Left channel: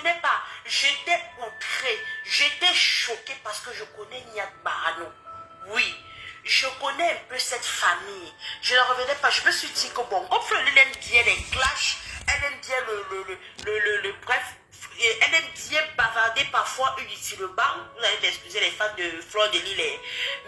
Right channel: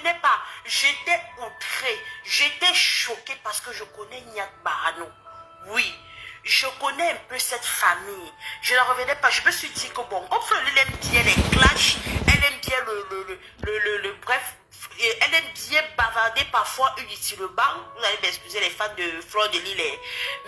revenais pas. J'étais outrée, j'étais choquée parce que je connais Niat Barano. Oui, je connais un peu cette famille. Je ne revenais pas. Je me suis dit que bon, comme elle aime bien les clashs, elle aime bien bref, et elle aime bien bavarder parfois inutilement. Vous allez m'excuser les fans de Fleur de Lille.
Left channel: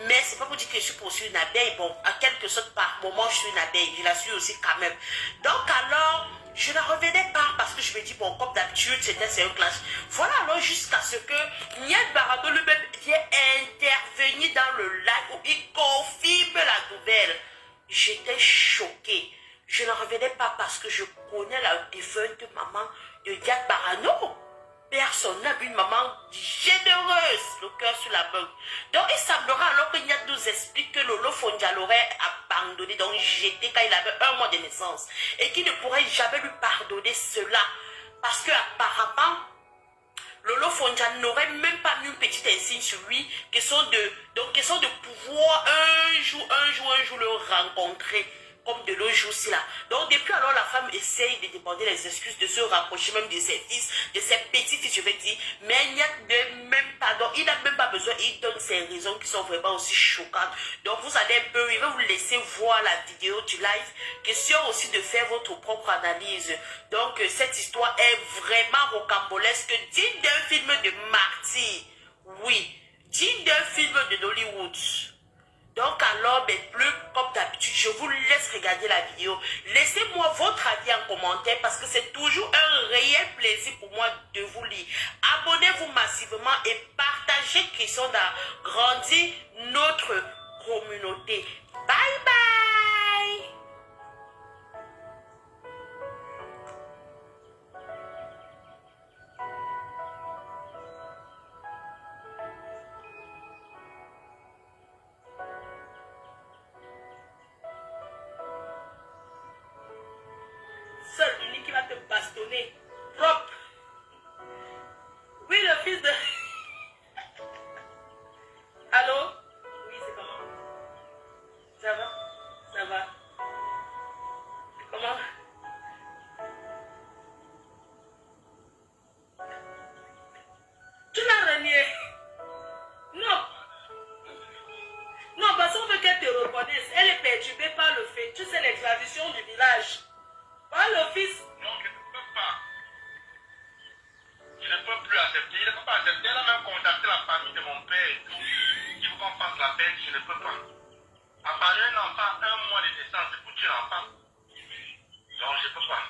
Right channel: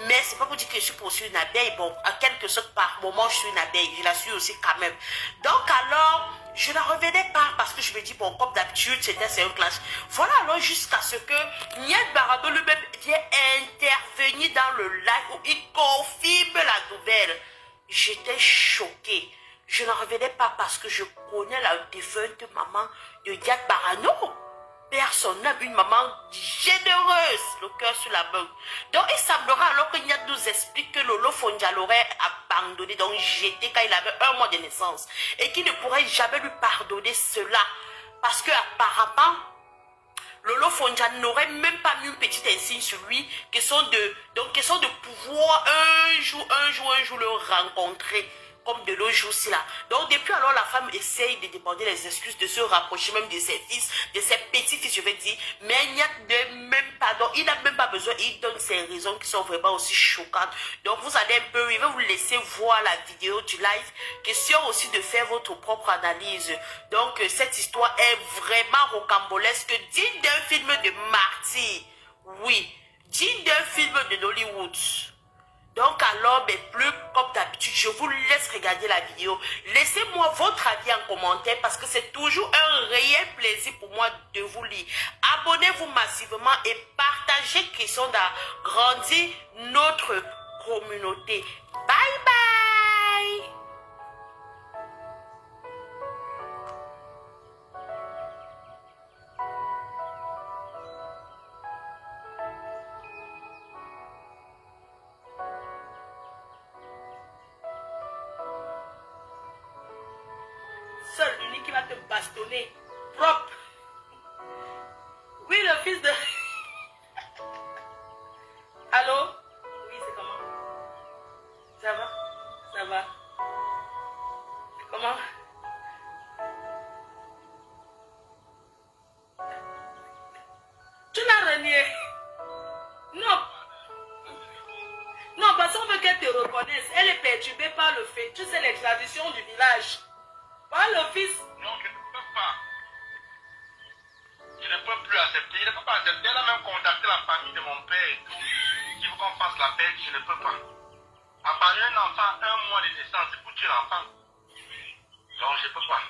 Mais c'est pas pour dire que je suis pour une abeille. Bon, à quelque sorte par moment, je suis une abeille. Je la suis aussi quand même. Donc alors, je ne revenais pas parce que je me dis, bon, comme d'habitude, c'est un clash. Voilà alors jusqu'à ce que Niet Barado lui-même vient intervenir dans le live où il confirme la nouvelle. J'étais choquée. Je ne revenais pas parce que je connais la défunte maman de Niet Barano. Personne n'a une maman généreuse, le cœur sur la main. Donc il semblera alors que Niat nous explique que Lolo Fondia l'aurait abandonné, donc jeté quand il avait 1 mois de naissance. Et qu'il ne pourrait jamais lui pardonner cela. Parce que apparemment, Lolo Fondia n'aurait même pas mis une petite insigne sur lui, question de pouvoir un jour le rencontrer. Comme de nos jours là. Donc depuis alors la femme essaye de demander les excuses, de se rapprocher même de ses fils, de ses petits-fils je vais dire, mais il n'y a même pas, donc il n'a même pas besoin, il donne ses raisons qui sont vraiment aussi choquantes. Donc vous allez un peu, il va vous laisser voir la vidéo du live, question aussi de faire votre propre analyse. Donc cette histoire est vraiment rocambolesque, digne d'un film de martyr, oui, digne d'un film de Hollywood. Donc alors, mais plus comme d'habitude, je vous laisse regarder la vidéo. Laissez-moi votre avis en commentaire parce que c'est toujours un réel plaisir pour moi de vous lire. Abonnez-vous massivement et partagez question d'agrandir notre communauté. Bye bye! Seul, unique qui va te bastonner. Propre. Oui, le fils de... Allô? Oui, c'est comment? Ça va? Ça va? Comment? Tu l'as renié? Non. Non, parce qu'on veut qu'elle te reconnaisse. Elle est perturbée par le fait. Tu sais, les traditions du village. Par le fils. Non, je ne peux pas. Je ne peux plus accepter. Je ne peux pas accepter. Elle a même contacté la famille de mon père et tout. Il faut qu'on fasse la paix. Je ne peux pas. À part un enfant, 1 mois de naissance, c'est pour tuer l'enfant. Donc, je ne peux pas.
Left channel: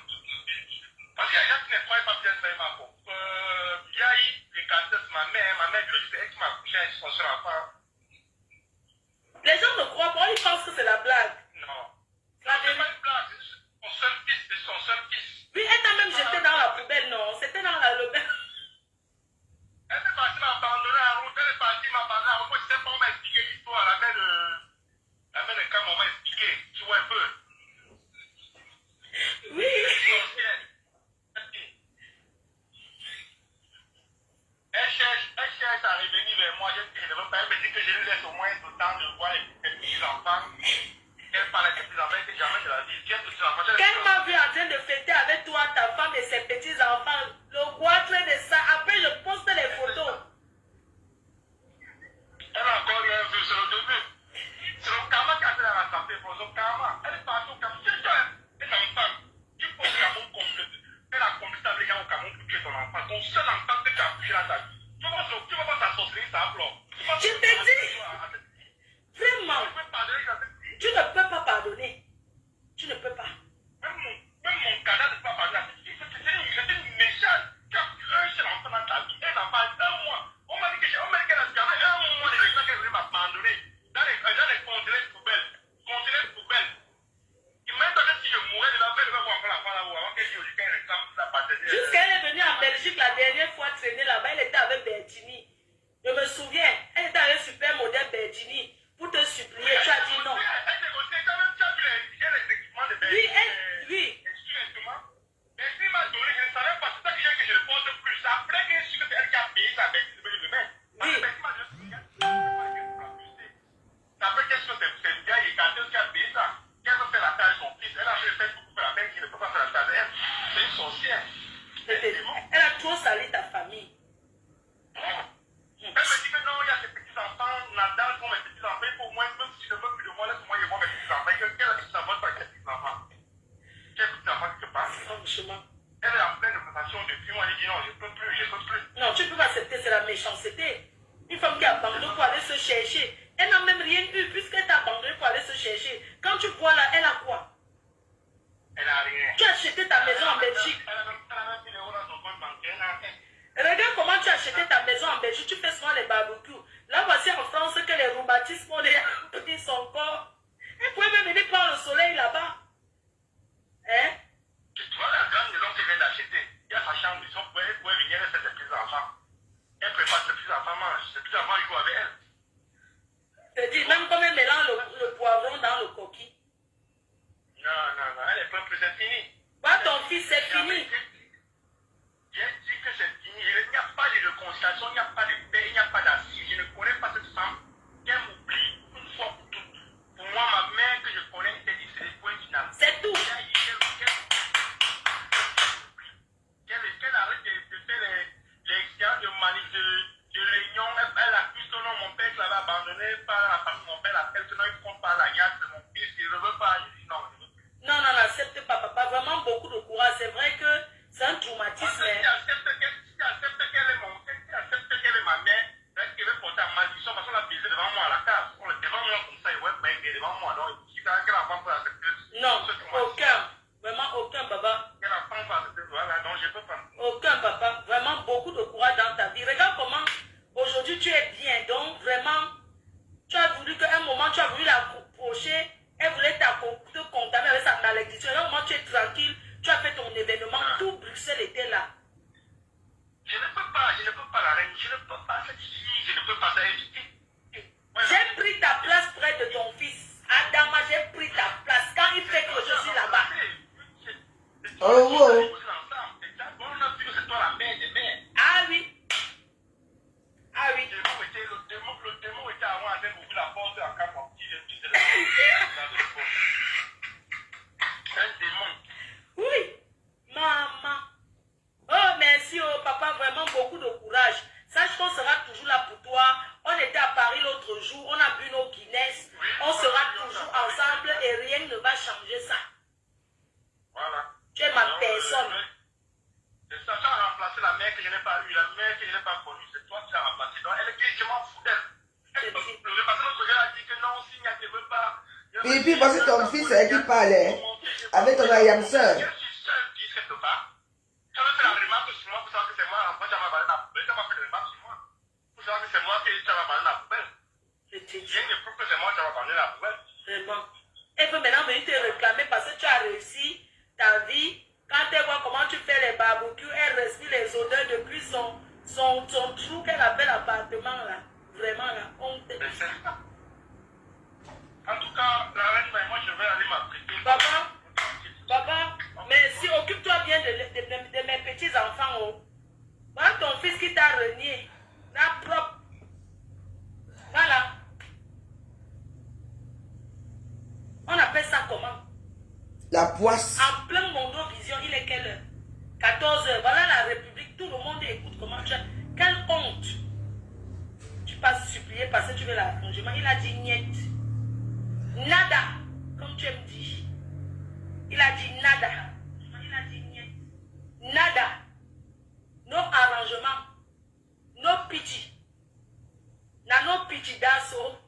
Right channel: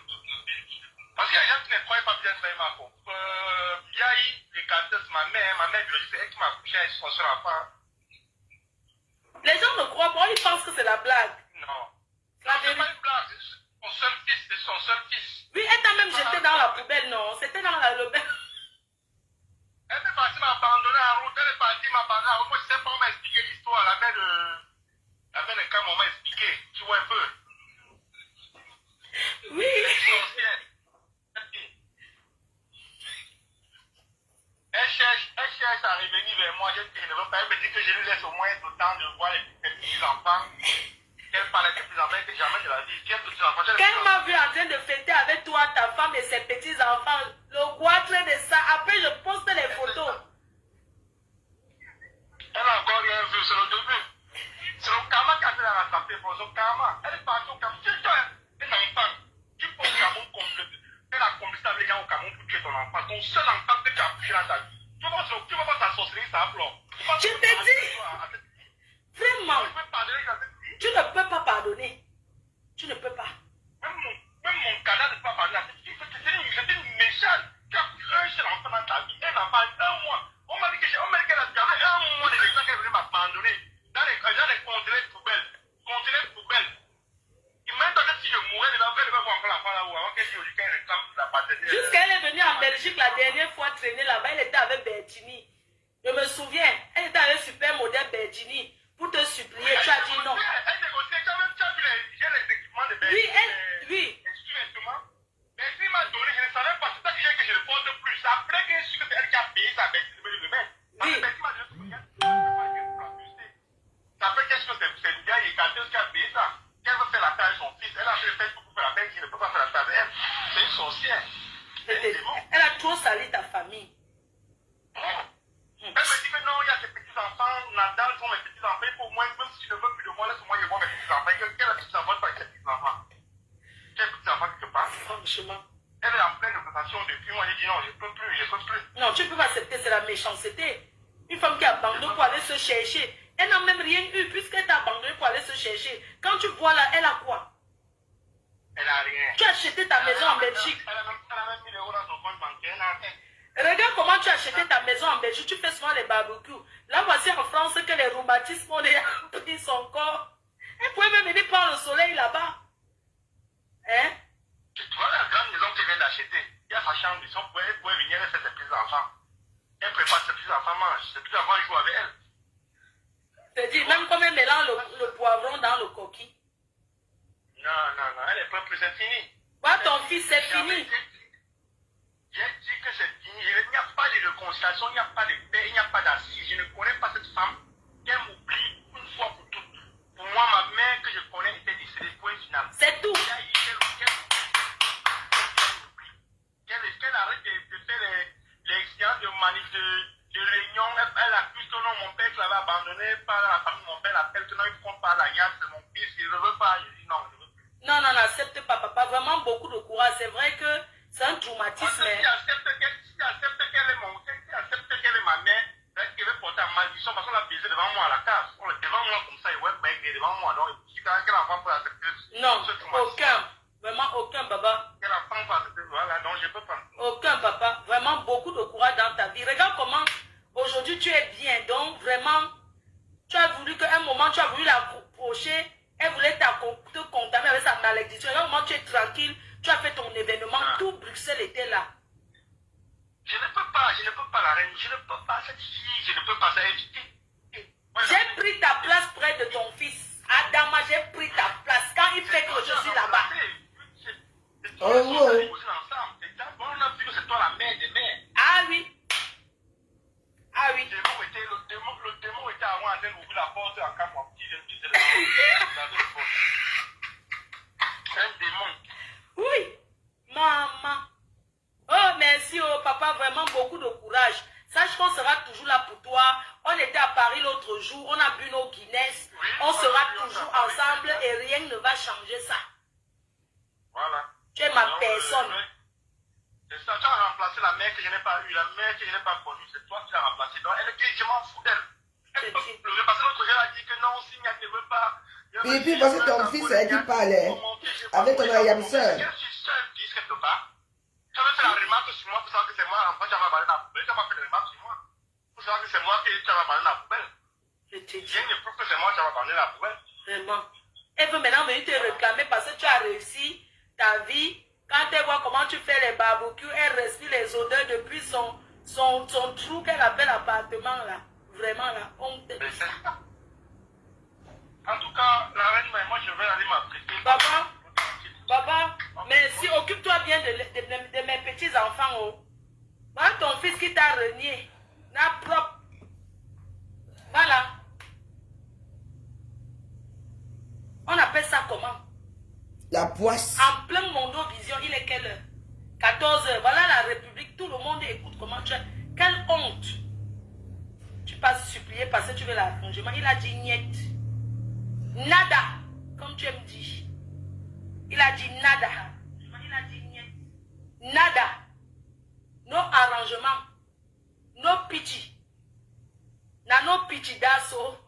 Parce qu'il y a des gens qui ne croient pas bien faire ma peau. Biaï, les cartes, ma mère, je sais, elle qui m'a couché avec son seul enfant. Les gens ne croient pas, ils pensent que c'est la blague. Non. Non, c'est pas une blague. Son seul fils, c'est son seul fils. Oui, elle t'a même jeté dans la poubelle, non? C'était dans le... Elle est partie m'abandonner en route, elle est partie m'abandonner en route. Moi, je ne sais pas, on m'a expliqué l'histoire. La mère de Cam, on m'a expliqué. Tu vois un peu. Oui. Elle cherche à revenir vers moi. Je ne veux pas. Elle me dit que je lui laisse au moins le temps de voir les petits enfants. Elle parle avec les petits enfants, que jamais de la vie. Quels petits enfants? Quelle m'a vu en train de fêter avec toi, ta femme et ses petits-enfants, le goitre de ça. Après, je poste les photos. Elle a encore rien vu, c'est le début. C'est le karma qui a fait la rattraper pour son karma. Elle est partie au Cameroun. C'est toi, un enfant qui faut au Cameroun compléter. Elle a complété avec les gens au Cameroun pour tuer ton enfant. Ton seul enfant que tu as touché dans ta vie. Tu vas pas ta sorcellerie, ça implore. Je te dis, vraiment, tu ne peux pas pardonner. Tu ne peux pas. Même mon cadavre ne peut pas parler à cette fille. C'est une méchante qui a un seul enfant dans ta vie. Un enfant, 1 mois. On m'a dit qu'elle avait 1 mois de naissance qu'elle venait m'abandonner. Dans les conteneurs de poubelle. Conteneurs de poubelle. Et même quand si je mourais de la veille, elle va voir l'enfant là-haut avant qu'elle réclame la paternité. Jusqu'à elle est venue en Belgique la dernière fois traîner là-bas, elle était avec Bertini. Je me souviens, elle était avec super modèle Bertini. Pour te supplier, tu as dit non. Elle négociait quand même, tu as vu les équipements de Oui, Bertini. oui. Mais il m'a donné, je ne savais pas, c'est ça que je ne porte plus. Après que c'est elle qui a payé sa Bertini, je me mets. Oui. Ça fait quelque chose, c'est une vieille écarteuse qui a payé ça. Qu'elle veut faire la taille de son fils. Elle a fait le fait pour faire la taille, je ne peux pas faire la taille de elle. C'est une sorcière. Elle a trop sali ta famille. Elle me dit que non, il y a ses petits-enfants, Nadal sont mes petits-enfants, il faut au moins, même si je ne veux plus de moi, laisse-moi les voir mes petits-enfants. Quel petits-enfants, pas quel petits-enfants? Quel petits-enfants qui te parle? Franchement. Elle est en pleine présentation depuis moi, elle dit non, je ne peux plus, je ne peux plus. Non, tu peux pas accepter, c'est la méchanceté. Une femme qui abandonne pour aller se chercher. Elle n'a même rien eu puisqu'elle t'a abandonné pour aller se chercher. Quand tu vois là, elle a quoi? Elle n'a rien. Tu as acheté ta maison en Belgique. Elle a même 1000 € dans son compte bancaire, elle n'a rien. Regarde comment tu as acheté ta maison en Belgique. Tu fais souvent les barbecues. Là, voici en France que les rhumatismes ont pris son corps. Elle pouvait même venir prendre le soleil là-bas. Hein? Tu vois la grande maison qu'elle vient d'acheter. Il y a sa chambre, elle pouvait venir, elle fait ses petits-enfants. Elle prépare ses petits-enfants, mange. Ses petits-enfants, ils jouent avec elle. Je te dis, même comme elle mélange le poivron dans le coquille. Non, elle est pas plus, c'est fini. Voilà, ton fils, c'est fini. J'ai dit que c'est fini. Il n'y a pas de réconciliation, il n'y a pas de paix, il n'y a pas d'assise. Je ne connais pas cette femme. Elle m'oublie une fois pour toutes. Pour moi, ma mère que je connais était dit, c'est le point final. C'est tout. Qu'elle arrête de faire les séances de manif, de réunion. Elle accuse que non, mon père l'avait abandonné par la famille. Mon père l'appelle que non, il ne prend pas l'alliance de mon fils. Il ne veut pas. Je dis non, je ne veux plus. Non, n'accepte pas, papa. Vraiment beaucoup de courage. C'est vrai que c'est un traumatisme. Si tu acceptes qu'elle est ma mère, elle va porter en malédiction parce qu'on l'a baisé devant moi à la cave. Devant moi comme ça, il va être devant moi. Donc, si qu'elle a pas accepter. Non, aucun. Vraiment aucun, papa. Elle a pas accepter. Voilà, non, je ne peux pas. Aucun, papa. Vraiment beaucoup de courage dans ta vie. Regarde comment aujourd'hui tu es bien. Donc, vraiment, tu as voulu qu'à un moment, tu as voulu l'approcher. Elle voulait te condamner avec sa malédiction. Regarde comment tu es tranquille. Tu as fait ton événement. Tout Bruxelles était là. Je ne peux pas la reine. Je ne peux pas cette fille. Je ne peux pas. J'ai pris ta place près de ton fils. Adama, j'ai pris ta place. Quand il fait que je suis là-bas. Oh. C'est toi la mère des mères. Ah oui. Ah oui. Le démon était avant à ouvrir la porte en cas mon petit. C'est un démon. Oui. Maman. Oh, merci, oh, papa, vraiment beaucoup de courage. Sache qu'on sera toujours là pour toi. On était à Paris l'autre jour, on a bu nos Guinness. On sera toujours ensemble et rien ne va changer ça. Voilà. Tu es ma personne. C'est ça, tu as remplacé la mère que je n'ai pas eue, la mère que je n'ai pas connue. C'est toi qui l'as remplacée. Donc, elle est dit, je m'en fous d'elle. Parce que l'autre jour, elle a dit que non, si elle ne veut pas. Et puis, parce que ton fils, c'est qui parlait avec ton ayam sœur. Je suis seule, dis quelque part. Tu avais fait la remarque sur moi pour savoir que c'est moi. Après, tu as abandonné la poubelle. Tu as fait la remarque sur moi. Pour savoir que c'est moi qui tu as abandonné la poubelle. Rien ne prouve que c'est moi qui ai abandonné la poubelle. Vraiment. Elle veut maintenant venir te réclamer parce que tu as réussi ta vie. Quand elle voit comment tu fais les barbecues, elle respire les odeurs depuis son trou qu'elle appelle appartement là. Vraiment là, honte. En tout cas, la reine, moi je vais aller m'apprêter. Papa, merci, occupe-toi bien de mes petits-enfants. Oh. Voilà ton fils qui t'a renié. La propre. Voilà. On appelle ça comment? La poisse. En plein Mondovision, il est quelle heure? 14 h. Voilà la République, tout le monde écoute comment tu as. Quelle honte! Tu passes supplier parce que tu veux l'arrangement. Il a dit niet. Nada, comme tu me dis. Il a dit nada. Il a dit niet. Nada. No arrangement. No pity. No pity d'asso.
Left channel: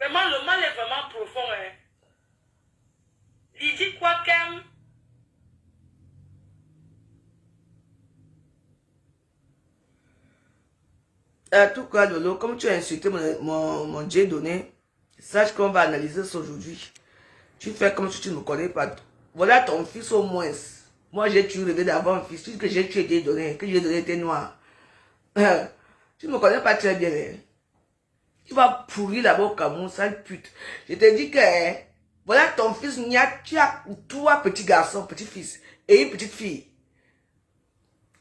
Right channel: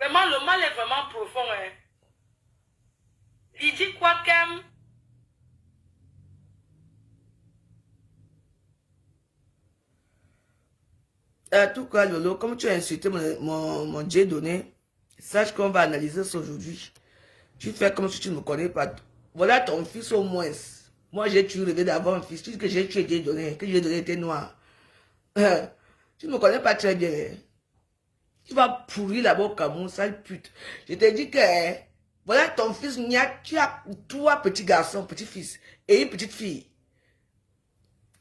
Vraiment, le mal est vraiment profond. Hein. Il dit quoi qu'aime. En tout cas, Lolo, comme tu as insulté mon Dieu donné, sache qu'on va analyser ça aujourd'hui. Tu fais comme si tu ne me connais pas. Voilà ton fils au moins. Moi, j'ai tué rêvé d'avoir un fils. Tu dis que j'ai tué Dieu donné, que Dieu donné était noir. Tu ne me connais pas très bien. Hein. Tu vas pourrir là-bas au Cameroun, sale pute. Je te dis que, voilà ton fils, tu as 3 petits garçons, petits-fils, et une petite fille.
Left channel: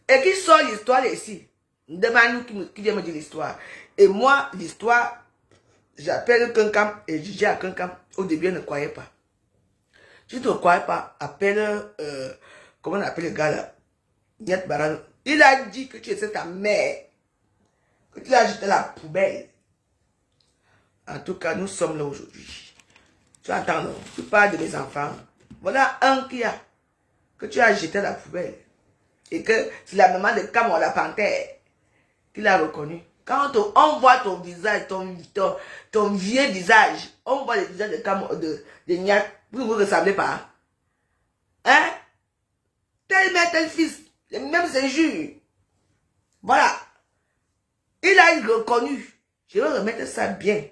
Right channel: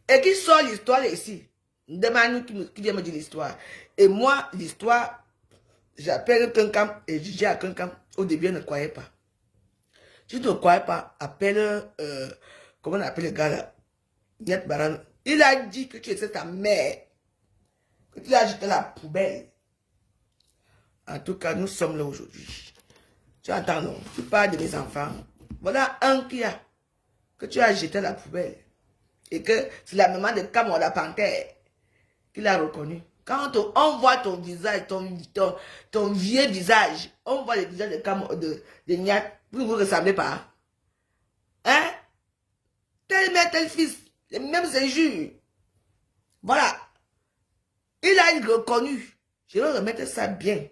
Et qui sort l'histoire ici? Demande-nous qui vient me dire l'histoire. Et moi, l'histoire, j'appelle quelqu'un et je dis à quelqu'un, au début, je ne croyais pas. Tu ne crois pas, appelle, comment on appelle le gars là? Nyat Barano. Il a dit que tu étais ta mère, que tu l'as jeté à la poubelle. En tout cas, nous sommes là aujourd'hui. Tu entends, non? Tu parles de mes enfants. Voilà un qui a, que tu as jeté à la poubelle. Et que c'est la maman de Camon la panthère qui l'a reconnu. Quand on voit ton visage, ton vieux visage, on voit le visage de Camon, de Nyat, vous ne vous ressemblez pas. Hein? Tel mère, tel fils, les mêmes injures. Voilà. Il a reconnu. Je vais remettre ça bien.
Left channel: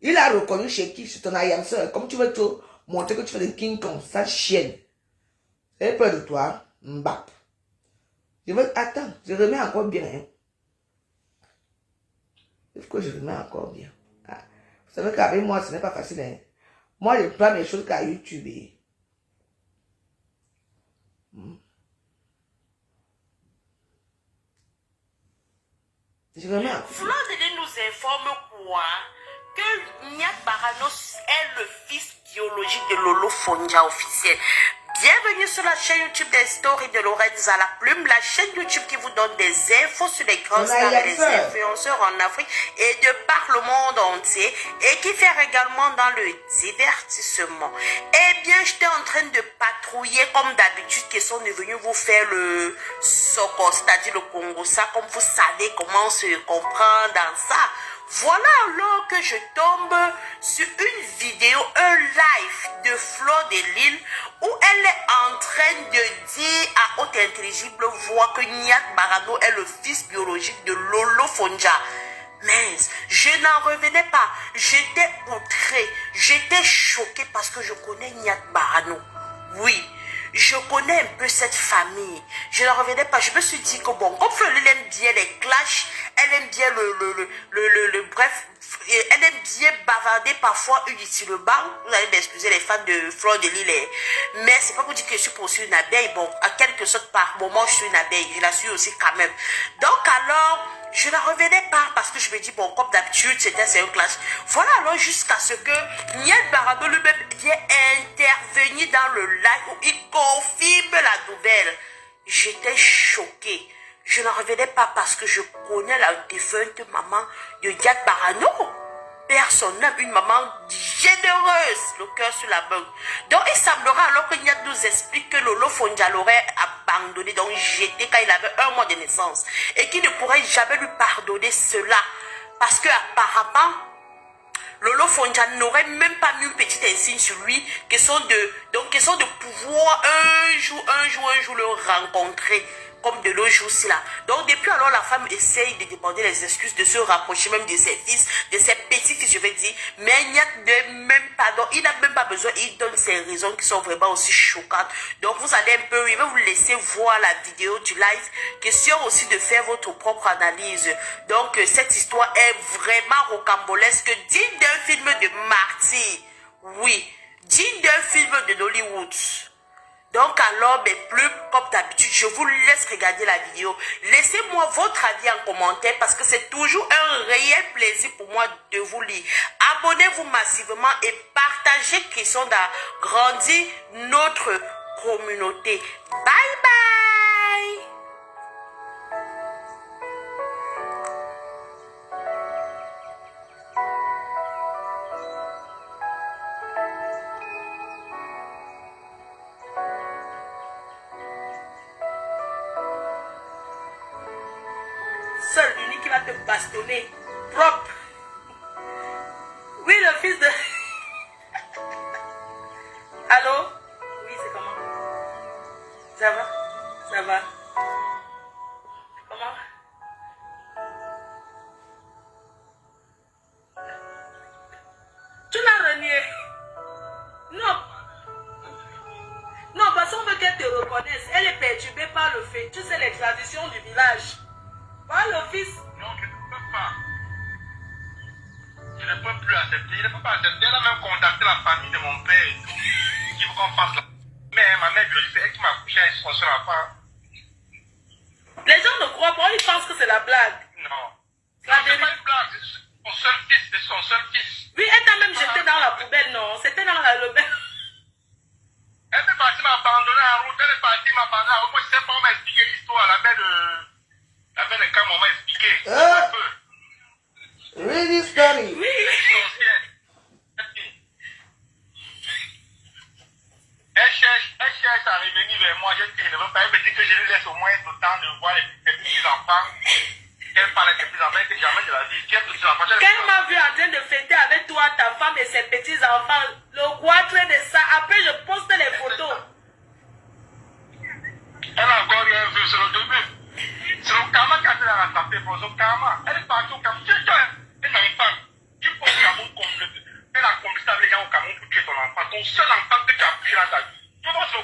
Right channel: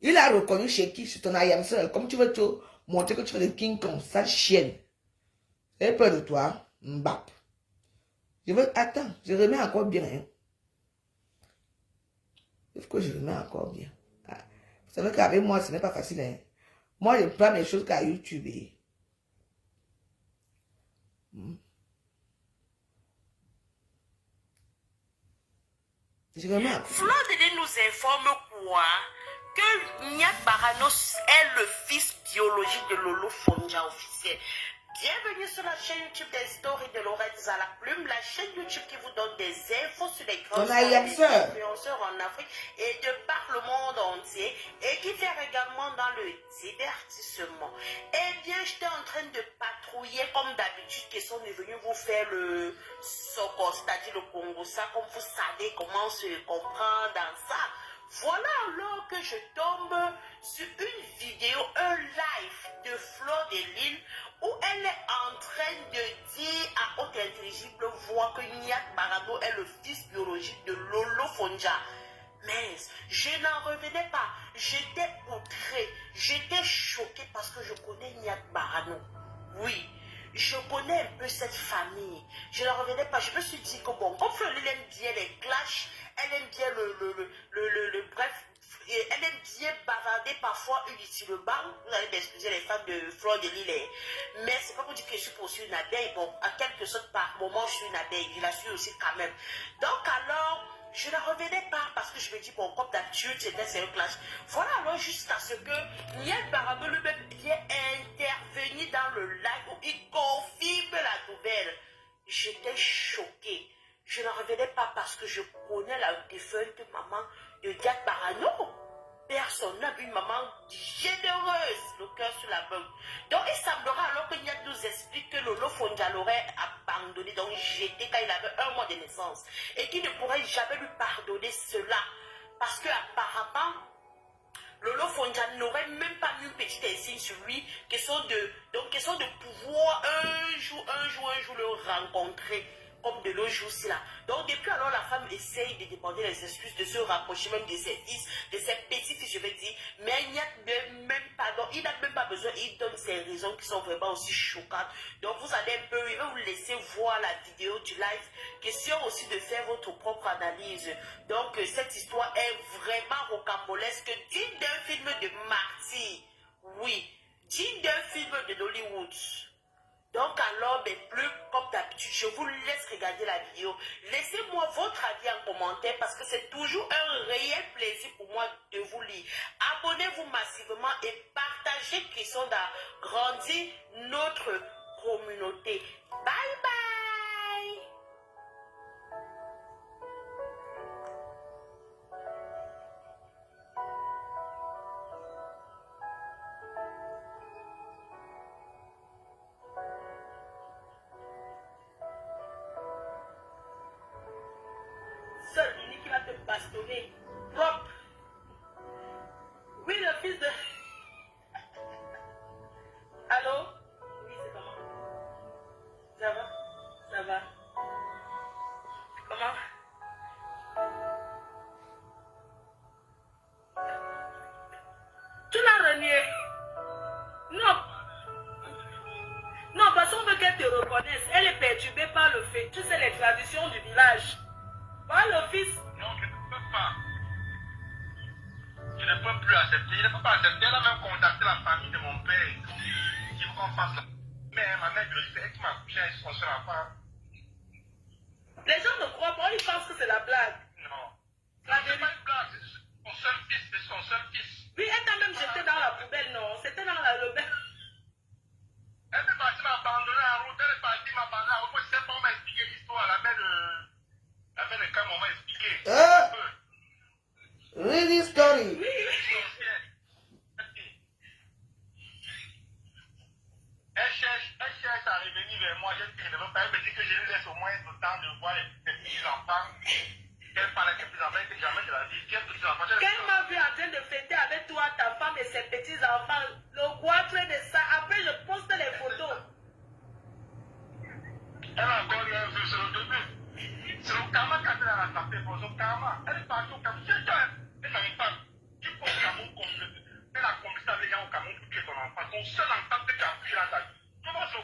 Il a reconnu chez qui? Chez ton aïe-sœur. Comme tu veux te montrer que tu fais le King Kong, sa chienne. Elle est près de toi. Mbap. Je veux. Attends, je remets encore bien. Hein. Il faut que je remets encore bien. Ah. Vous savez qu'avec moi, ce n'est pas facile. Hein. Moi, je prends mes choses qu'à YouTube. Je remets encore. Flo de nous informe quoi? Que Nyat Barano est le fils biologique de Lolo Fonja officiel. Bienvenue sur la chaîne YouTube des stories de Lorenza la Plume, la chaîne YouTube qui vous donne des infos sur les grands stars et les influenceurs en Afrique et de par le monde entier et qui fait également dans le divertissement. Eh bien, j'étais en train de patrouiller comme d'habitude qui sont devenus vous faire le Soko, c'est-à-dire le Congo, ça, comme vous savez comment se comprend dans ça. Voilà alors que je tombe sur une vidéo, un live de Flo de Lille où elle est en train de dire à haute intelligible voix que Nyat Barano est le fils biologique de Lolo Fonja. Mais je n'en revenais pas, j'étais outrée, j'étais choquée parce que je connais Nyat Barano. Oui. Je connais un peu cette famille. Je ne revenais pas. Je me suis dit que bon, comme Fleur aime bien les clashs, elle aime bien bref, elle aime bien bavarder parfois inutilement. Vous allez m'excuser les fans de Fleur de Lille. Mais c'est pas pour dire que je suis pour une abeille. Bon, à quelque sorte par moment, je suis une abeille. Je la suis aussi quand même. Donc alors, je ne revenais pas parce que je me dis, bon, comme d'habitude, c'est un clash. Voilà alors jusqu'à ce que Nyat Barano lui-même vient intervenir dans le live où il confirme la nouvelle. J'étais choquée. Je n'en revenais pas parce que je connais la défunte maman de Nyat Barano. Personne n'aime une maman généreuse, le cœur sur la main. Donc il semblera alors que Nyat nous explique que Lolo Fonja l'aurait abandonné, donc jeté quand il avait 1 mois de naissance. Et qu'il ne pourrait jamais lui pardonner cela. Parce que apparemment, Lolo Fonja n'aurait même pas mis une petite insigne sur lui, question de pouvoir un jour le rencontrer. Comme de l'autre jour-ci là. Donc depuis alors la femme essaye de demander les excuses, de se rapprocher même de ses fils, de ses petits-fils je vais dire. Mais il n'y a même pas, donc il n'a même pas besoin, il donne ses raisons qui sont vraiment aussi choquantes. Donc vous allez un peu, il va vous laisser voir la vidéo du live. Question aussi de faire votre propre analyse. Donc cette histoire est vraiment rocambolesque, digne d'un film de Marty. Oui, digne d'un film de Hollywood. Donc alors, mais plus comme d'habitude, je vous laisse regarder la vidéo. Laissez-moi votre avis en commentaire parce que c'est toujours un réel plaisir pour moi de vous lire. Abonnez-vous massivement et partagez question d'agrandir notre communauté. Bye bye! Seul, l'unique qui va te bastonner. Propre. Oui, le fils de... Allô? Oui, c'est comment? Ça va? Ça va? Comment? Tu l'as renié? Non. Non, parce qu'on veut qu'elle te reconnaisse. Elle est perturbée par le fait. Tu sais, les traditions du village. Voilà le fils. Non, je ne peux pas. Je ne peux plus accepter. Je ne peux pas accepter. Elle a même contacté la famille de mon père. Qui veut qu'on fasse la... Mais ma mère, c'est elle qui m'a couché avec son seul enfant. Les gens ne croient pas. Ils pensent que c'est la blague. Non. La Non, c'est pas une blague. C'est son seul fils. C'est son seul fils. Oui, elle t'a même jeté dans la poubelle, non? C'était dans le bain. Elle est partie m'abandonner en route, elle est partie m'abandonner en route. Moi, je sais pas, on m'a expliqué l'histoire, la belle de Cam, on m'a expliqué. Really story. Oui. Elle cherche à revenir vers moi. Je dis que je ne veux pas. Elle me dit que je lui laisse au moins le temps de voir ses petits-enfants. Qu'elle parle avec ses petits-enfants et que jamais de la vie. Qu'elle petits-enfants. Quand elle m'a vu en train de fêter avec toi, ta femme et ses petits-enfants, le goitre de ça, après je poste les photos. Elle a encore rien vu sur le début. C'est le karma qui a fait la rattraper pour son karma. Elle est partie au Cameroun. Elle n'arrive pas. Tu peux au Cameroun compléter. Elle a complété avec les gens au Cameroun pour tuer ton enfant. Ton seul enfant que tu as pris dans ta vie.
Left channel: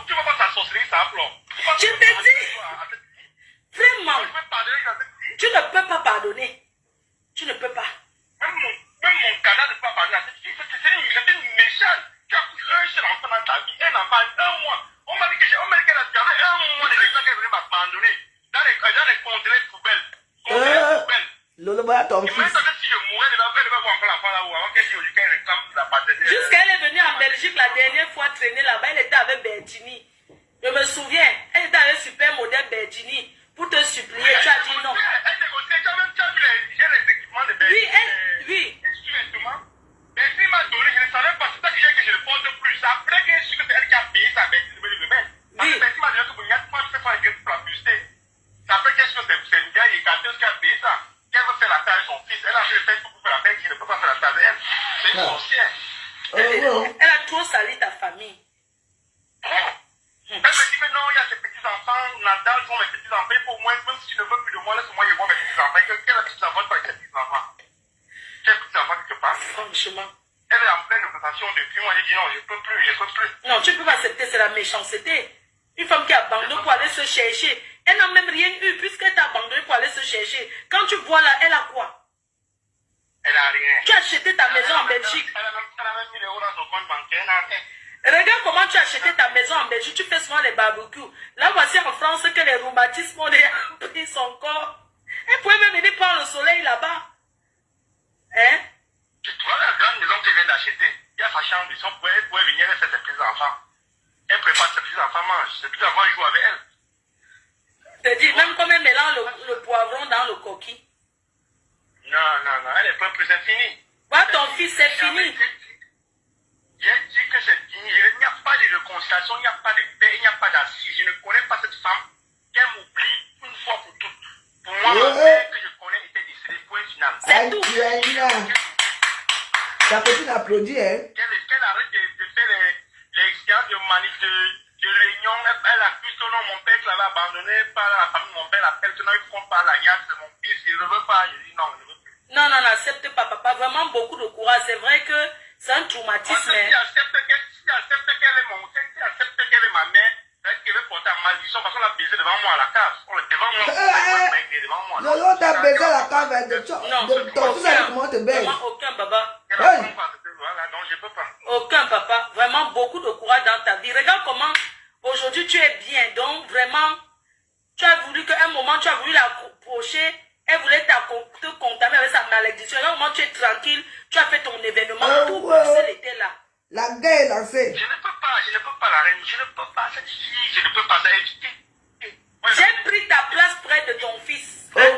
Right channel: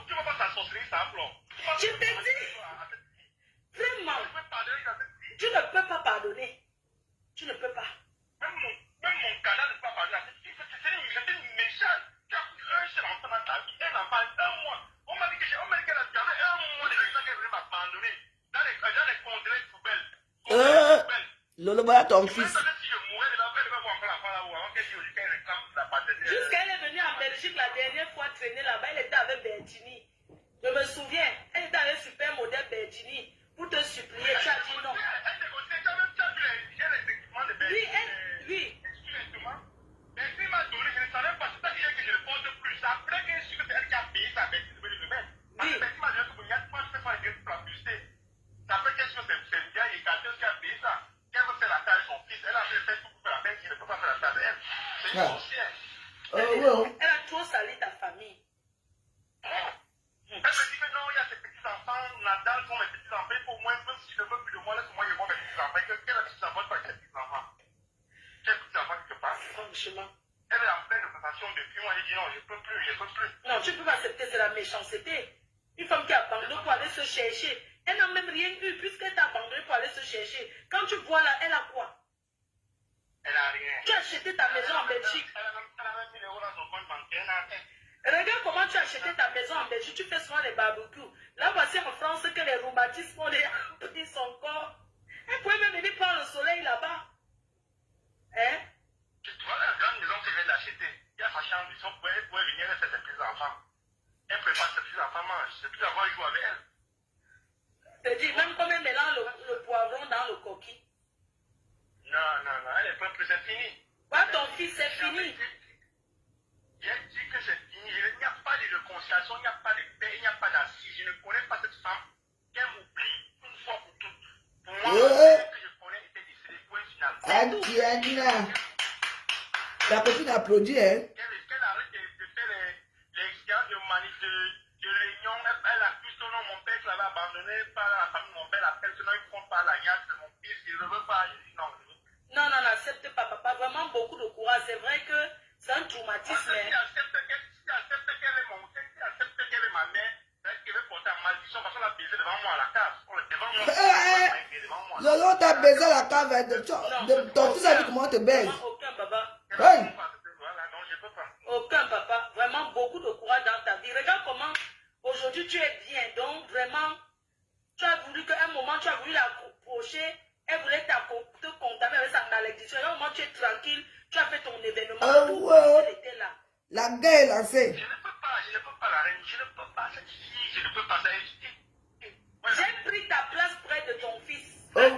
Tu vas pas t'associer, ça pleure. Je te dis, vraiment, tu ne peux pas pardonner. Tu ne peux pas. Même mon canal ne peut pas pardonner. C'est une méchante. Tu as pris un seul enfant dans ta vie. Un enfant, un mois. On m'a dit qu'elle a gardé un mois de gens qu'elle venait m'abandonner. Dans les conteneurs poubelles. Lolo, voilà ton Et fils. maintenant, si je mourais, elle va voir encore l'enfant là-haut. Avant qu'elle dise aujourd'hui qu'elle réclame la paternité. Jusqu'elle est venue en Belgique la dernière fois traîner là-bas, elle était avec Bertini. Je me souviens, elle était avec super modèle Bertini pour te supplier. Tu as dit non. Elle négociait, tu as vu les équipements de Oui, Bertini. oui. Bertini m'a donné, je ne savais pas, c'est ça que j'ai que je ne porte plus. Après que je suis que c'est elle qui a payé ça, Bertini veut le mettre. Parce que Bertini m'a donné que il y a moi, je fais pas un gueule pour la publicité. Ça fait qu'est-ce que c'est une gars, il est gâté, qui a payé ça. Qu'elle veut faire la taille de son fils. Elle a fait le Facebook pour faire la taille, qui ne peut pas faire la taille de elle. C'est une sorcière. Elle a trop sali ta famille. Elle me dit que non, il y a ses petits-enfants, Nadal sont mes petits-enfants. Il faut au moins, même si tu ne veux plus de moi, laisse-moi y voir mes petits-enfants. Quel petits-enfants pas avec ses petits-enfants? Quel petits-enfants quelque part? Franchement. Elle est en pleine négociation depuis moi. J'ai dit non, je ne peux plus. Non, tu ne peux pas accepter, c'est la méchanceté. Une femme qui abandonne pour aller se chercher. Elle n'a même rien eu puisqu'elle t'a abandonné pour aller se chercher. Quand tu vois là, elle a quoi? Elle n'a rien. Tu as acheté ta maison en Belgique. Elle a même 1000 euros dans son compte bancaire. Elle n'a rien. Regarde comment tu as acheté ta maison en Belgique. Tu fais souvent les barbecues. Là, voici en France que les rhumatismes ont déjà pris son corps. Elle pouvait même venir prendre le soleil là-bas. Hein? Tu vois la grande maison qu'elle vient d'acheter. Il y a sa chambre. Elle pouvait venir et faire ses petits-enfants. Elle prépare ses petits-enfants mangent. Ses petits-enfants jouent avec elle. C'est-à-dire, même comme elle mélange le poivron dans le coquille. Non. Elle est pas plus, c'est fini. Voilà, ton fils, c'est fini. J'ai dit que c'est fini. Il n'y a pas de réconciliation, il n'y a pas de paix, il n'y a pas d'assise. Je ne connais pas cette femme. Qu'elle m'oublie une fois pour toutes. Pour moi, la paix que je connais était décédée. Point final. C'est tout. Ta copine applaudit, hein? Qu'elle arrête de faire les expériences de manif, de réunion. Elle accuse que non, mon père qui l'avait abandonné par la famille de mon père l'appelle que non, il ne prend pas l'alliance de mon fils. Il ne veut pas. Je dis non, je ne veux plus. Non, n'accepte pas, papa. Vraiment beaucoup de courage. C'est vrai que c'est un traumatisme. Si accepte qu'elle est ma mère, c'est qu'elle veut porter à malédiction parce qu'on l'a baisé devant moi à la cave. Devant moi. Lolo, t'as baisé la cave de ton fils avec comment te baise. Aucun, papa. Voilà, donc je ne peux pas. Aucun, papa. Vraiment beaucoup de courage dans ta vie. Regarde comment aujourd'hui tu es bien. Donc, vraiment, tu as voulu qu'à un moment, tu as voulu l'approcher. Elle voulait te contaminer avec sa malédiction. À un moment, tu es tranquille. Tu as fait ton événement. Tout Bruxelles était là. La guerre est lancée. Je ne peux pas la reine. Je ne peux pas cette fille. Je ne peux pas éviter. J'ai pris ta place près de ton fils. J'ai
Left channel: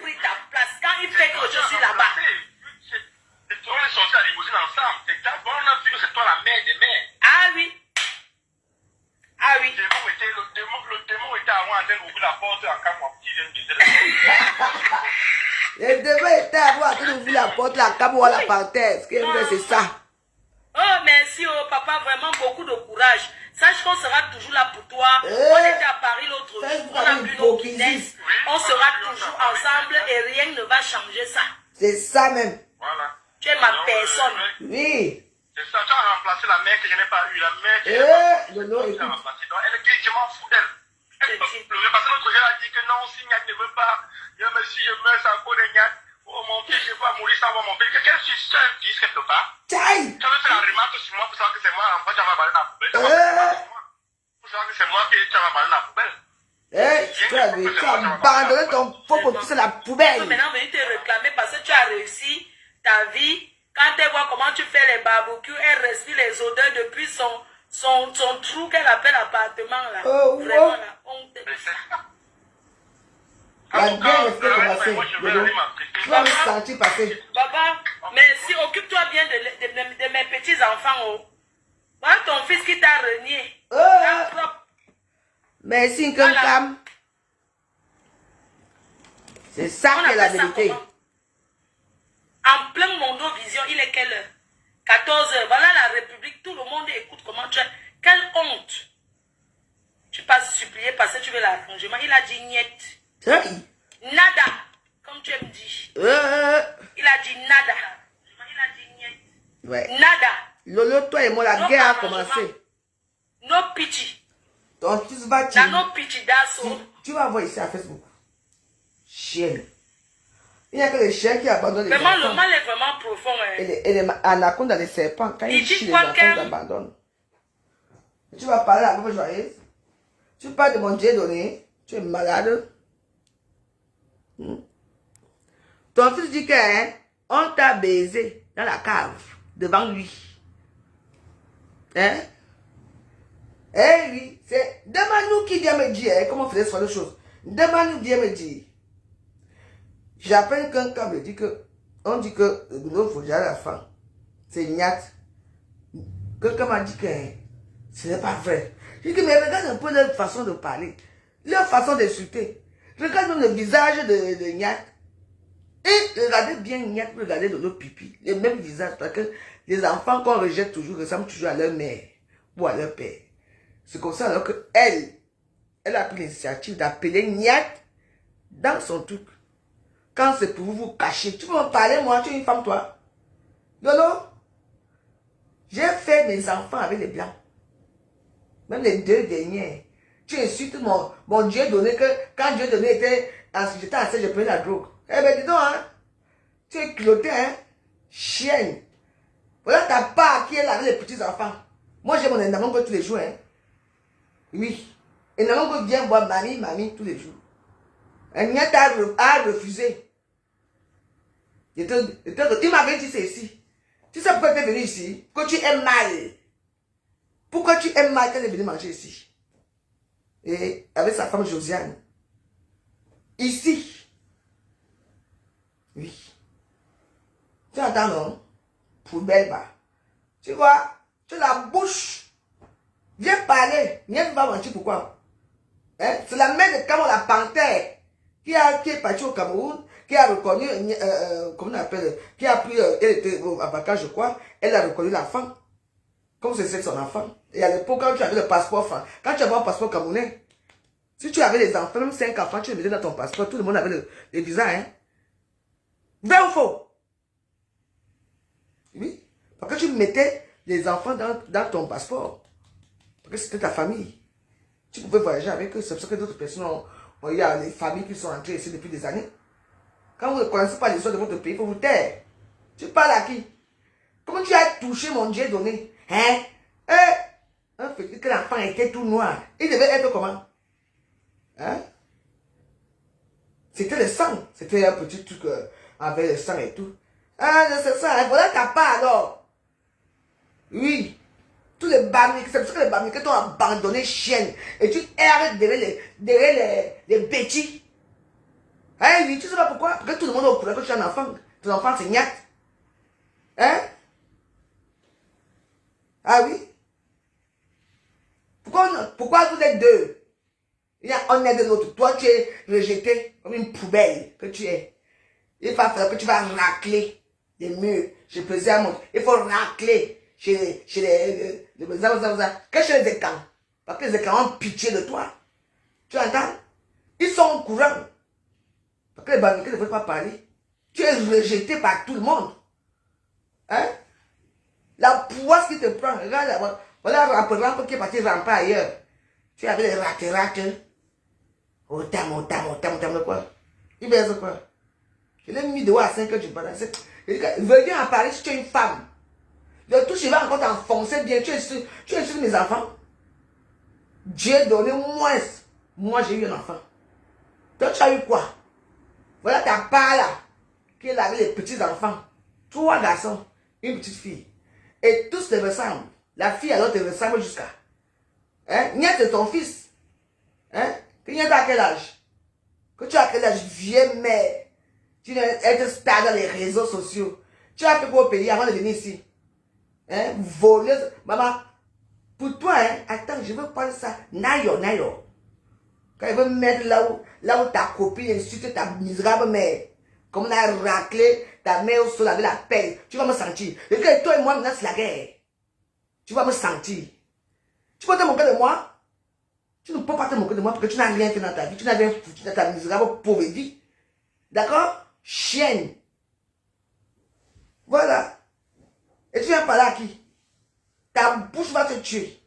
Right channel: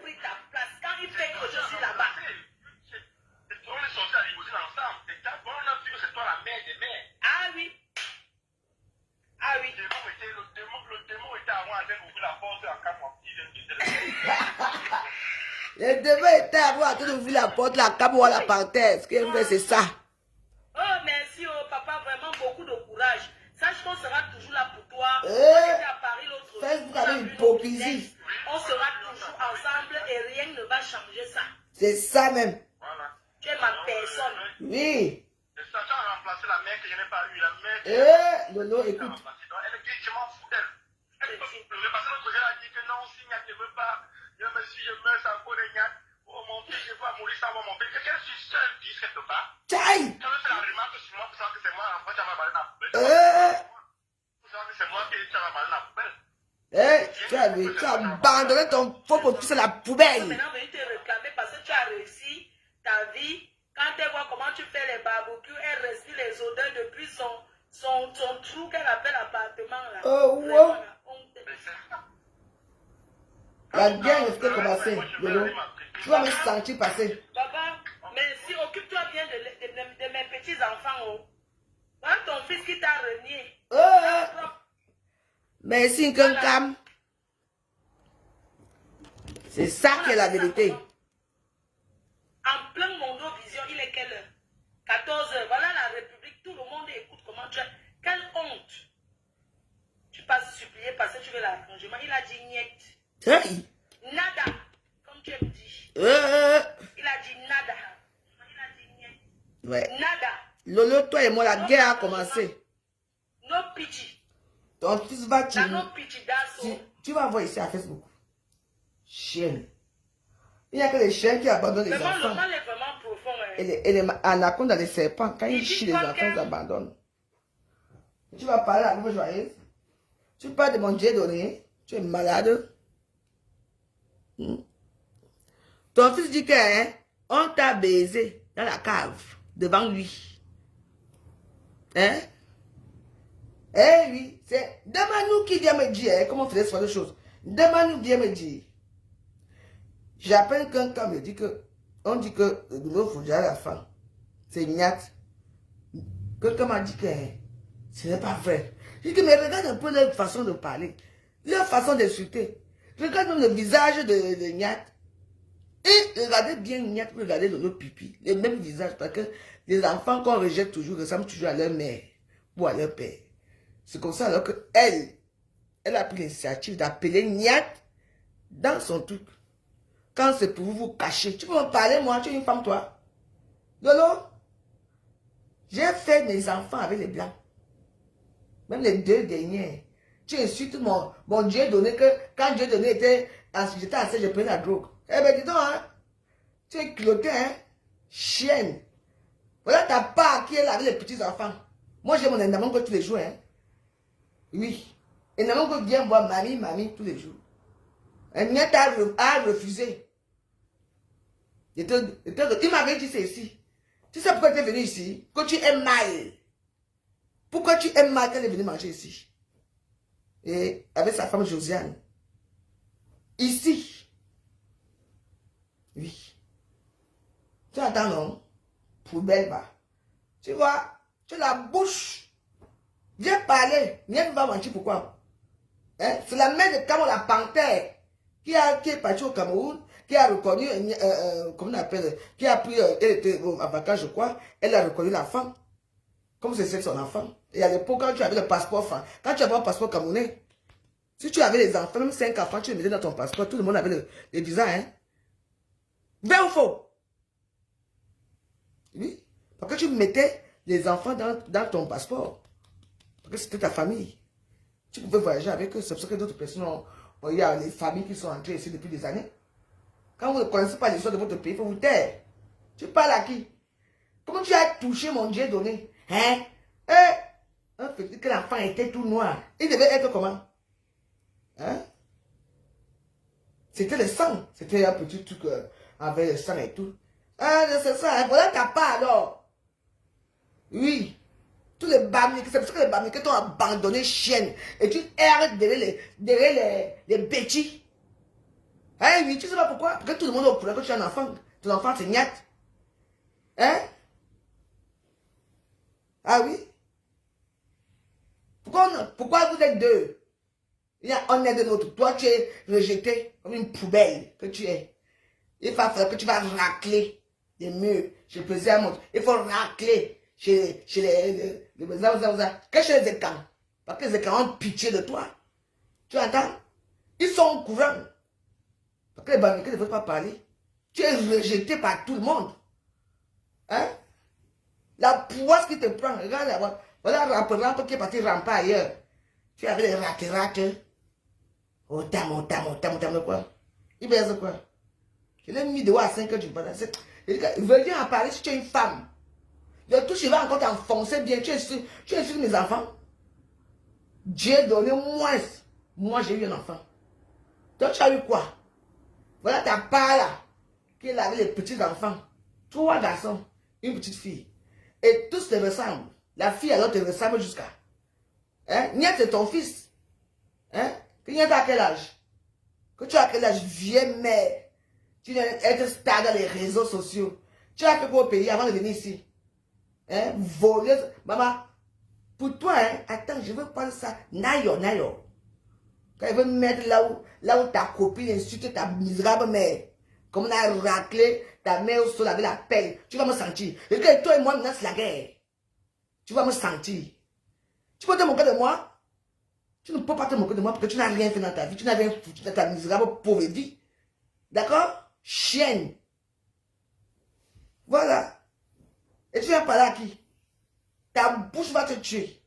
pris ta place. Quand il fait que je suis là-bas. On est sortis à la limousine ensemble. C'est d'abord, on a vu que c'est toi la mère des mères. Ah oui. Le démon était avant en train d'ouvrir la porte à quand mon petit vient de baiser. Le démon était avant en train d'ouvrir la porte, la caboula par terre. Ce qu'il veut, c'est ça. Oh, merci, oh, papa, vraiment beaucoup de courage. Sache qu'on sera toujours là pour toi. On était à Paris l'autre jour. On a vu nos business. On sera toujours ensemble et rien ne va changer ça. C'est ça même. Voilà. Tu es ma personne. Oui. C'est ça, tu as remplacé la mère que je n'ai pas eue. La mère que je n'ai pas eue. Lolo, Tu as écoute. remplacé. Donc, elle dit, je m'en fous d'elle. Elle peut pleurer parce que l'autre jour, elle a dit que non, si Niak ne veut pas, si je meurs, ça vaut des Niak. Oh mon fils, je vais mourir sans voir mon père. Quel fils, tu as un fils quelque part? Tchaï. Tu avais fait la remarque sur moi pour savoir que c'est moi, en fait, tu as balancé la poubelle. Pour savoir que c'est moi qui tu as balancé la poubelle. Tu as abandonné ton pauvre fils à la poubelle. Maintenant, venir te réclamer parce que tu as réussi ta vie. Quand elle voit comment tu fais les barbecues, elle respire les odeurs depuis son trou qu'elle appelle appartement là. Oh, Vraiment, oh. la honte. Mais c'est ça. La guerre est fait commencer. Moi, je vais aller Tu vas me sentir passer. Papa, merci, occupe-toi bien de mes petits-enfants. Oh. Voilà ton fils qui t'a renié. Merci, Nkankam. C'est ça On qui est la appelle ça vérité. comment? En plein Mondovision, il est quelle heure? 14h. Voilà la République. Tout le monde écoute comment tu es. Quelle honte. Tu passes supplier parce que tu veux l'arrangement. Il a dit niet. Hey. Nada. Comme tu me dis. Il a dit nada. Il a dit niet. Ouais. Nada. Lolo, toi et moi, la No guerre a arrangement. commencé. No pity. Ton fils va T'as tirer. no pity. That's all. Tu vas voir ici à Facebook. Chienne. Il n'y a que les chiens qui abandonnent les Vraiment, le enfants. mal est vraiment profond. Hein. Et les anacondes dans les serpents, quand Il ils dit chient les quoi enfants, qu'un- ils abandonnent. Tu vas parler à la pauvre joyeuse. Tu parles de mon Dieu donné. Tu es malade. Ton fils dit que hein, on t'a baisé dans la cave devant lui. Hein? Eh oui, c'est demande-nous qui vient me dire hein, comment on faisait ce genre de choses. Demande-nous qui vient me dire. J'appelle quelqu'un me dit que on dit que le boulot faut déjà la femme. C'est Niat. Quelqu'un m'a dit que hein, ce n'est pas vrai. J'ai dit mais regarde un peu leur façon de parler, leur façon d'insulter. Regarde le visage de Niat. Et regardez bien Niat, regardez de l'autre pipi. Les mêmes visages parce que les enfants qu'on rejette toujours ressemblent toujours à leur mère ou à leur père. C'est comme ça alors que elle a pris l'initiative d'appeler Niat dans son truc. Quand c'est pour vous cacher. Tu peux me parler, moi, tu es une femme, toi. Lolo, j'ai fait mes enfants avec les blancs. Même les 2 derniers. Tu insultes mon Dieu donné que quand Dieu donné j'étais enceinte, je prenais la drogue. Eh bien, dis donc, hein. Tu es culotté, hein. Chienne. Voilà ta part qui est là avec les petits enfants. Moi, j'ai mon Endamongo tous les jours, hein. Oui. Endamongo vient voir mamie tous les jours. Un Niat a refusé. Il m'avait dit c'est ici. Tu sais pourquoi tu es venu ici? Pourquoi tu aimes mal? Pourquoi tu aimes mal quand elle est venue manger ici? Et avec sa femme Josiane. Ici. Oui. Tu entends, non? Poubelle, bah. Tu vois, tu as la bouche. Viens parler. Viens pas mentir pourquoi? Hein? C'est la mère de Cameroun, la panthère, qui est partie au Cameroun, qui a reconnu, comment on appelle, qui a pris, elle était en vacances, je crois, elle a reconnu la femme, comme c'est son enfant. Et à l'époque, quand tu avais le passeport, quand tu avais un passeport camerounais, si tu avais les enfants, même 5 enfants, tu les mettais dans ton passeport, tout le monde avait le visa, hein. Vrai ou faux? Oui. Parce que tu mettais les enfants dans ton passeport. Parce que c'était ta famille. Tu pouvais voyager avec eux. C'est pour ça que d'autres personnes il y a les familles qui sont entrées ici depuis des années. Quand vous ne connaissez pas l'histoire de votre pays, il faut vous taire. Tu parles à qui? Comment tu as touché mon Dieu donné? Hein? Un petit que l'enfant était tout noir. Il devait être comment? Hein? C'était le sang. C'était un petit truc avec le sang et tout. Ah, c'est ça. Hein? Voilà ta part alors. Oui. Tous les barniques, c'est parce que les barniques t'ont abandonné chienne. Et tu erres derrière les bêtis. Eh oui, tu sais pas pourquoi? Parce que tout le monde est au courant que tu as un enfant. Ton enfant c'est Niat. Hein? Ah oui? Pourquoi vous êtes 2? On est de l'autre. Toi tu es rejeté comme une poubelle que tu es. Il va falloir que tu vas racler les murs. J'ai pesé à mon. Il faut racler. Chez les écrans. Parce que les écrans ont pitié de toi. Tu entends? Ils sont au courant. Parce que les banquiers ne veulent pas parler. Tu es rejeté par tout le monde. Hein? La poisse qui te prend. Regarde là-bas. Voilà un rappelant qui est parti ramper ailleurs. Tu avais les rates. Oh, tam, quoi? Il baise quoi? Je l'ai mis dehors à 5 heures du matin. Venez en parler si tu es une femme. Le touche, il va encore t'enfoncer bien. Tu es sur mes enfants. Dieu donné moins. Moi, j'ai eu un enfant. Toi, tu as eu quoi? Voilà ta part là. Qui est là avec les petits enfants. 3 garçons, une petite fille. Et tous se ressemblent. La fille alors te ressemble jusqu'à. Hein? Nia, c'est ton fils. Hein? Nia, t'as quel âge? Que tu as quel âge? Viens, mère. Tu dois être star dans les réseaux sociaux. Tu as fait quoi au pays avant de venir ici? Hein? Voleuse. Maman, pour toi, hein? Attends, je veux prendre ça. Nayo. Quand il veut me mettre là où ta copine insulte ta misérable mère. Comme on a raclé ta mère au sol avec la pelle. Tu vas me sentir. Et que toi et moi, maintenant, c'est la guerre. Tu vas me sentir. Tu peux te moquer de moi? Tu ne peux pas te moquer de moi parce que tu n'as rien fait dans ta vie. Tu n'as rien foutu dans ta misérable pauvre vie. D'accord? Chienne. Voilà. Et tu viens parler à qui? Ta bouche va te tuer.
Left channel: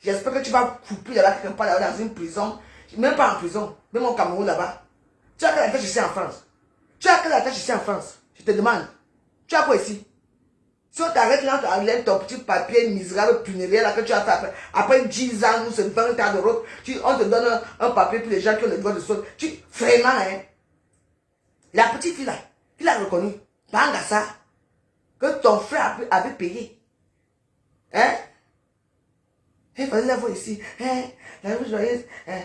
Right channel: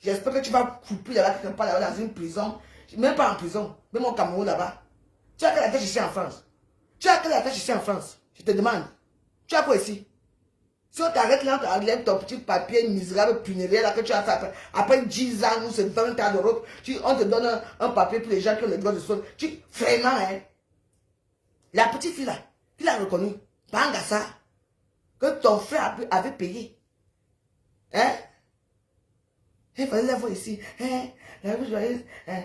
J'espère que tu vas couper là-bas quelque part là dans une prison. Même pas en prison. Même au Cameroun là-bas. Tu as quelle attache ici en France? Tu as quelle attache ici en France? Je te demande. Tu as quoi ici? Si on t'arrête là, on t'enlève ton petit papier misérable funéraire là que tu as fait après 10 ans ou 20 ans de route, on te donne un papier pour les gens qui ont les droits de sol. Vraiment, hein? La petite fille là, qui l'a reconnu, Bangassa, que ton frère avait payé. Hein? Il fallait la voir ici. Hein? La vie joyeuse. Hein?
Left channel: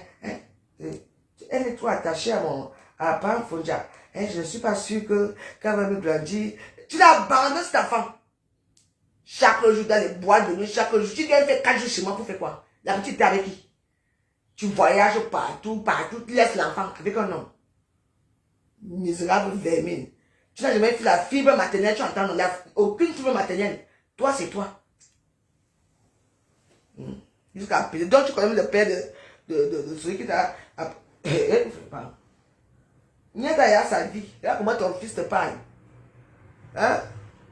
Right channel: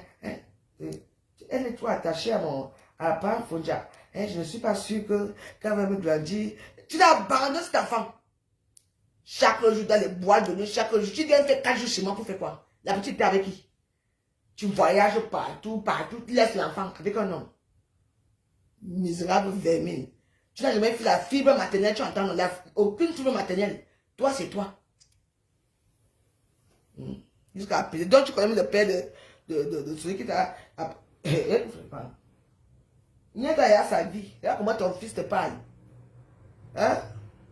Elle est trop attachée à Pam Fonja. Hein? Je ne suis pas sûr qu'elle va me grandir. Tu l'as abandonné cet enfant. Chaque jour dans les bois de nuit, chaque jour. Tu viens faire 4 jours chez moi pour faire quoi? La petite est avec qui? Tu voyages partout. Tu laisses l'enfant avec un homme. Misérable vermine. Tu n'as jamais fait la fibre maternelle, tu entends, aucune fibre maternelle. Toi, c'est toi. Jusqu'à appeler. Donc, tu connais le père de celui qui t'a... Il y a sa vie. Regarde comment ton fils te parle. Hein?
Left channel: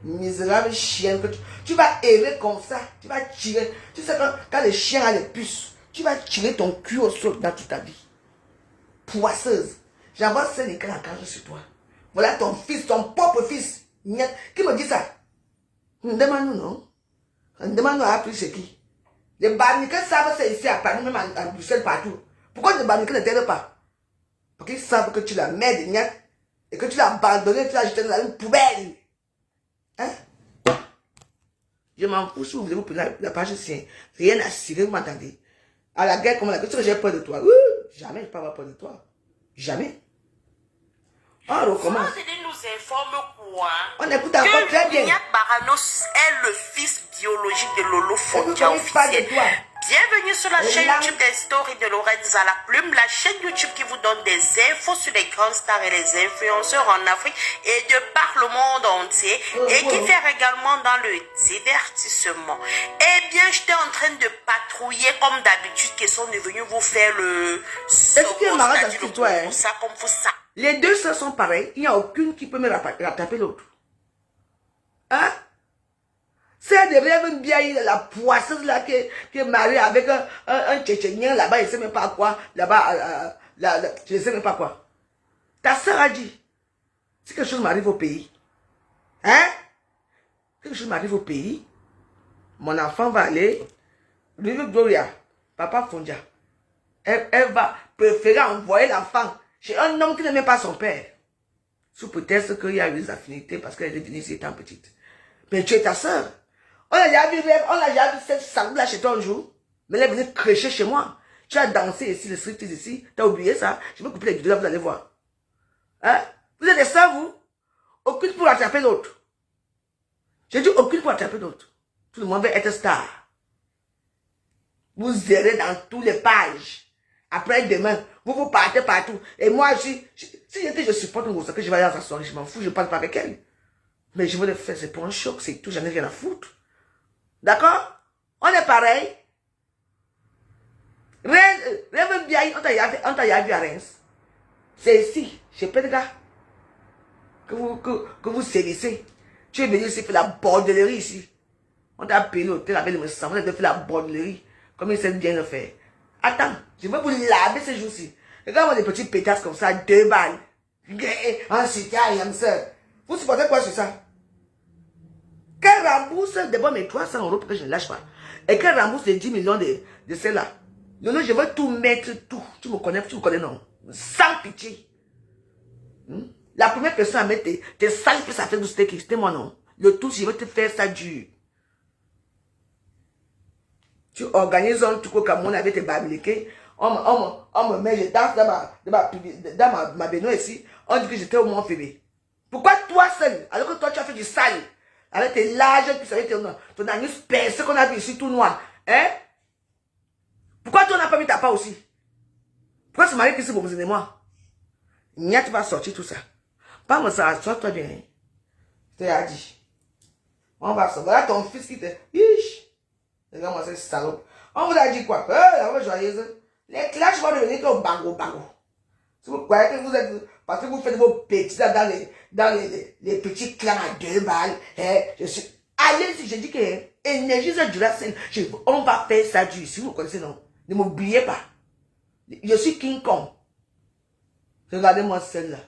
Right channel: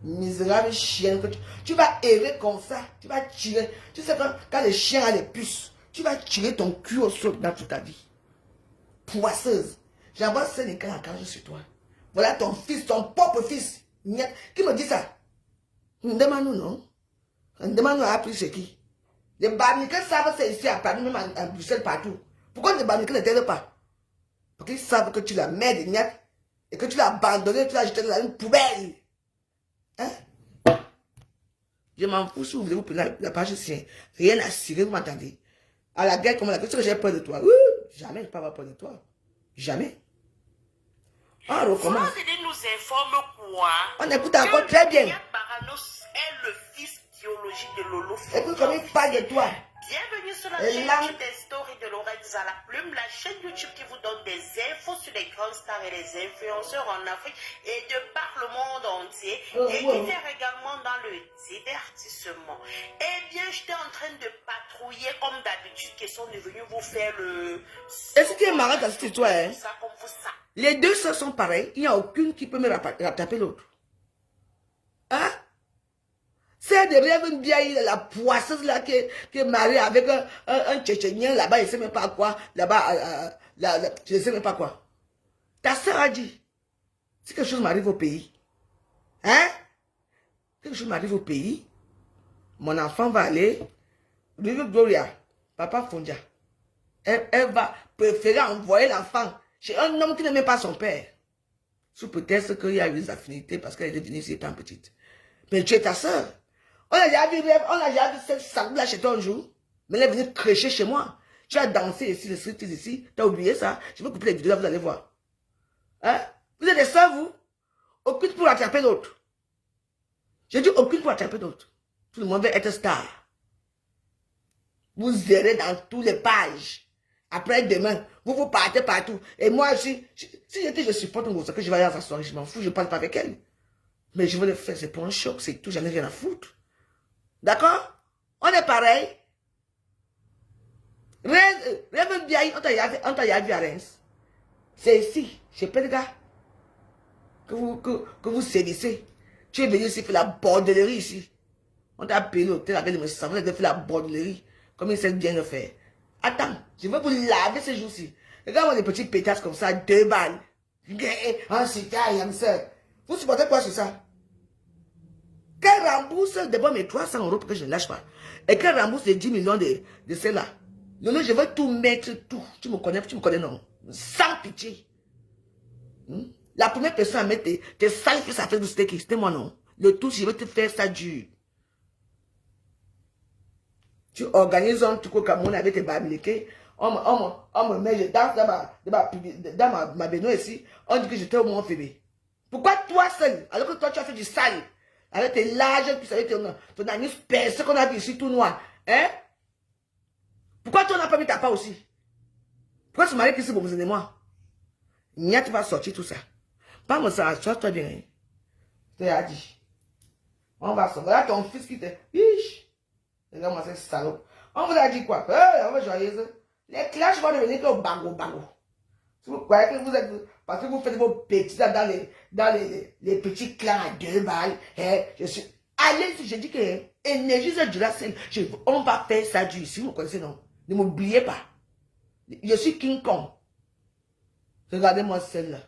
Misérable chien. Tu vas errer comme ça. Tu vas tirer. Tu sais quand le chien a les puces, tu vas tirer ton cul au sol dans toute ta vie. Poisseuse. J'envoie Sénégal en cage sur toi. Voilà ton fils, ton propre fils. Qui me dit ça? Demande-nous, non? Demande-nous à appeler chez qui? Les Bamikens savent c'est ici à Paris, même en Bruxelles, partout. Pourquoi les Bamikens ne t'aident pas? Parce qu'ils savent que tu la mets de Niat et que tu l'as abandonné, tu l'as jeté dans une poubelle. Hein? Je m'en fous si vous voulez vous prendre la page sien. Rien à cirer, vous m'entendez? À la guerre, comment la question, j'ai peur de toi. Jamais je ne peux pas avoir peur de toi. Jamais. On recommence. Vous nous informe quoi? On écoute encore très bien. Baranos est le fils biologique de Lolo Fondia. Bienvenue sur la chaîne YouTube des stories de Lorenz à la plume, la chaîne YouTube qui vous donne des infos sur les grandes stars et les influenceurs en Afrique et de par le monde entier et qui fait également dans le divertissement. Eh bien, j'étais en train de patrouiller comme d'habitude qui sont devenus vous faire le... Est-ce que tu es malade à ce toi, hein? Les deux sœurs sont pareilles, il n'y a aucune qui peut me rattraper l'autre. Hein? C'est de rêve bien, la poisseuse là qui est mariée avec un Tchétchénien là-bas, il ne sait même pas quoi. Là-bas, je ne sais même pas quoi. Ta soeur a dit, si quelque chose m'arrive au pays, hein? Quelque chose m'arrive au pays, mon enfant va aller, lui Gloria, papa Fondia, elle va préférer envoyer l'enfant chez un homme qui n'aimait pas son père. Sous prétexte qu'il y a eu des affinités parce qu'elle est venue ici étant petite. Mais tu es ta soeur. On a déjà vu cette salle là chez toi un jour. Mais elle est venue crécher chez moi. Tu as dansé ici, le striptease ici. Tu as oublié ça. Je vais couper les vidéos là, vous allez voir. Hein? Vous êtes des sœurs, vous? Aucune pour attraper l'autre. J'ai dit aucune pour attraper l'autre. Tout le monde veut être star. Vous errez dans toutes les pages. Après demain, vous partez partout. Et moi aussi, si je supporte une grosse que je vais aller dans sa soirée, je m'en fous, je ne parle pas avec elle. Mais je veux le faire, c'est pour un choc, c'est tout, j'en ai rien à foutre. D'accord? On est pareil. Rêve bien, on t'a vu à Reims. C'est ici, chez Pédega, que vous sévissez. Tu es venu ici faire la bordellerie ici. On t'a payé l'hôtel avec le sang, on a fait la bordellerie, comme il sait bien le faire. Attends, je vais vous laver ces jours-ci. Regarde-moi les petites pétasses comme ça, 2 balles. Vous supportez quoi sur ça? Qu'elle rembourse d'abord mes 300 € pour que je ne lâche pas. Et qu'elle rembourse les 10 millions de celles-là. Lolo, je veux tout mettre, tout. Tu me connais non? Sans pitié. La première personne à mettre tes sales que ça fait, c'était moi non? Le tout, je veux te faire ça dur. Tu organises un truc au Cameroun avec tes bamilekés. On me met, je danse dans ma baignoire ici. On dit que j'étais au Mont Fébé. Pourquoi toi seul, alors que toi tu as fait du sale, avec tes larges, avec ton anus percé qu'on a vu ici tout noir, hein? Pourquoi tu n'as pas mis ta part aussi? Pourquoi tu m'as dit que c'est pour vous et moi? Nia, tu vas sortir tout ça. Pas me ça, toi bien. Je t'ai dit. On va sortir. Voilà ton fils qui te. Ish! Regarde-moi cette salope. On vous a dit quoi? On va joyeuse. Les clashs vont devenir que bango. Si vous croyez que vous êtes. Parce que vous faites vos petits dans les petits clans à 2 balles. Je suis. Allez-y, je dis que énergie du racine. On va faire ça du. Si vous connaissez, non. Ne m'oubliez pas. Je suis King Kong. Regardez-moi celle-là.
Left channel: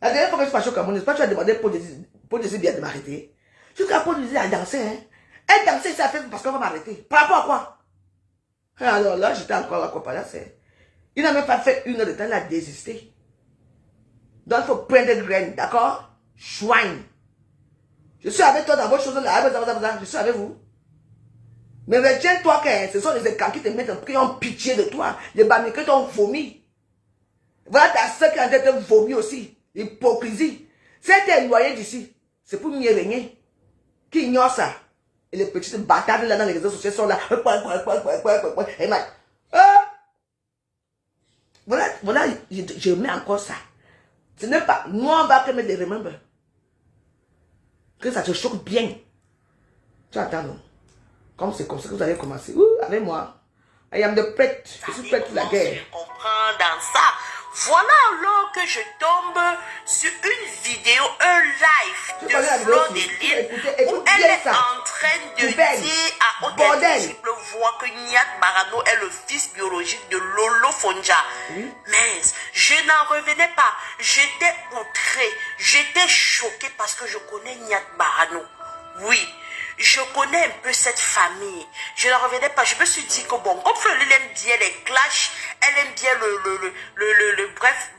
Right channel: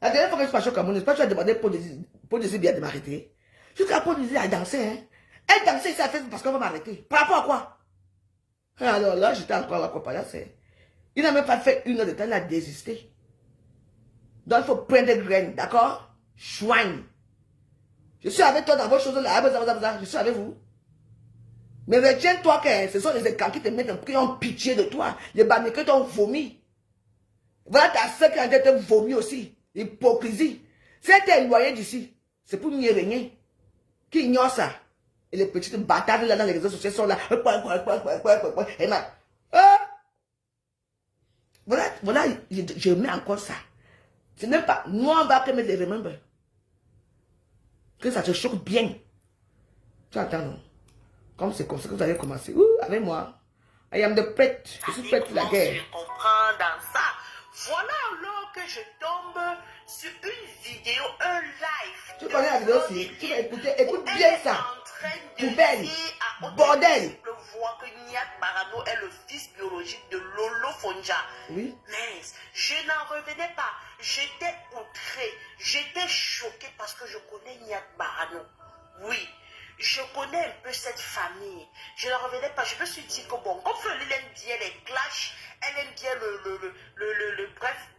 La dernière fois que je suis passé au Cameroun, n'est-ce pas, tu as demandé pour dire bien de m'arrêter. Tu t'as pas dit à danser, hein. Elle dansait, ça fait parce qu'on va m'arrêter. Par rapport à quoi? Et alors là, j'étais encore là, comparé. Il n'a même pas fait 1 heure de temps, il a désisté. Donc, il faut prendre des graines, d'accord? Chouin. Je suis avec toi dans vos choses là, je suis avec vous. Mais retiens-toi que ce sont les écans qui te mettent qui ont pitié de toi. Les bamikés t'ont vomi. Voilà ta soeur qui a en train de te vomir aussi. L'hypocrisie. Si elle t'est éloignée d'ici, c'est pour mieux régner. Qui ignore ça. Et les petites bâtards là dans les réseaux sociaux sont là. Et voilà, je mets encore ça. Ce n'est pas, nous on va mettre des remember. Que ça te choque bien. Tu attends, non? Comme c'est comme ça que vous allez commencer. Avec moi. I am the pet. Je suis prête pour la guerre. Je comprends dans ça. Voilà alors que je tombe sur une vidéo, un live de Flo de Lille où elle est en train de dire à haute et multiple voix que Niat Barano est le fils biologique de Lolo Fonja. Mais je n'en revenais pas. J'étais outrée. J'étais choquée parce que je connais Niat Barano. Oui. Je connais un peu cette famille. Je ne revenais pas. Je me suis dit que bon, comme Fleur, elle aime bien les clashs, elle aime bien bref,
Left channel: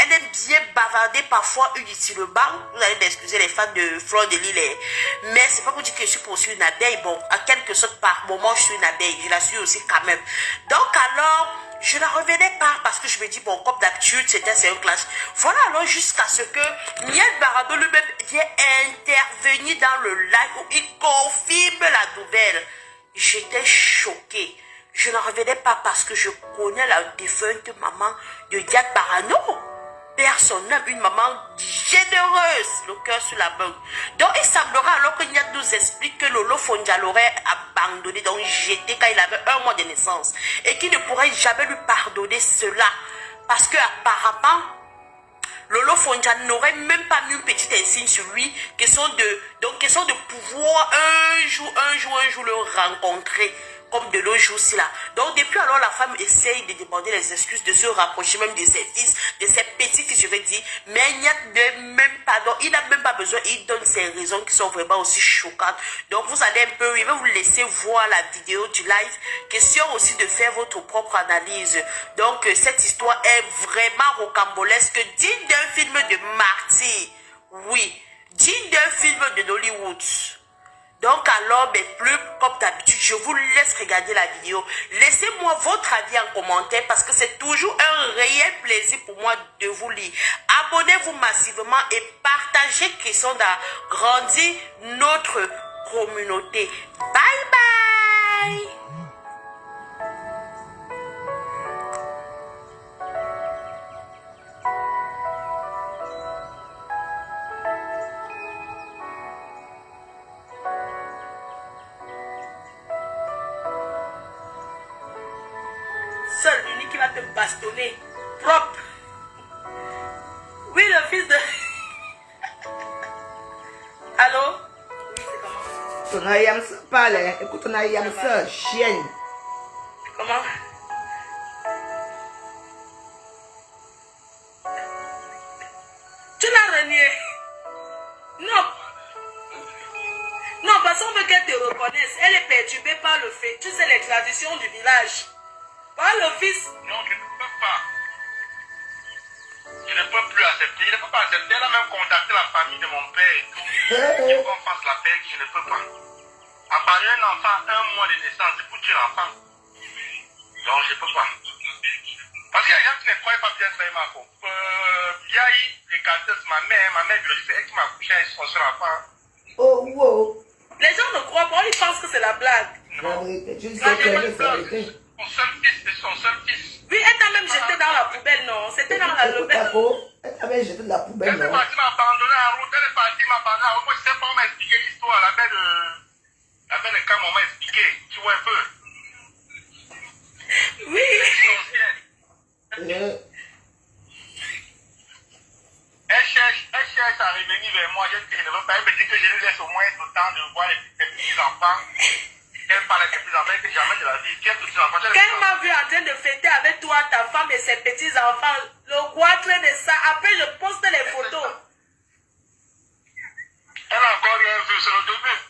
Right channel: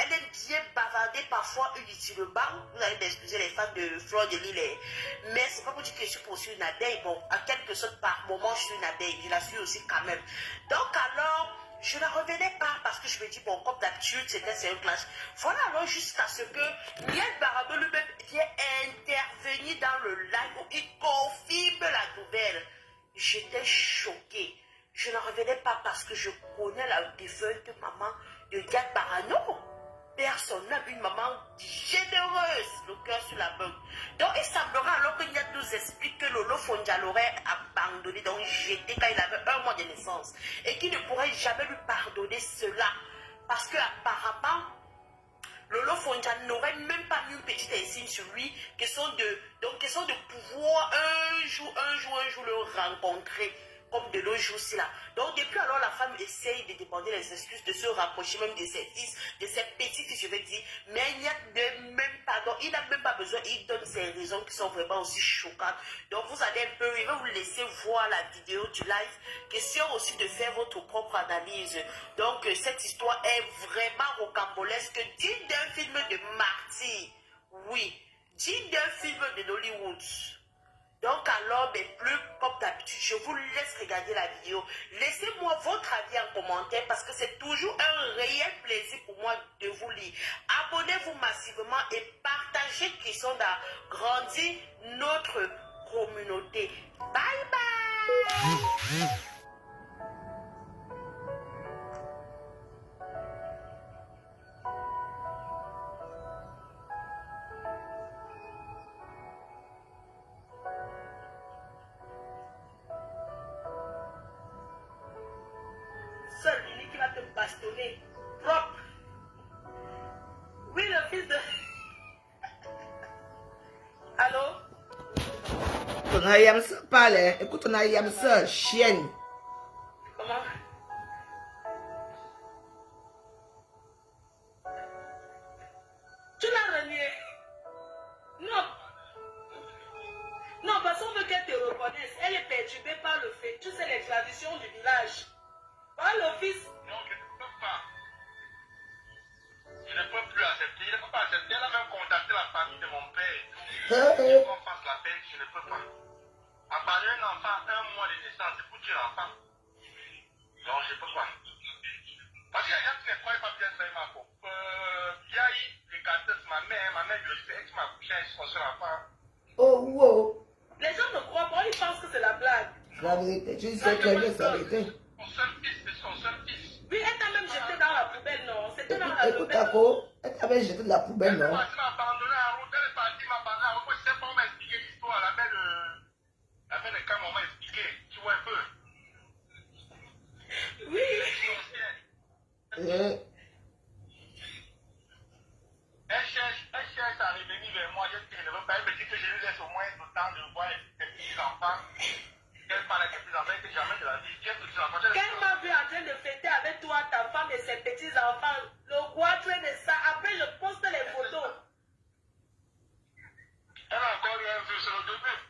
elle aime bien bavarder parfois inutilement. Vous allez m'excuser les fans de Fleur de Lille. Mais c'est pas pour dire que je suis pour une abeille. Bon, à quelque sorte par moment, je suis une abeille. Je la suis aussi quand même. Donc alors, je ne revenais pas parce que je me dis, bon, comme d'habitude, c'est un clash. Voilà alors jusqu'à ce que Niel Barado lui-même vient intervenir dans le live où il confirme la nouvelle. J'étais choquée. Je ne revenais pas parce que je connais la défunte maman de Niat Barano. Personne n'aime une maman généreuse, le cœur sur la main. Donc il semblera alors que Niat nous explique que Lolo Fonja l'aurait abandonné, donc jeté quand il avait 1 mois de naissance. Et qu'il ne pourrait jamais lui pardonner cela. Parce que apparemment, Lolo Fonja n'aurait même pas mis une petite insigne sur lui, question de pouvoir un jour le rencontrer. Comme de l'autre jour-ci là. Donc depuis alors la femme essaye de demander les excuses, de se rapprocher même de ses fils, de ses petits-fils, je vais dire. Mais il n'y a même pas, donc il n'a même pas besoin, il donne ses raisons qui sont vraiment aussi choquantes. Donc vous allez un peu, je vais vous laisser voir la vidéo du live. Question aussi de faire votre propre analyse. Donc cette histoire est vraiment rocambolesque, digne d'un film de Marty. Oui, digne d'un film de Hollywood. Donc alors, mais plus comme d'habitude, je vous laisse regarder la vidéo. Laissez-moi votre avis en commentaire parce que c'est toujours un réel plaisir pour moi de vous lire. Abonnez-vous massivement et partagez question d'agrandir notre communauté. Bye bye! Seul, l'unique qui va te bastonner. Propre. Oui, le fils de... Allô? Ton ayam ça parle. Écoute ton ayam ça, chienne. Comment? Tu l'as renié? Non. Non, parce qu'on veut qu'elle te reconnaisse. Elle est perturbée par le fait. Tu sais, les traditions du village. Par le fils. Non, je ne peux pas. Je ne peux plus accepter. Je ne peux pas accepter. Elle a même contacté la famille de mon père. Il faut qu'on fasse la paix, je ne peux pas. À part un enfant, 1 mois de naissance, c'est pour tuer l'enfant. Donc, je ne peux pas. Parce qu'il y a des gens qui ne croient pas bien ça, Marco. Il y a eu des cartels, ma mère biologique, c'est elle qui m'a accouché avec son seul enfant. Oh, wow. Les gens ne croient pas, ils pensent que c'est la blague. La vérité, tu sais que c'est la vérité. Son seul fils, c'est son seul fils. Oui, elle t'a même jeté dans la poubelle, non? C'était dans la Écoute, poubelle. Taco, elle t'avait jeté de la poubelle, Elle est non? partie m'abandonner en route, elle est partie m'abandonner en route. Moi, je sais pas, on m'a expliqué l'histoire, la belle de Cam, on m'a expliqué. Tu vois un peu. Oui. Elle cherche à revenir vers moi. Je dis que je ne veux pas. Elle me dit que je lui laisse au moins le temps de voir les petits-enfants. Qu'elle parle avec les petits-enfants que jamais de la vie. Quels petits-enfants? Quand elle m'a vu en train de fêter avec toi, ta femme et ses petits-enfants, le goitre de ça, après je poste les photos. Elle a encore rien vu, c'est le début.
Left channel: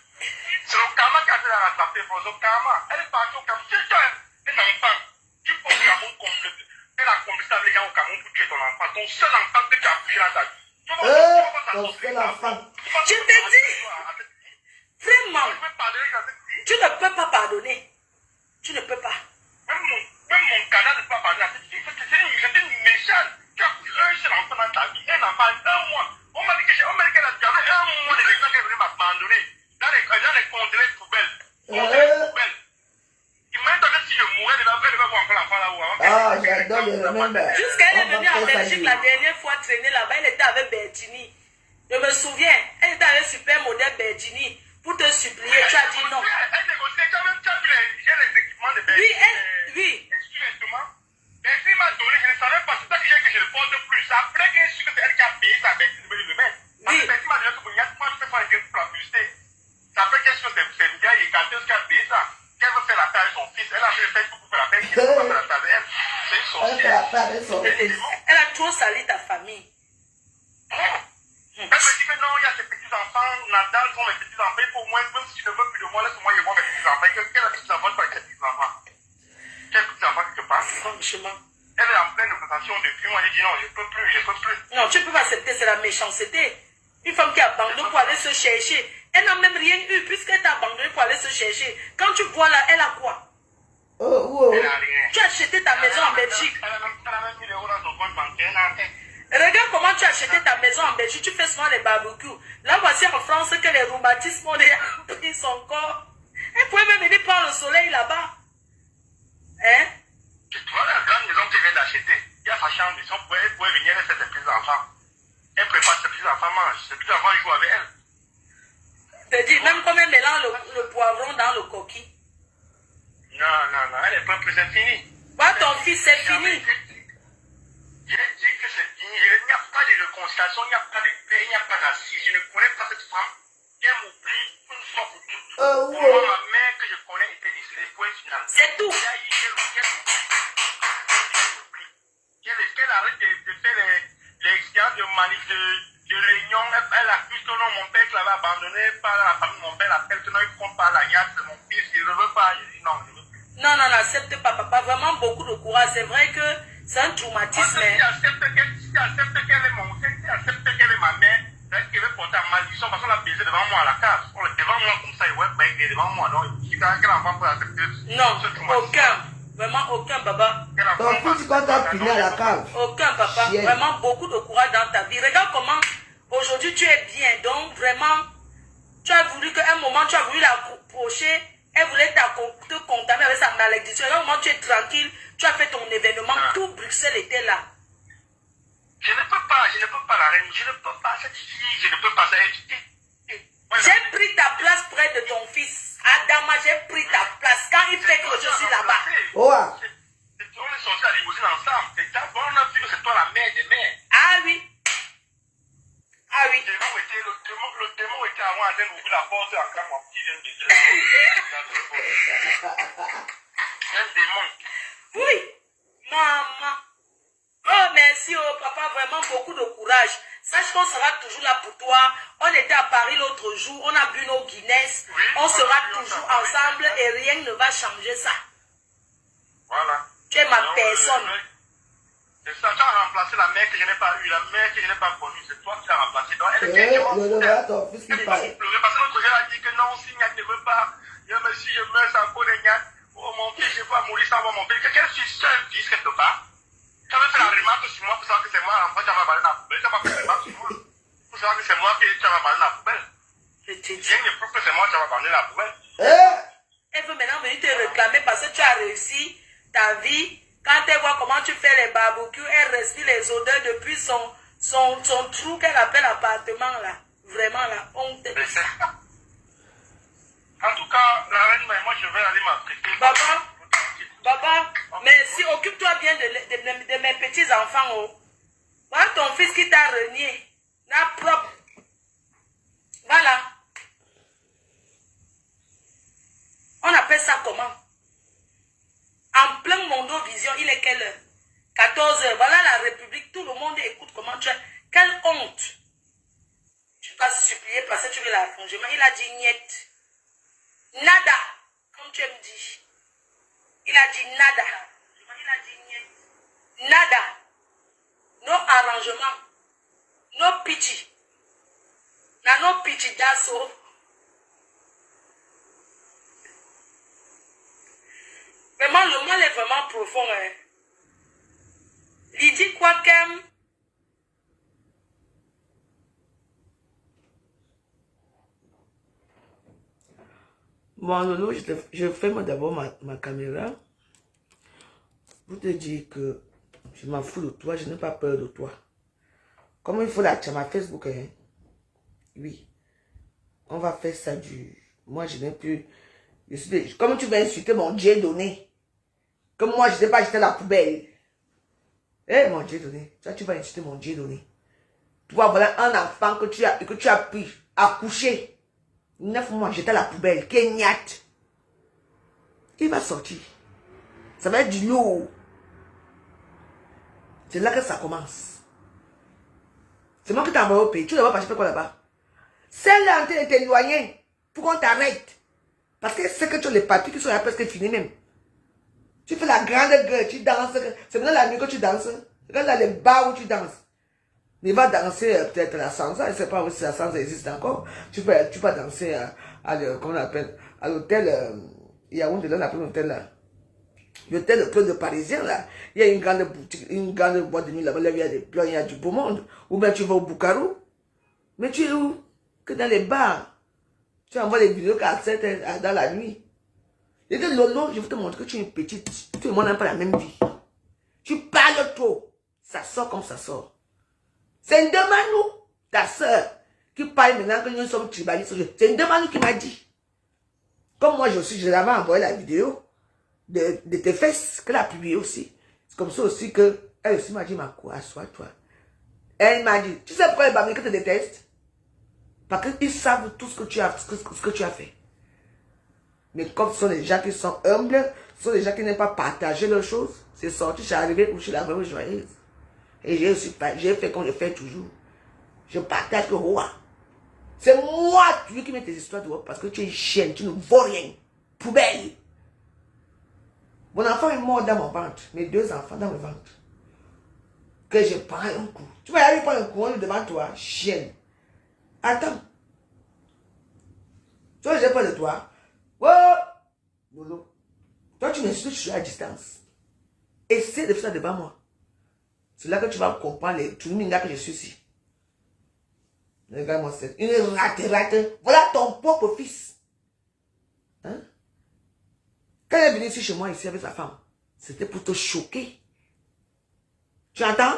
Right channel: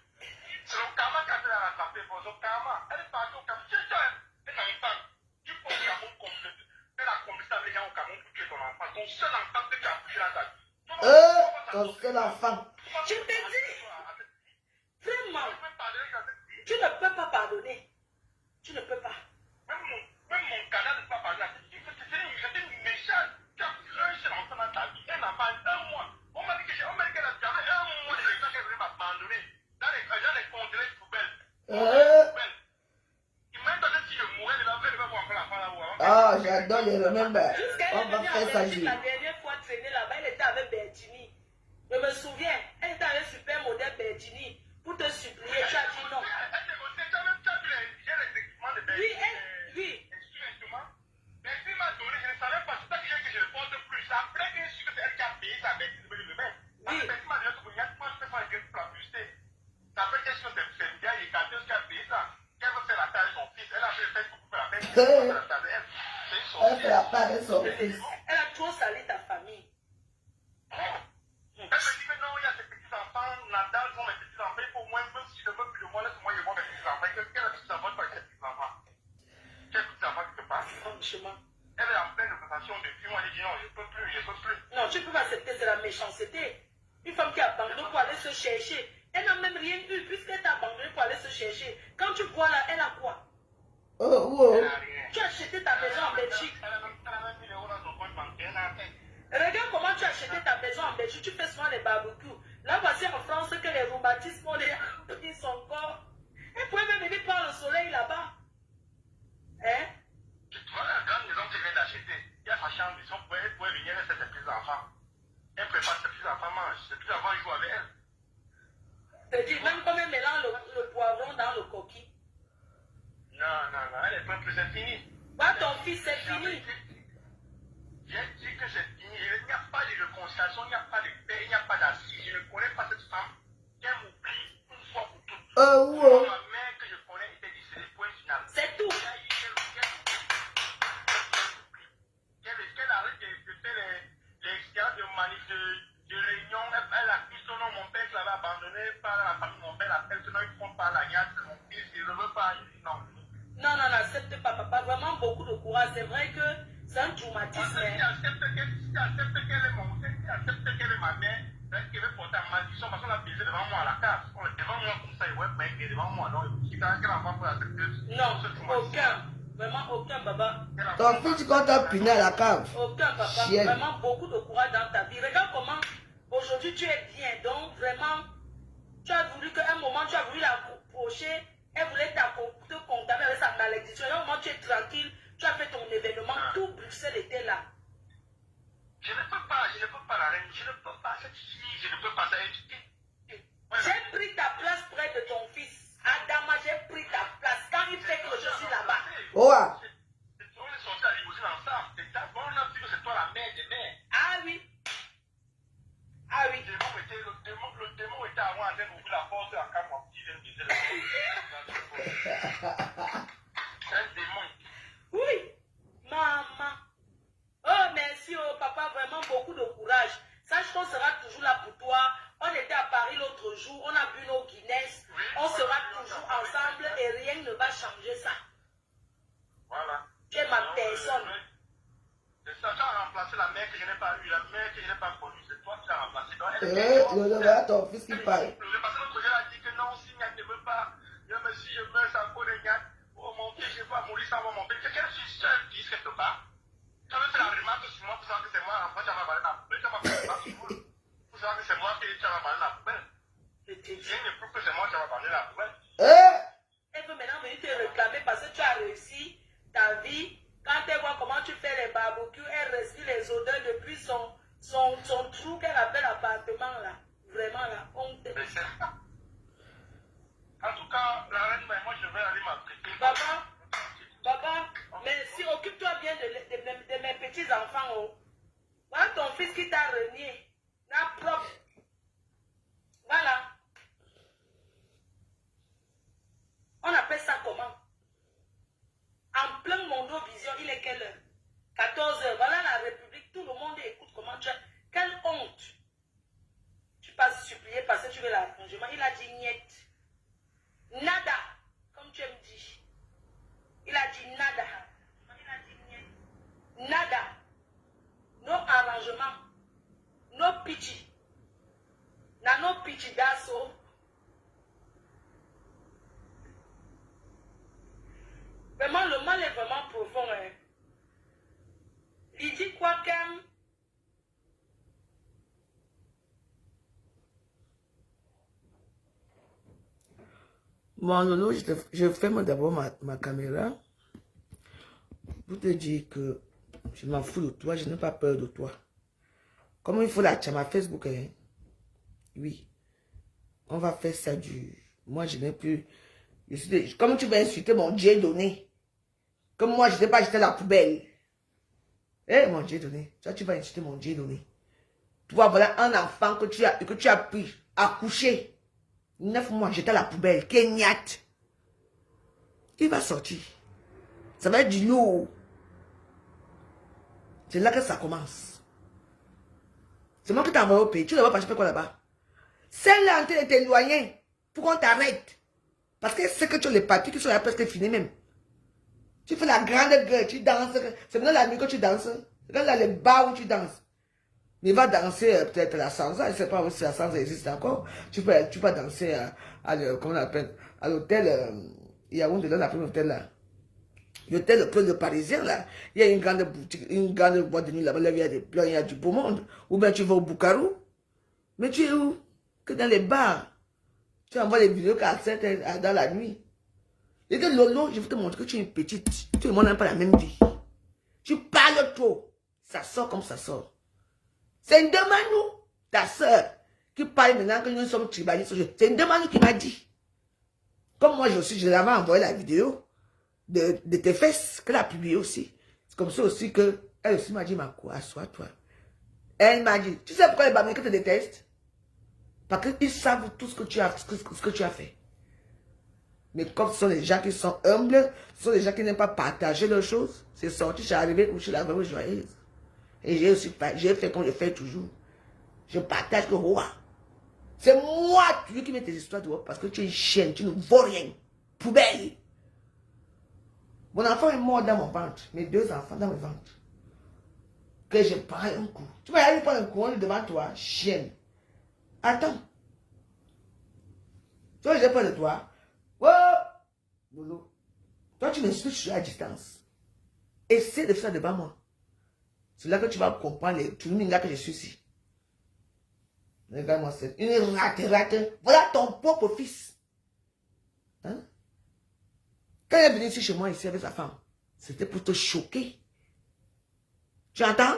C'est le karma qui a fait la rattraper pour le karma. Elle est partie au Cameroun. C'est toi, un enfant. Il faut au Cameroun complète. Elle a compris avec les gens au Cameroun pour tuer ton enfant. Ton seul enfant que tu as pris dans ta vie. Ton seul enfant. Je te dis, vraiment, tu ne peux pas pardonner. Tu ne peux pas. Même mon canal ne peut pas pardonner à cette fille. C'était une méchante. Tu as pris un seul enfant dans ta vie. Un enfant, 1 mois. On m'a dit qu'elle a gardé 1 mois de naissance qu'elle venait m'abandonner. Dans les conteneurs poubelles. Imagine que si je mourais de la veille, elle va voir encore l'enfant là-haut. Ah, j'adore le remember. Jusqu'à elle est venue en On va faire ça Belgique la dernière fois traîner là-bas, elle était avec Bertini. Je me souviens, elle était avec super modèle Bertini. Pour te supplier, tu as dit non. Elle négociait quand même, tu as vu les équipements de Bertini. Oui. Mais si m'a donné, je ne savais pas, c'est ça que j'ai que je ne porte plus. Après que je suis que c'est elle qui a payé sa Bertini de me le remettre. Parce que Bertini m'a donné que moi je peux faire une pour la publicité. C'est après qu'elle se fait bien et quand est-ce qu'elle a payé ça? Qu'elle veut faire la taille de son fils, elle a fait le Facebook pour faire la taille, elle veut faire la taille de elle. C'est une sorcière. Elle a trop sali ta famille. Elle me dit que non, il y a ses petits-enfants, Nadal sont mes petits-enfants, il faut au moins, même si je ne veux plus de moi, laisse-moi y voir mes petits-enfants. Quel petits-enfants tu as avec ses petits-enfants? Quel petits-enfants que tu parles? Franchement. Elle est en pleine négociation depuis, moi j'ai dit non, je ne peux plus. Non, tu ne peux pas accepter, c'est la méchanceté. Une femme qui abandonne pour aller se chercher. Elle n'a même rien eu puisqu'elle t'a abandonné pour aller se chercher. Quand tu vois là, elle a quoi? Elle n'a rien. Tu as acheté ta maison en Belgique. Elle a même 1000 € dans son compte bancaire, Regarde comment tu as acheté ta maison en Belgique. Tu fais souvent les barbecues. Là, voici en France que les rhumatismes ont pris son corps. Elle pouvait même venir prendre le soleil là-bas. Hein? Tu vois la grande maison qu'elle vient d'acheter. Il y a sa chambre, elle pouvait venir, elle fait ses petits-enfants. Elle prépare ses petits-enfants, mange. Ses petits-enfants jouent avec elle. Je te dis, même comme elle mélange le poivron dans le coquille. Non, elle n'est pas plus, c'est fini. Bah, ton fils, c'est fini. J'ai dit que c'est fini. Il n'y a pas de réconciliation, il n'y a pas de paix, il n'y a pas d'assise. Je ne connais pas cette femme. Elle m'oublie une fois pour toutes. Moi, ma mère que je connais était décédée, point final. C'est tout. Qu'elle arrête de faire les expériences de manif, de réunion. Elle accuse que non, mon père qui l'avait abandonné par la famille, mon père l'appelle que non, il ne prend pas la niaque de mon fils, il ne veut pas. Je dis non, je ne veux plus. Non, accepte pas, papa. Vraiment beaucoup de courage. C'est vrai que c'est un traumatisme. Si accepte qu'elle est ma mère, elle veut porter à malédiction parce qu'on l'a baisé devant moi à la cave. Devant moi comme ça, il est devant moi. Donc, quel enfant peut accepter non, ce traumatisme? aucun. Vraiment aucun, papa. Ton fils, quand t'as puni à la cave. Aucun, papa. Chien. Vraiment beaucoup de courage dans ta vie. Regarde comment aujourd'hui tu es bien. Donc, vraiment, tu as voulu qu'à un moment, tu as voulu l'approcher. Elle voulait te condamner avec sa malédiction. À un moment, tu es tranquille. Tu as fait ton événement. Tout Bruxelles était là. Je ne peux pas la reine. Je ne peux pas cette fille. Je ne peux pas ça. J'ai pris ta place près de ton fils. Adama, j'ai pris ta place. Quand il fait que je suis là-bas. Oh, On est sortis à la limousine ensemble. On a vu que c'est toi la mère des mères. Ah oui. Le démon était avant en train d'ouvrir la porte en cas mon petit vient de baiser. Un démon. Oui. Maman. Oh, merci, oh, papa. Vraiment beaucoup de courage. Sache qu'on sera toujours là pour toi. On était à Paris l'autre jour. On a bu nos Guinness. Oui, on sera toujours ensemble et rien ne va changer ça. Voilà. Tu es ma personne. C'est ça, tu as remplacé la mère que je n'ai pas eue, la mère que je n'ai pas connue. C'est toi qui l'as remplacée. Donc, elle voilà ton fils qui parle. Parce que l'autre jour, elle a dit que non, Signac ne veut pas. Si je meurs sans connaître, oh mon fils, je vais mourir sans voir mon fils. Quelqu'un suis seul fils quelque part. Tu avais fait la remarque sur moi pour savoir que c'est moi l'enfant, tu vas balayer dans la poubelle. Tu n'as pas fait la remarque sur moi pour savoir que c'est moi qui tu vas balayer dans la poubelle. Viens me prouve que c'est moi qui vas balayer dans la poubelle. Elle veut maintenant venir te réclamer parce que tu as réussi ta vie. Quand elle voit comment tu fais les barbecues, elle respire les odeurs depuis son trou qu'elle appelle appartement là. Vraiment la honte de ça. En tout cas, la reine, moi je vais aller m'appliquer. Baba, merci. Occupe-toi bien de mes petits-enfants. Oh. Voilà ton fils qui t'a renié. La propre. Voilà. On appelle ça comment? En plein Mondovision, il est quelle heure? 14 heures. Voilà la République. Tout le monde écoute comment tu as. Quelle honte. Tu t'as supplié parce que tu veux l'arrangement. Il a dit niet. Nada. Comme tu me dis. Il a dit nada. Il a dit niet. Nada. No arrangement. No pity. No pity d'asso. Vraiment, le mal est vraiment profond. Hein. Il dit quoi qu'aime. Bon, Lolo, je ferme d'abord ma caméra pour te dire que je m'en fous de toi, je n'ai pas peur de toi. Comment il faut la tchama Facebook, hein? Oui. On va faire ça du... Moi, je n'ai plus... Comment tu vas insulter mon Dieu donné? Comme moi, je ne sais pas jeter à la poubelle. Eh, mon Dieu donné. Tu vas insulter mon Dieu donné. Toi, voilà un enfant que tu as pris, accouché. 9 mois, j'étais à la poubelle. Kenyat. Il va sortir. Ça va être du lourd. C'est là que ça commence. C'est moi qui t'ai envoyé au pays. Tu ne vas pas faire quoi là-bas? Celle-là en train de t'éloigner pour qu'on t'arrête. Parce que c'est que tu as les papiers qui sont là presque finis même. Tu fais la grande gueule, tu danses. C'est maintenant la nuit que tu danses. Regarde là les bars où tu danses. Mais va danser peut-être la salsa. Je ne sais pas si la salsa existe encore. Tu peux danser comment on appelle, à l'hôtel. Il y a là, on appelle l'hôtel là. L'hôtel que le Parisien là. Il y a une grande boutique, une grande boîte de nuit là-bas. Il y a des plans, il y a du beau monde. Ou bien tu vas au Bukaru. Mais tu es où? Que dans les bars. Tu envoies les vidéos cassettes dans la nuit. Et que Lolo, je vais te montrer que tu es une petite. Tout le monde n'a pas la même vie. Tu parles trop. Ça sort comme ça sort. C'est Ndemanou, ta soeur, qui parle maintenant que nous sommes tribalistes. C'est Ndemanou qui m'a dit. Comme moi, je l'avais envoyé la vidéo de tes fesses, qu'elle a publié aussi. C'est comme ça aussi que elle aussi m'a dit, ma quoi, assois-toi. Elle m'a dit, tu sais pourquoi les Bamilés te détestent? Parce qu'ils savent tout ce que tu as fait. Mais comme ce sont les gens qui sont humbles, ce sont les gens qui n'aiment pas partager leurs choses, c'est sorti, je suis arrivé où je suis la vraie joyeuse. Et j'ai fait comme je fais toujours. Je partage le roi. C'est moi, tu qui mets tes histoires dehors parce que tu es une chienne, tu ne vaux rien. Poubelle. Mon enfant est mort dans mon ventre. Mes 2 enfants dans mon ventre. Que je prends un coup. Tu vas y aller prendre un coup, on le demande toi, chienne. Attends. Tu vois, j'ai peur de toi. Oh! Lolo. Toi, tu m'insultes, je suis à distance. Essaie de faire ça devant moi. C'est là que tu vas comprendre les tuningas que je suis ici. Regarde-moi, c'est une rate. Voilà ton propre fils. Hein? Quand il est venu ici chez moi, ici avec sa femme, c'était pour te choquer. Tu entends?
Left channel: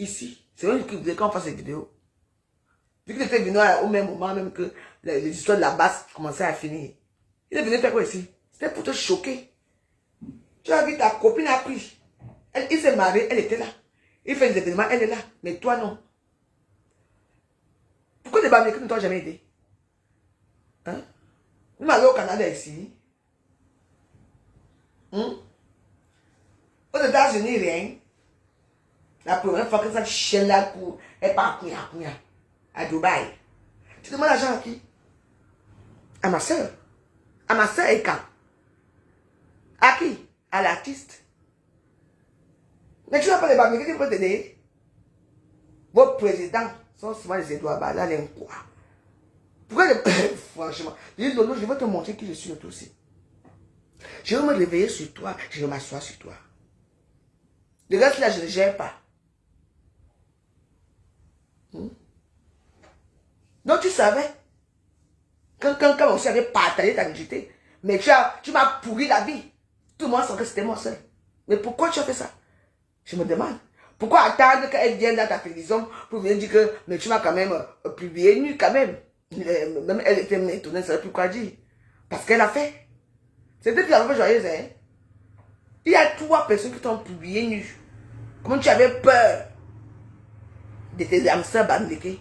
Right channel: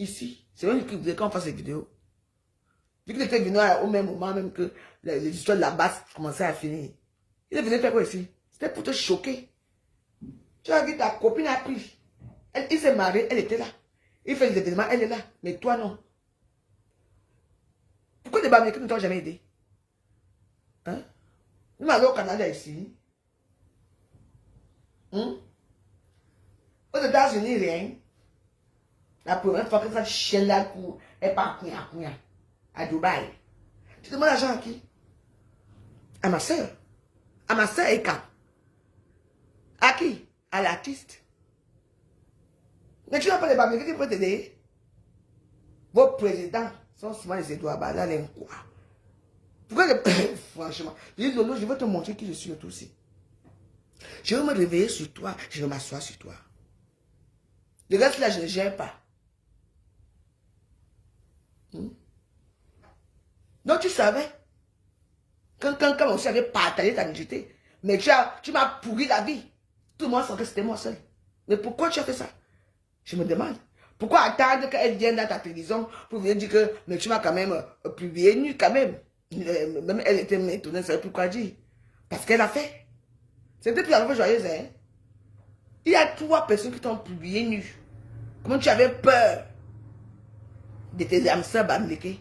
Ici, c'est eux qui voulaient qu'on fasse les vidéos. Vu qu'il était venu au même moment, même que les histoires de la base commençaient à finir. Il est venu faire quoi ici? C'était pour te choquer. Tu as vu ta copine a pris. Il s'est marié, elle était là. Il fait des événements, elle est là. Mais toi, non. Pourquoi les Bamilés ne t'ont jamais aidé? Hein? Nous allons au Canada ici. Aux États-Unis, rien. La première fois que cette chienne-là est pas à Dubaï. Tu demandes l'argent à qui? À ma soeur. À ma soeur et quand? À qui? À l'artiste. Mais tu n'as pas les Bamilés qui peuvent t'aider. Vos présidents sont souvent les Edouard Bala, les quoi. Pourquoi franchement, je dis Lolo, je vais te montrer qui je suis le tout aussi. Je vais me réveiller sur toi, je vais m'asseoir sur toi. Le reste là, je ne gère pas. Donc tu savais, quand on savait partager ta vérité, mais tu m'as pourri la vie. Tout le monde savait que c'était moi seul. Mais pourquoi tu as fait ça? Je me demande. Pourquoi attendre qu'elle vienne dans ta télévision pour venir dire que mais tu m'as quand même publié nu quand même. Même elle était étonnée, elle ne savait plus quoi dire. Parce qu'elle a fait. C'est depuis la fois joyeuse, hein. Il y a 3 personnes qui t'ont publié nu. Comment tu avais peur de tes hamsters bandéqués?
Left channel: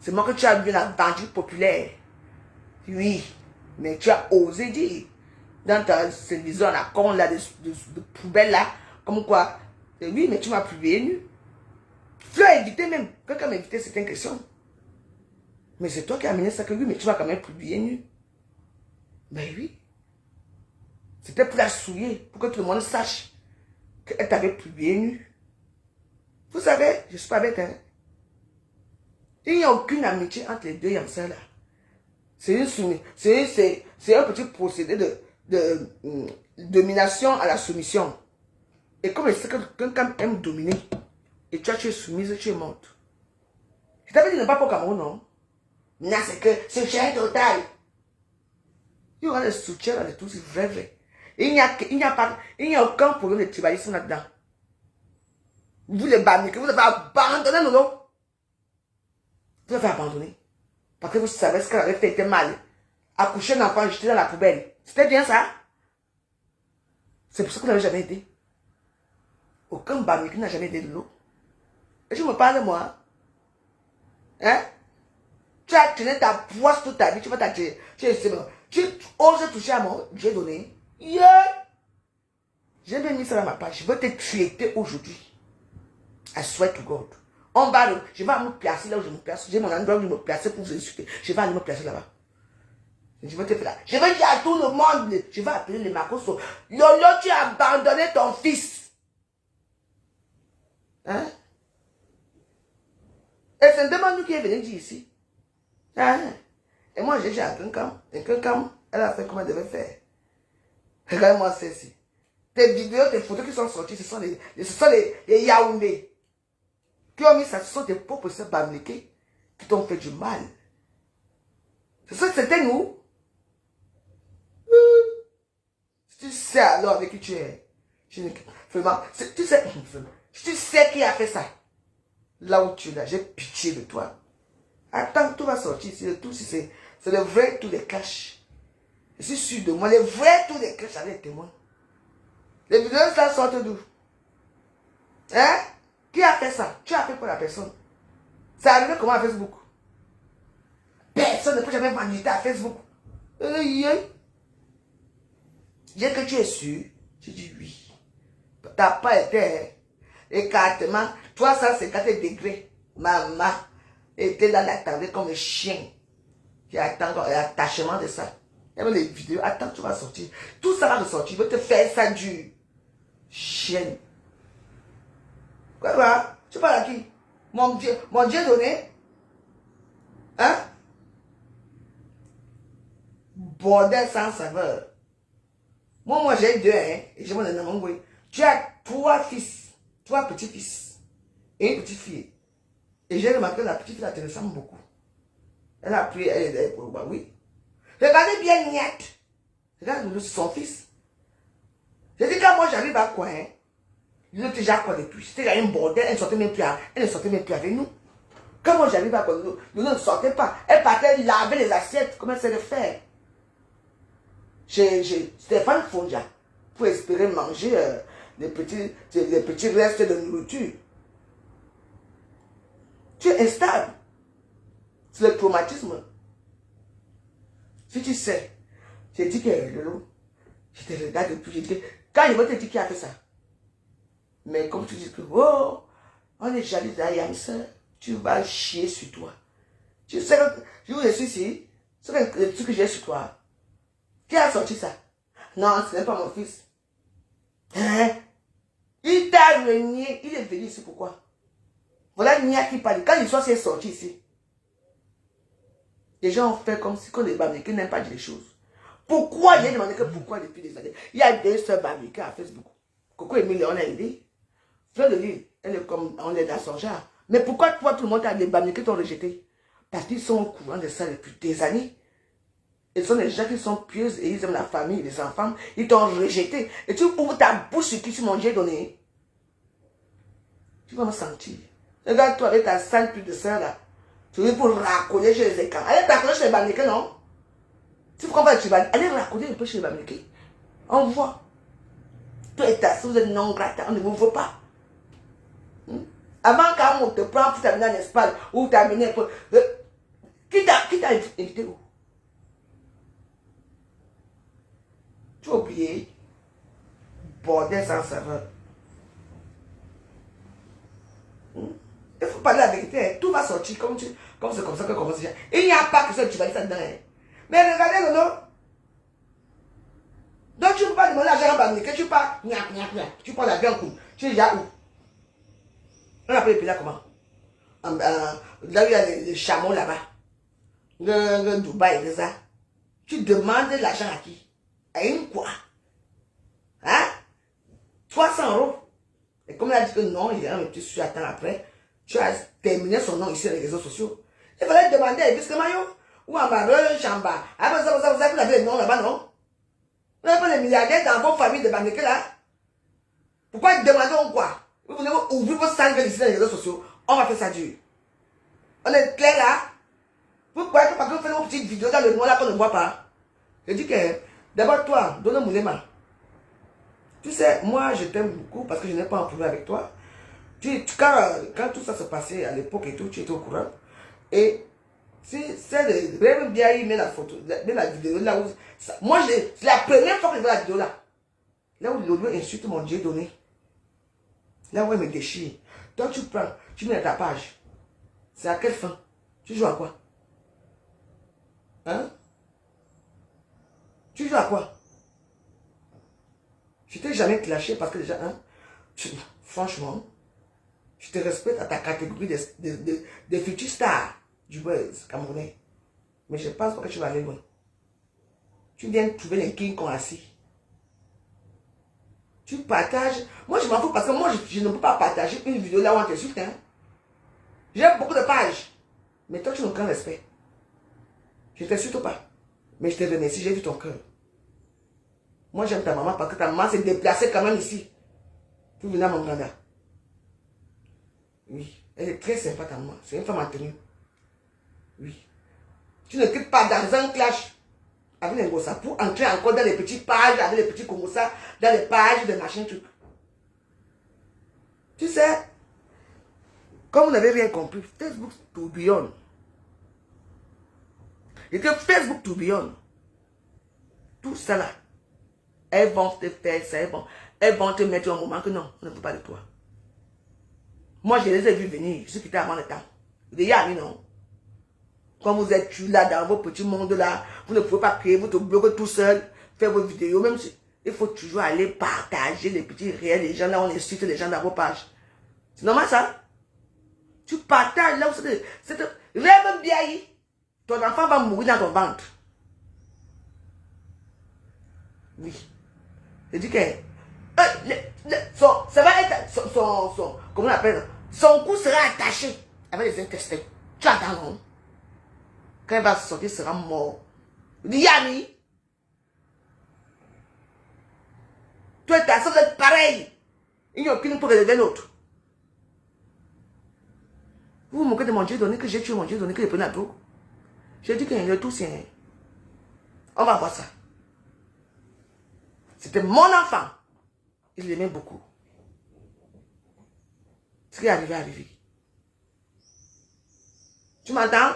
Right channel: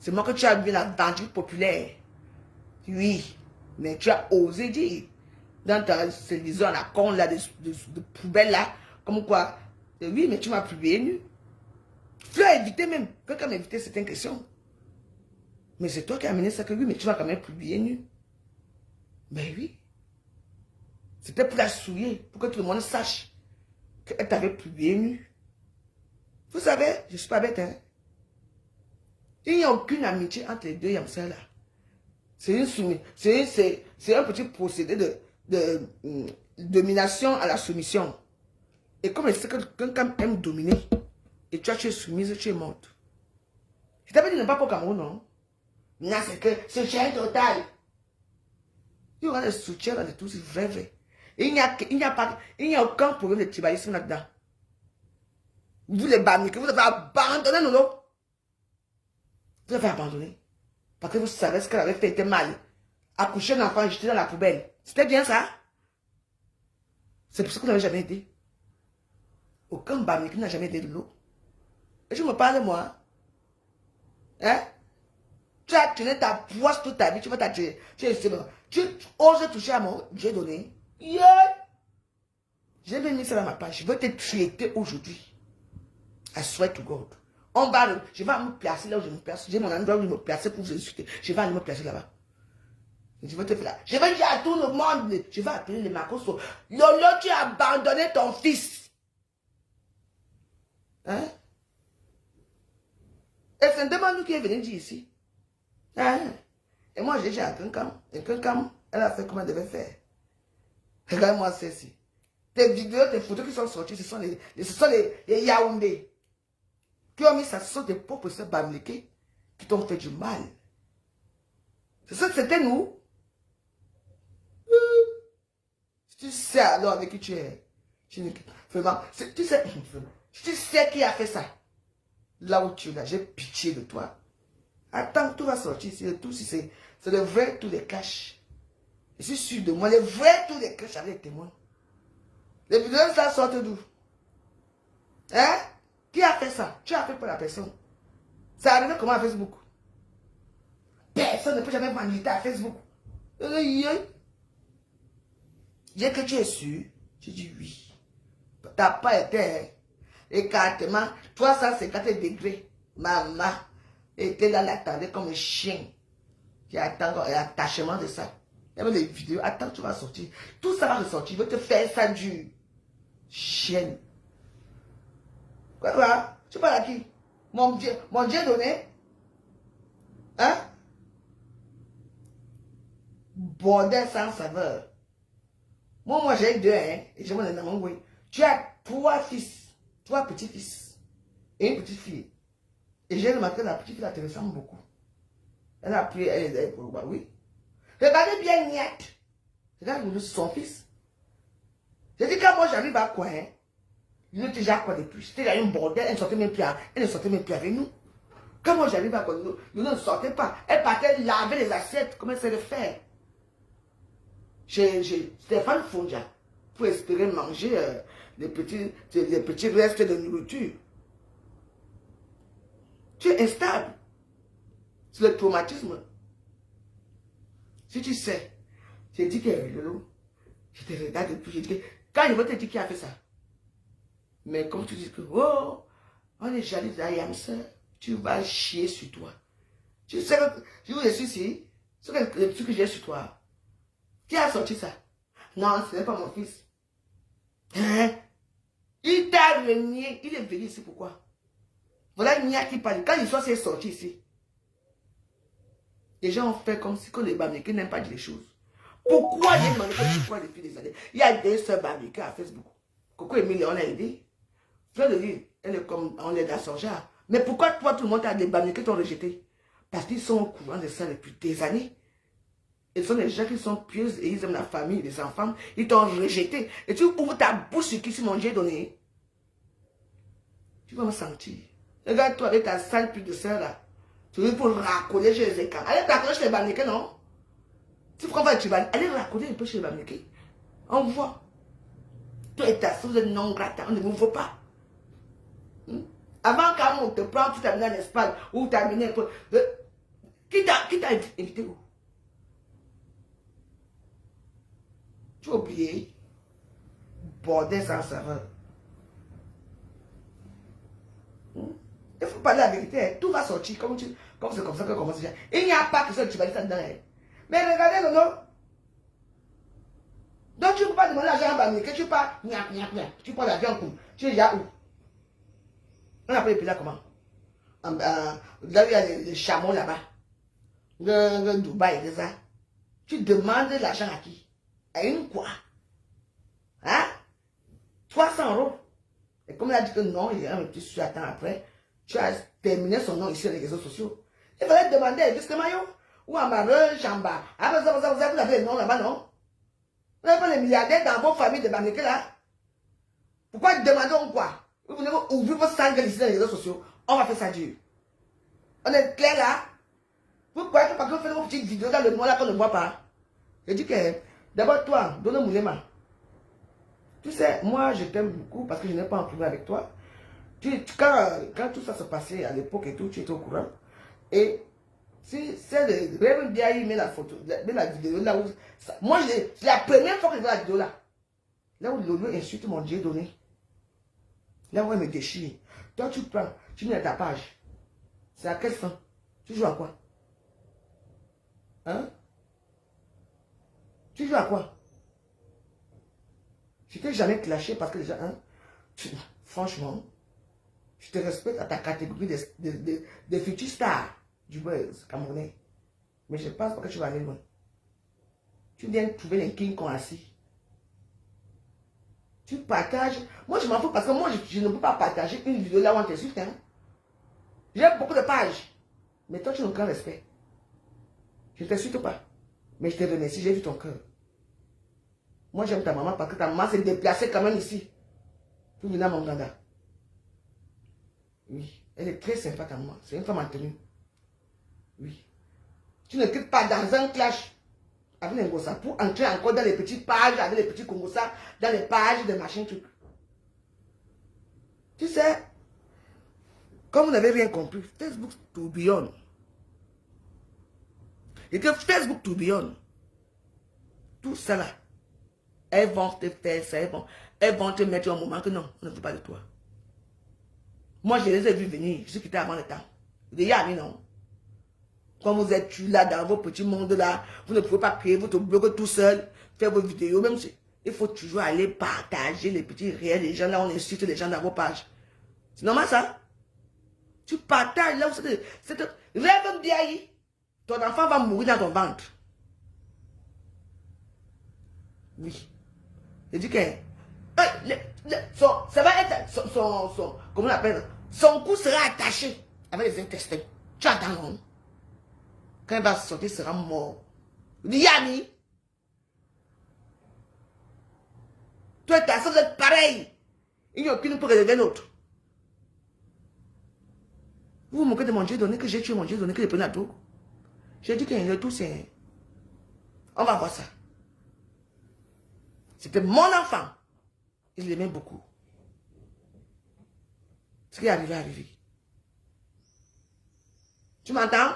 C'est moi que tu as vu la vendu populaire. Oui, mais tu as osé dire dans ta télévision, la con là, de poubelle là, comme quoi. Et oui, mais tu m'as publié nu. Tu as évité même. Quelqu'un m'a évité certaines questions. Mais c'est toi qui as amené ça que oui, mais tu m'as quand même publié nu. Mais oui. C'était pour la souiller, pour que tout le monde sache qu'elle t'avait publié nu. Vous savez, je ne suis pas bête, hein. Il n'y a aucune amitié entre les deux Yamsa là. C'est un petit procédé de domination à la soumission. Et comme elle sait que quelqu'un aime dominer, et tu es soumise, tu es morte. Je t'avais dit ne pas pour Cameroun, non? Non, c'est que soutien total. Il y aura le soutien de tous, c'est vrai, vrai. Il n'y a aucun problème de tribalisme là-dedans. Vous les bamiques, vous devez abandonner nous. Vous devez abandonner. Parce que vous savez ce qu'elle avait fait était mal. Accoucher un enfant, jeter dans la poubelle. C'était bien ça? C'est pour ça que vous n'avez jamais aidé. Aucun bamique n'a jamais aidé de l'eau. Et tu me parles, moi. Hein? Tu as tenu ta poisse toute ta vie, tu vas t'attirer. Tu oses toucher à mon Dieu donné. Yeah! J'ai bien mis ça dans ma page. Je veux te traiter aujourd'hui. I swear to God. On va, je vais me placer là où je me place. J'ai mon endroit où je me placer pour vous insulter. Je vais aller me placer là-bas. Je vais te faire là. Je vais dire à tout le monde. Je vais appeler les Makoso. Lolo, tu as abandonné ton fils. Hein? Et c'est un demande qui est venu dire ici. Hein? Et moi, j'ai dit à quelqu'un. Et quelqu'un, elle a fait comme elle devait faire. Regarde-moi ceci. Tes vidéos, tes photos qui sont sorties, ce sont les Yaoundé. Qui ont mis ça, ce sont des propres sœurs bamléqués qui t'ont fait du mal. C'est ça que c'était nous. Tu sais alors avec qui tu es. Vraiment, tu sais qui a fait ça. Là où tu es là, j'ai pitié de toi. Attends, tout va sortir. C'est le vrai, tous les caches. Je suis sûr de moi, les vrais, tous les caches avec les témoins. Les vidéos, ça sortent d'où? Hein? Qui a fait ça? Tu as fait pour la personne. Ça arrivé comment à Facebook? Personne ne peut jamais maniter à Facebook. J'ai que tu es sûr. Tu dis oui. Tu n'as pas été écartement 350 degrés. Maman était là, l'attendait comme un chien. Qui attend l'attachement de ça. Il y avait les vidéos. Attends, tu vas sortir. Tout ça va ressortir. Je vais te faire ça dur. Chienne. Quoi va? Tu parles à qui? Mon Dieu donné? Hein? Bordel sans saveur. Moi j'ai 2, hein? Et je m'en ai nommé. Tu as 3 fils. 3 petits-fils. Et une petite fille. Et j'ai remarqué que la petite fille, elle te ressemble beaucoup. Elle a pris, elle est pour oui. Regardez bien Niat. Regarde son fils. J'ai dit quand moi j'arrive à quoi, hein? Il était déjà quoi depuis. C'était un bordel, elle ne sortait même plus avec nous. Quand moi j'arrive à quoi, nous ne sortait pas. Elle partait laver les assiettes, comment c'est le faire. J'ai Stéphane Fondia pour espérer manger les petits restes de nourriture. Tu es instable. C'est le traumatisme. Si tu sais, j'ai dit que je te regarde depuis, j'ai dit que quand je vais te dire qui a fait ça. Mais comme tu dis que, oh, on est jaloux d'Ayamsa, tu vas chier sur toi. Tu sais, je vous dis ici, c'est le truc que j'ai sur toi. Qui a sorti ça? Non, ce n'est pas mon fils. Hein? Il t'a renié, il est venu ici pourquoi? Voilà Nia qui parle. Quand il soit sorti ici, les gens ont fait comme si quand les Bamileke n'aiment pas dire les choses. Pourquoi j'ai demandé pourquoi depuis des années? Il y a des sœurs Bamileke à Facebook. Coco Emile, on a aidé. Fleur de Lille, elle est comme on l'aide à son genre. Mais pourquoi toi, tout le monde a des Bamileke qui t'ont rejeté? Parce qu'ils sont au courant de ça depuis des années. Ils sont des gens qui sont pieux et ils aiment la famille, les enfants. Ils t'ont rejeté. Et tu ouvres ta bouche sur qui tu m'as donné. Tu vas me sentir. Regarde-toi avec ta sale pute de soeur là. Tu veux pour racoler chez les écrans. Allez racoler chez les Bamileke, non? Si tu comprends, tu vas aller racoler un peu chez les Bamileke. On voit. Toi et ta soeur, vous êtes non grata, on ne vous voit pas. Avant qu'on te prend pour t'amener en Espagne ou t'amener pour... Qui t'a invité où? Tu as oublié? Bordel sans serveur. Il faut parler la vérité. Tout va sortir comme c'est comme ça que commence. Il n'y a pas que ça, tu vas dire ça dedans. Mais regardez, Lolo. Donc tu ne peux pas demander l'argent à Bamileke, que tu pars. Tu prends l'avion en coup. Tu es déjà où? On appelle les pays là comment? Là où il y a les chameaux là-bas. Le Dubaï, c'est ça. Tu demandes l'argent à qui? À une quoi? Hein? 300 €. Et comme il a dit que non, il y a un petit sujet après, tu as terminé son nom ici sur les réseaux sociaux. Il fallait demander à Bisque Mayo, ou en Barre, Chamba. Après ça, vous avez le nom là-bas, non? Vous n'avez pas les milliardaires dans vos familles de Bamileke là? Pourquoi demander quoi? Vous voulez ouvrir vos salles ici sur les réseaux sociaux? On va faire ça dur. On est clair là? Vous croyez que parce que vous faites une petite vidéo dans le noir là qu'on ne voit pas? Je dis que, d'abord toi, donne Moulema. Tu sais, moi je t'aime beaucoup parce que je n'ai pas un problème avec toi. Quand tout ça se passait à l'époque et tout, tu étais au courant. Et si c'est de Rêve bien, il met la photo, met la vidéo là où. Moi, c'est la première fois que je vois la vidéo là. Là où Lolo insulte mon Dieu donné. Là où elle me déchire. Toi, tu prends, tu mets ta page. C'est à quelle fin? Tu joues à quoi? Hein? Tu joues à quoi? Je t'ai jamais clashé parce que déjà, hein, franchement, je te respecte à ta catégorie de futurs stars du buzz camerounais. Mais je pense pas que tu vas aller loin. Tu viens de trouver les kings qu'on assis. Tu partages. Moi, je m'en fous parce que moi, je ne peux pas partager une vidéo là où on t'insulte. Hein. J'ai beaucoup de pages. Mais toi, tu n'as aucun respect. Je ne t'insulte pas. Mais je te remercie, j'ai vu ton cœur. Moi, j'aime ta maman parce que ta maman s'est déplacée quand même ici. Tu venais à mon mandat. Oui. Elle est très sympa, ta maman. C'est une femme en tenue. Oui. Tu ne quittes pas dans un clash avec les Ngossa pour entrer encore dans les petites pages, avec les petits Kongossa, dans les pages de machin, truc. Tu sais, comme vous n'avez rien compris, Facebook tourbillonne. Et que Facebook tourbillonne. Tout ça là. Elles vont te faire ça, elles vont te mettre un moment que non, on ne veut pas de toi. Moi, je les ai vus venir, je suis quitté avant le temps. Les amis, non. Comme vous êtes là dans vos petits mondes là, vous ne pouvez pas créer votre blog tout seul, faire vos vidéos, même si il faut toujours aller partager les petits réels, les gens là, on insulte les gens dans vos pages. C'est normal ça? Tu partages là où c'est rêve bien, ton enfant va mourir dans ton ventre. Oui. Je dis que ça va être comment on appelle, son cou sera attaché avec les intestins. Tu attends, non? Quand il va sortir, il sera mort. Yami, toi et ta soeur, vous êtes pareil. Il n'y a aucune pour relever l'autre. Vous vous moquez de mon Dieu donné, que j'ai tué mon Dieu donné, que j'ai pris la tour. J'ai dit que le tout, c'est... On va voir ça. C'était mon enfant. Il l'aimait beaucoup. Ce qui est arrivé, est arrivé. Tu m'entends?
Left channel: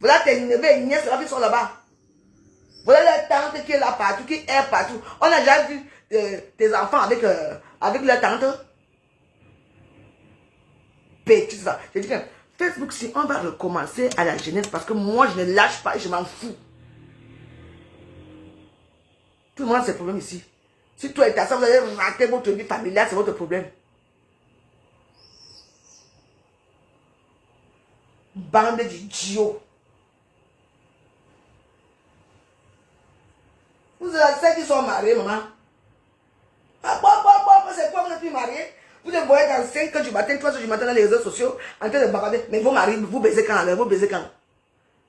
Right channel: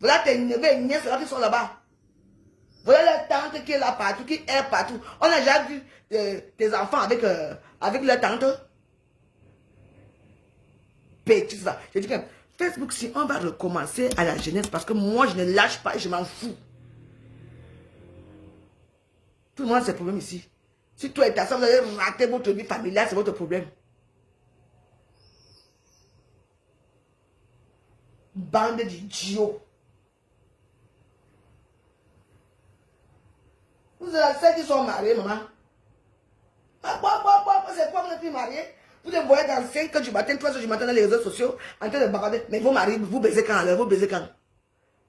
Voilà tes neveux et nièces là qui sont là-bas. Voilà la tante qui est là partout, qui est partout. On a déjà vu tes enfants avec leur tante. Petit ça. Je dis que Facebook, si on va recommencer à la jeunesse, parce que moi je ne lâche pas et je m'en fous. Tout le monde a ses problèmes ici. Si toi et ta soeur, vous allez rater votre vie familiale, c'est votre problème. Bande d'idiots. Vous avez ceux qui sont mariés, maman. Ah, bon, c'est quoi, vous n'êtes plus marié? Vous les voyez dans 5 heures du matin, 3 heures du matin dans les réseaux sociaux, en train de bagarder. Mais vos maris, vous baisez quand? Vous baisez quand?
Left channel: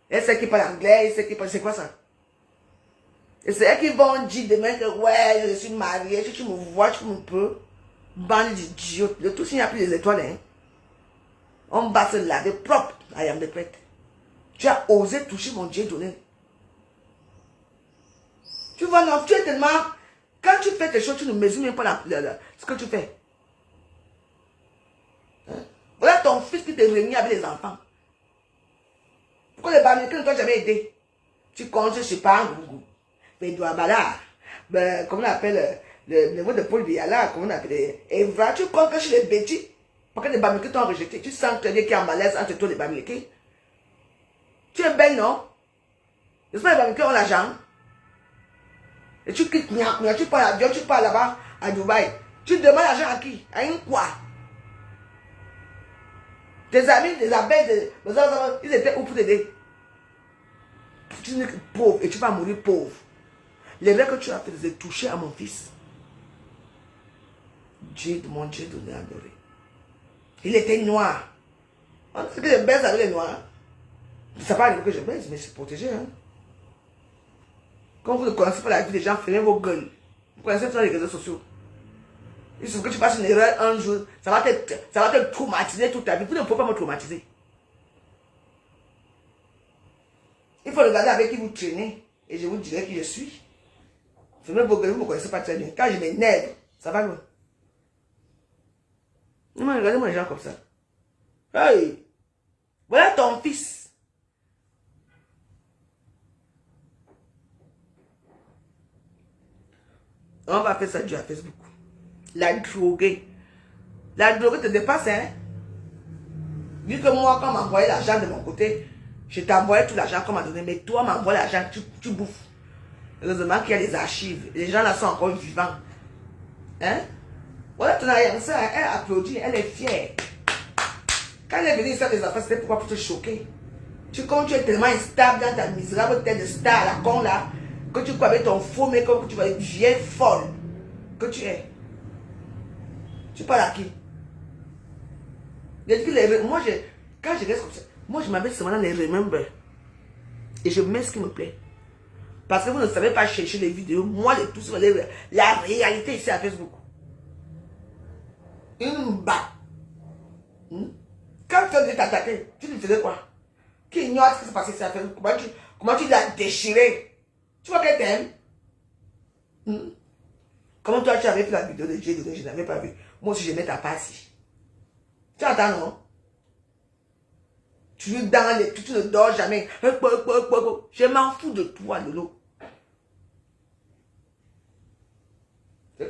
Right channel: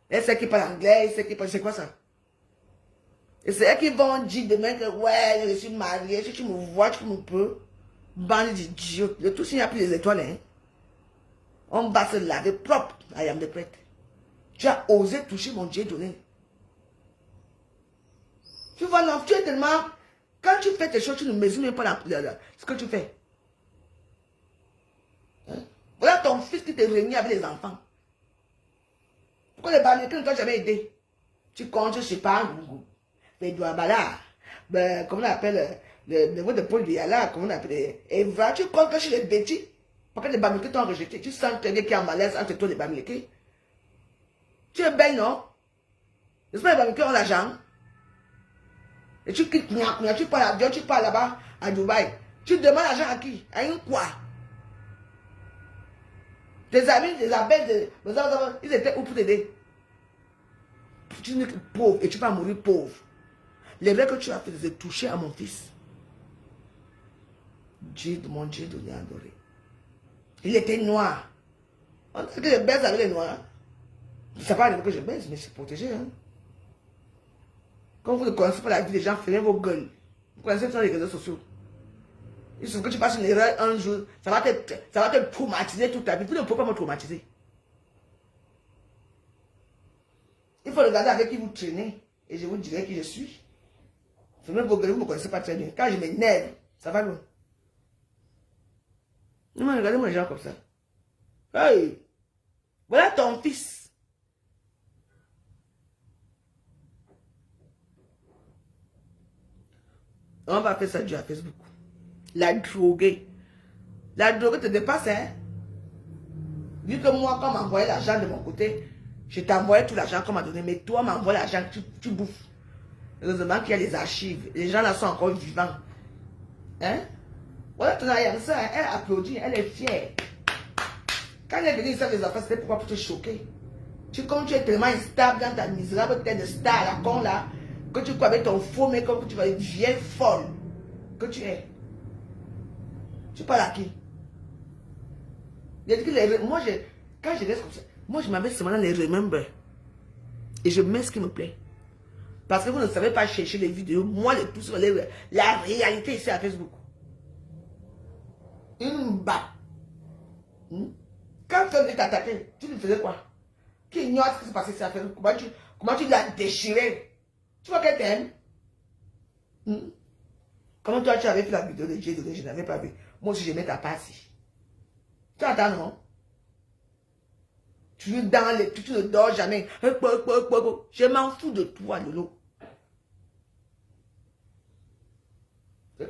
Et c'est qui parle anglais, et c'est qui parle. C'est quoi ça? Et c'est eux qui vont dire demain que ouais, je suis marié, si tu me vois, tu me peux. Bande d'idiots. Le tout, s'il n'y a plus les étoiles, hein. On va se laver propre. I am the prêtre. Tu as osé toucher mon Dieu donné. Tu vois, non, tu es tellement. Quand tu fais tes choses, tu ne mesures même pas ce que tu fais. Hein? Voilà ton fils qui te réunit avec les enfants. Pourquoi les Bamilekés ne t'ont jamais aidé? Tu comptes, je sais pas, mais Douabala, ben, comment on appelle le niveau de Paul Biala, comment on appelle Eva, tu comptes chez les bêtis. Pourquoi les Bamilekés t'ont rejeté? Tu sens qu'il y a un malaise entre toi et les Bamilekés. Tu es belle, non? J'espère que les Bamilekés ont l'argent. Et tu quittes, tu pars là-bas, à Dubaï. Tu demandes l'argent à qui? À une quoi? Tes amis, les abeilles, ils étaient où pour t'aider? Tu n'es que pauvre et tu vas mourir pauvre. L'erreur que tu as fait, c'est de toucher à mon fils. Dieu, mon Dieu donné adoré. Il était noir. On dit que je baise avec les noirs. Ça pas que je baise, mais c'est protégé. Hein? Quand vous ne connaissez pas la vie des gens, fermez vos gueules. Vous connaissez pas les réseaux sociaux. Il suffit que tu fasses une erreur un jour, ça va te traumatiser toute ta vie. Vous ne pouvez pas me traumatiser. Il faut regarder avec qui vous traînez. Et je vous dirai qui je suis. Fermez vos gueules, vous ne me connaissez pas très bien. Quand je m'énerve, ça va loin. Non, regardez-moi les gens comme ça. Hey! Voilà ton fils. On va faire ça du à Facebook. La droguée. La droguée te dépasse, hein? Vu que moi, quand on m'envoyait l'argent de mon côté, je t'envoyais tout l'argent qu'on m'a donné, mais toi, m'envoie l'argent, tu bouffes. Heureusement qu'il y a des archives. Les gens là sont encore vivants. Hein? Voilà ton ça, elle applaudit, elle est fière. Quand elle est venue ici avec les enfants, c'était pourquoi pour te choquer. Tu es tellement instable dans ta misérable tête de star à la con là, que tu crois avec ton faux make-up, que tu vas être vieille folle. Que tu es. Tu parles à qui? J'ai dit que moi, quand je reste comme ça, moi je m'avais seulement les remember. Et je mets ce qui me plaît. Parce que vous ne savez pas chercher les vidéos. Moi, les tout sur la réalité ici à Facebook. Une bat. Quand tu as t'attaquer, tu lui faisais quoi? Qui ignore ce qui s'est passé ici à Facebook? Comment tu l'as déchiré? Tu vois qu'elle t'aime? Comment toi tu avais fait la vidéo de Dieu que je n'avais pas vu? Moi aussi je mets ta passe. Tu entends, non? Tu es dans les... Tu ne dors jamais. Je m'en fous de toi, Lolo.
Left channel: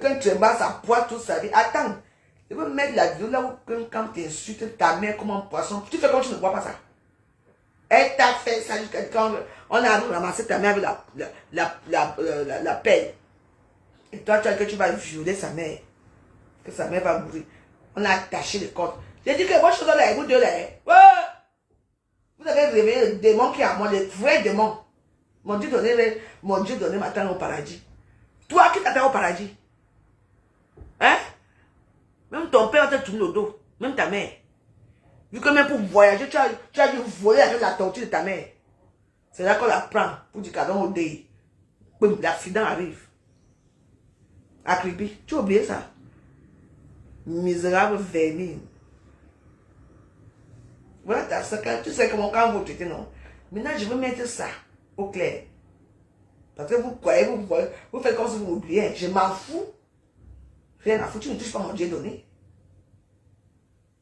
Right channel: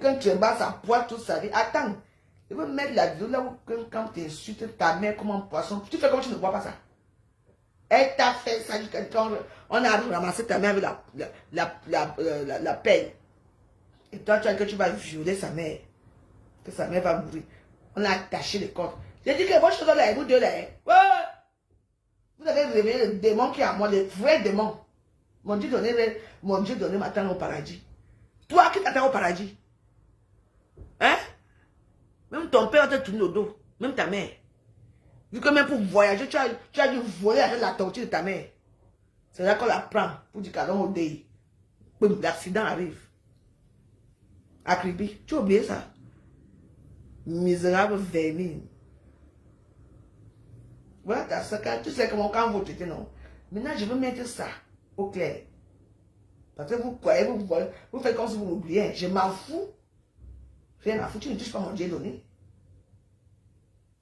Quand tu embrasses sa poids toute sa vie. Attends. Je veux mettre la vidéo là où quand tu insultes ta mère comme un poisson. Tu fais comme tu ne vois pas ça. Elle t'a fait ça quand on a ramassé ta mère avec la pelle. Et toi, tu as dit que tu vas violer sa mère. Que sa mère va mourir. On a attaché les cordes. J'ai dit que moi, je suis dans la vous deux là. Ouais. Vous avez réveillé le démon qui est en moi, le vrai démon. Mon Dieu donné m'attend au paradis. Toi qui t'attends au paradis. Hein? Même ton père te tourne le dos. Même ta mère. Vu que même pour voyager, tu as dû voler avec la tortue de ta mère. C'est là qu'on la prend pour du cadeau au dé. L'accident arrive. À Kribi. Tu as oublié ça? Misérable vermine. Voilà, tu sais comment quand vous traitez, non? Maintenant, je veux mettre ça au clair. Parce que vous croyez, vous faites comme si vous m'oubliez. Je m'en fous. Rien à foutre, tu ne touches pas mon Dieu donné.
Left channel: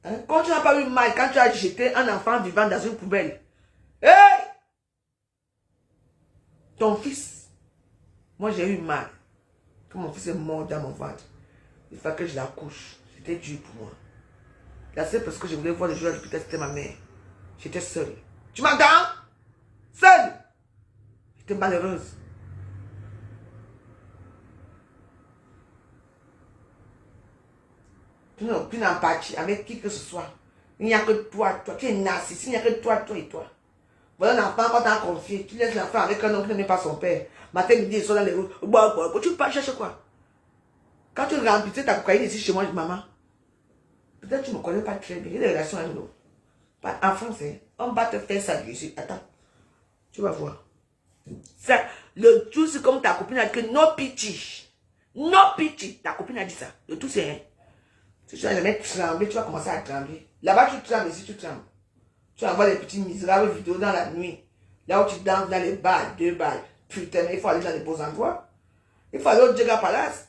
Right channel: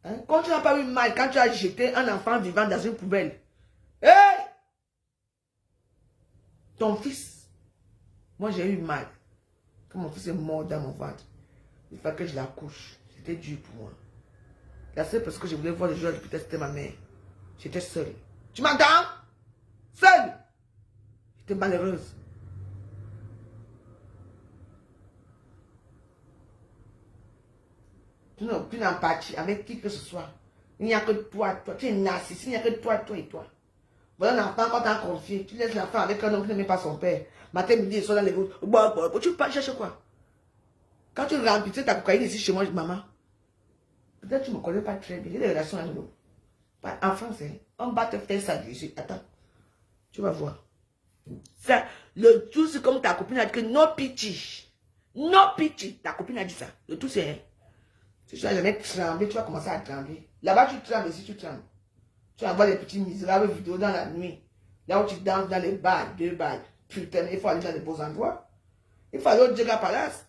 Hein? Quand tu n'as pas eu mal, quand tu as jeté un enfant vivant dans une poubelle. Hey! Ton fils. Moi, j'ai eu mal. Quand mon fils est mort dans mon ventre. Il fallait que je l'accouche. C'était dur pour moi. La seule parce que je voulais voir les joueurs, peut-être c'était ma mère. J'étais seule. Tu m'entends? Seule. J'étais malheureuse. Tu n'as aucune empathie avec qui que ce soit. Il n'y a que toi. Tu es narcissique. Il n'y a que toi et toi. Voilà l'enfant quand t'as confié. Tu laisses l'enfant avec un homme qui n'aime pas son père. Matin, midi, ils sont dans les rues. Tu pars chercher quoi? Quand tu remplis ta cocaïne ici chez moi, maman, peut-être que tu ne me connais pas très bien. Il y a des relations avec nous. En français, on va te faire ça ici. Attends. Tu vas voir. Ça, le tout, c'est comme ta copine a dit que no pitié. No pitié. Ta copine a dit ça. Le tout, c'est rien. Si tu vas jamais trembler, tu vas commencer à trembler. Là-bas, tu trembles, ici, tu trembles. Tu envoies les petits misérables vidéos dans la nuit. Là où tu danses dans les bars, 2 bars. Putain, il faut aller dans les beaux endroits. Il faut aller au Djega Palace.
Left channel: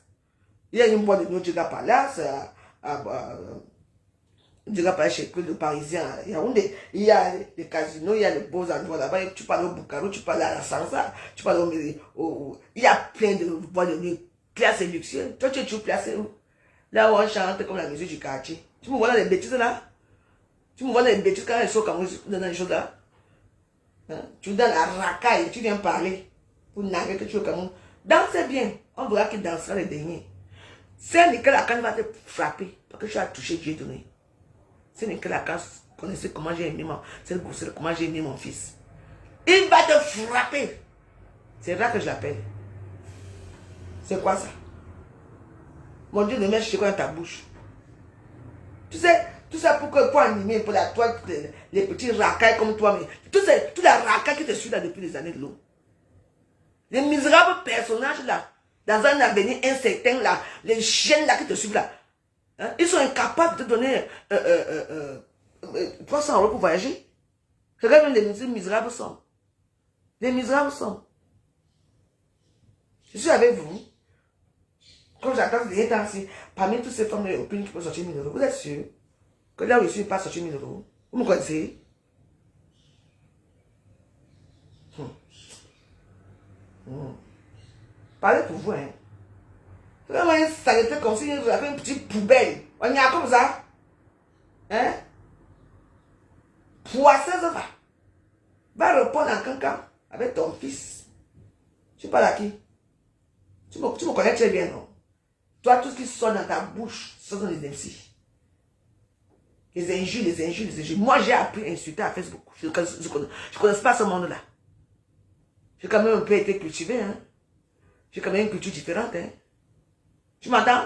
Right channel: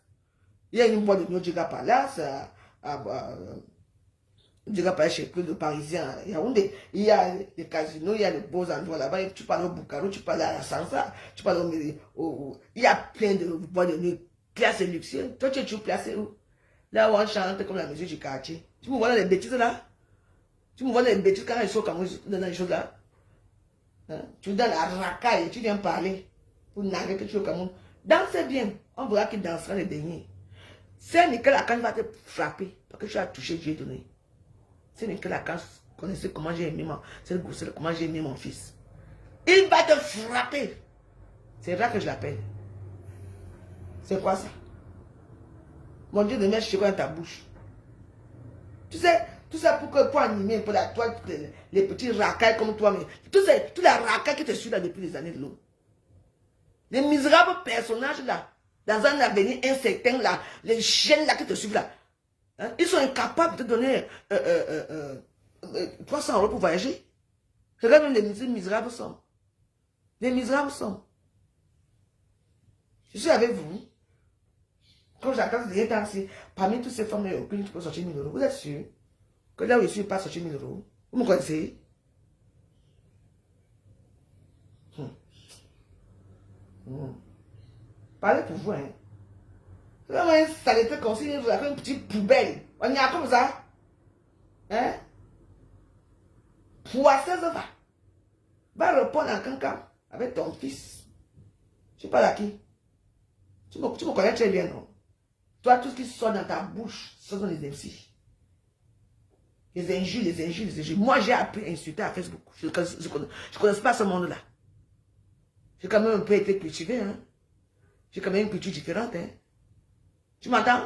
Il y a une boîte de Djega Palace. Djega Palace, chez le Parisien. Il y a les casinos, il y a les beaux endroits là-bas. Tu parles au Bucaro, tu parles à la Sansa, tu parles au. Il y a plein de boîtes de nuit classées luxueuses. Toi, tu es toujours placé où? Là où on chante comme la musique du quartier. Tu me vois dans les bêtises là? Tu me vois dans les bêtises quand ils sont comme dans les choses là? Hein? Tu donnes la racaille, tu viens parler pour narrer que tu es au Cameroun. Dansez bien. On verra qui dansera les derniers. C'est Nicolas Lacan va te frapper parce que tu as touché Dieu donné. C'est Nicolas Lacan connaissait comment j'ai aimé comment j'ai aimé mon fils. Il va te frapper. C'est là que je l'appelle. C'est quoi ça? Mon Dieu, ne mets quoi dans ta bouche. Tu sais, tout ça pour animer pour la toi, les petits racailles comme toi, mais tout la racaille qui te suit là depuis des années de l'eau. Les misérables personnages là, dans un avenir incertain là, les chiens là qui te suivent là, hein, ils sont incapables de te donner 300 € pour voyager. Regarde les misérables sont. Les misérables sont. Je suis avec vous. Quand j'attends les temps ici, parmi toutes ces femmes européennes qui peuvent sortir 1 000 €, vous êtes sûr que là où je suis pas sortir 1 000 €? Vous me connaissez? Parlez pour vous, hein. Là, moi, ça a été comme si vous avez une petite poubelle. On y a comme ça. Hein? Poisseuse va. Va répondre en cancan avec ton fils. Tu parles à qui? Tu me connais très bien, non? Toi, tout ce qui sort dans ta bouche, ce sont les insultes. Les injures, les injures, les injures. Moi, j'ai appris à insulter à Facebook. Je ne connais pas ce monde-là. J'ai quand même un peu été cultivé, hein. J'ai quand même une culture différente, hein. Tu m'entends?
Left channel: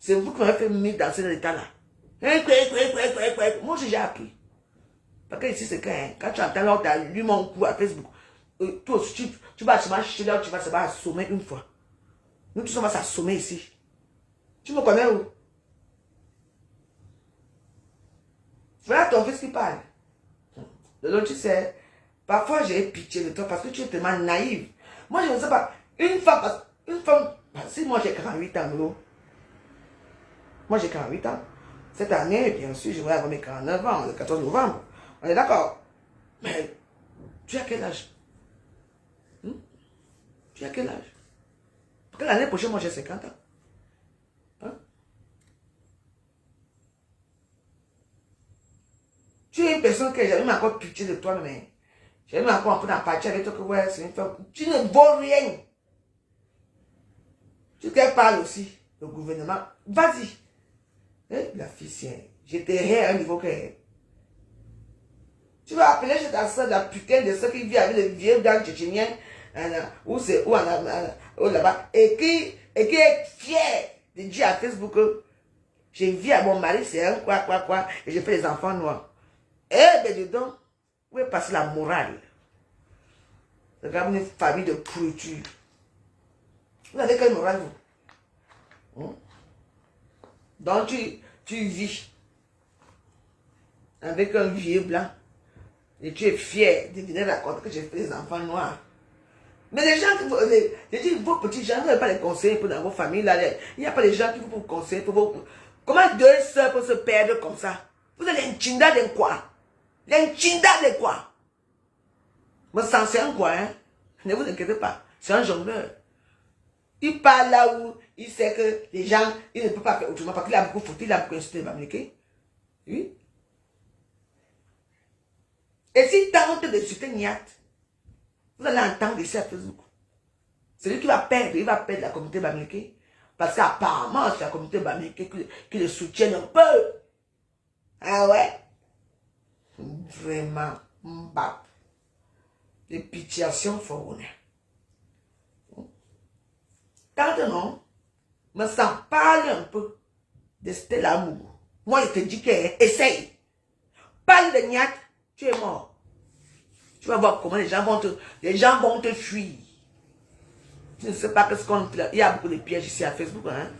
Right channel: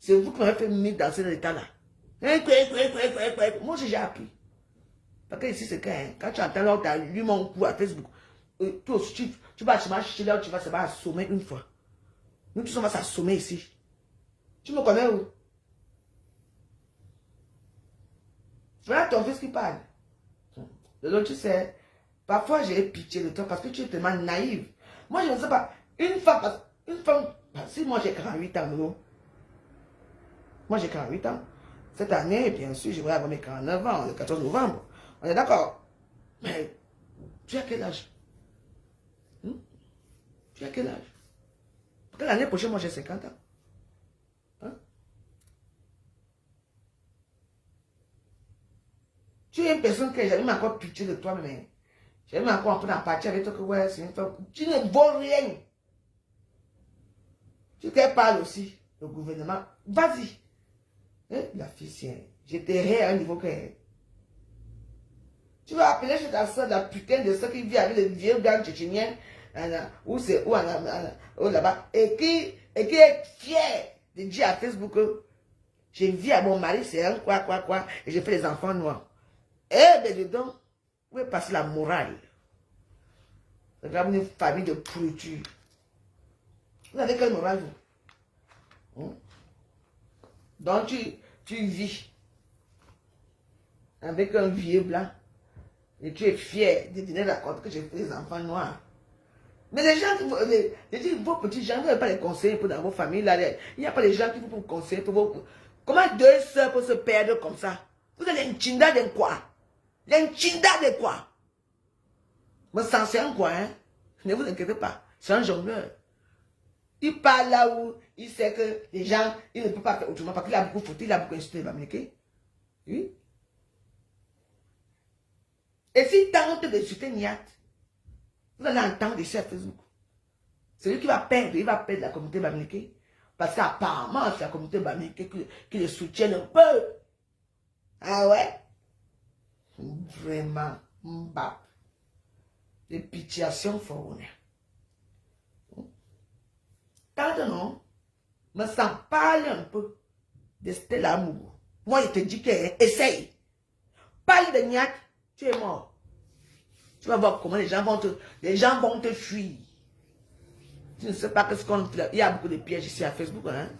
C'est vous qui m'avez fait mettre dans cet état-là. Moi, j'ai appris. Parce que ici, c'est quand tu entends là, tu as lu mon coup à Facebook. Toi aussi, tu vas se marcher là, tu vas se assommer une fois. Nous tous, on va s'assommer ici. Tu me connais où? Voilà ton fils qui parle. L'autre, tu sais, parfois j'ai pitié de toi parce que tu es tellement naïve. Moi, je ne sais pas. Une femme, si moi j'ai 48 ans, moi j'ai 48 ans. Cette année, bien sûr, je vais avoir mes 49 ans, le 14 novembre. On est d'accord. Mais tu as quel âge? Tu as quel âge? Parce que l'année prochaine, moi j'ai 50 ans. Hein? Tu es une personne que j'ai même encore pitié de toi, mais j'ai même encore un peu d'empathie avec toi que ouais, c'est une femme. Tu ne vaux rien. Tu te parles aussi, le gouvernement. Vas-y. La fille, c'est. Je te hais à un niveau que. Tu vas appeler chez ta soeur la putain de ceux qui vit avec les vieux gars tchétchéniens, où c'est où là-bas, et qui est fier de dire à Facebook que j'ai vu à mon mari, c'est un quoi, et j'ai fait des enfants noirs. Eh ben dedans, où est passée la morale? Regarde une famille de pourriture. Vous avez quelle morale, vous? Donc tu vis avec un vieux blanc et tu es fier de donner la compte que j'ai fait des enfants noirs. Mais les gens, je dis, vos petits gens, vous n'avez pas les conseils pour dans vos familles. Là, il n'y a pas les gens qui vous conseillent pour vos... Comment 2 sœurs peuvent se perdre comme ça? Vous êtes l'inchinda de quoi? L'inchinda de quoi? Mon sang, c'est un quoi, hein? Ne vous inquiétez pas, c'est un jongleur. Il parle là où il sait que les gens, il ne peut pas faire autrement parce qu'il a beaucoup foutu, il a beaucoup insulté les Américains. Oui. Et s'il tente d'insulter Niat, vous allez entendre ici à Facebook. Celui qui va perdre, il va perdre la communauté bamileke. Parce qu'apparemment, c'est la communauté bamileke qui le soutient un peu. Ah ouais? Vraiment, mbap. Les pitiations faut quand non, me sens parler un peu de Stella Amour. Moi, je te dis que essaye. Parle de Niat, tu es mort. Tu vas voir comment les gens vont te fuir. Tu ne sais pas ce qu'on fait. Il y a beaucoup de pièges ici à Facebook. Hein?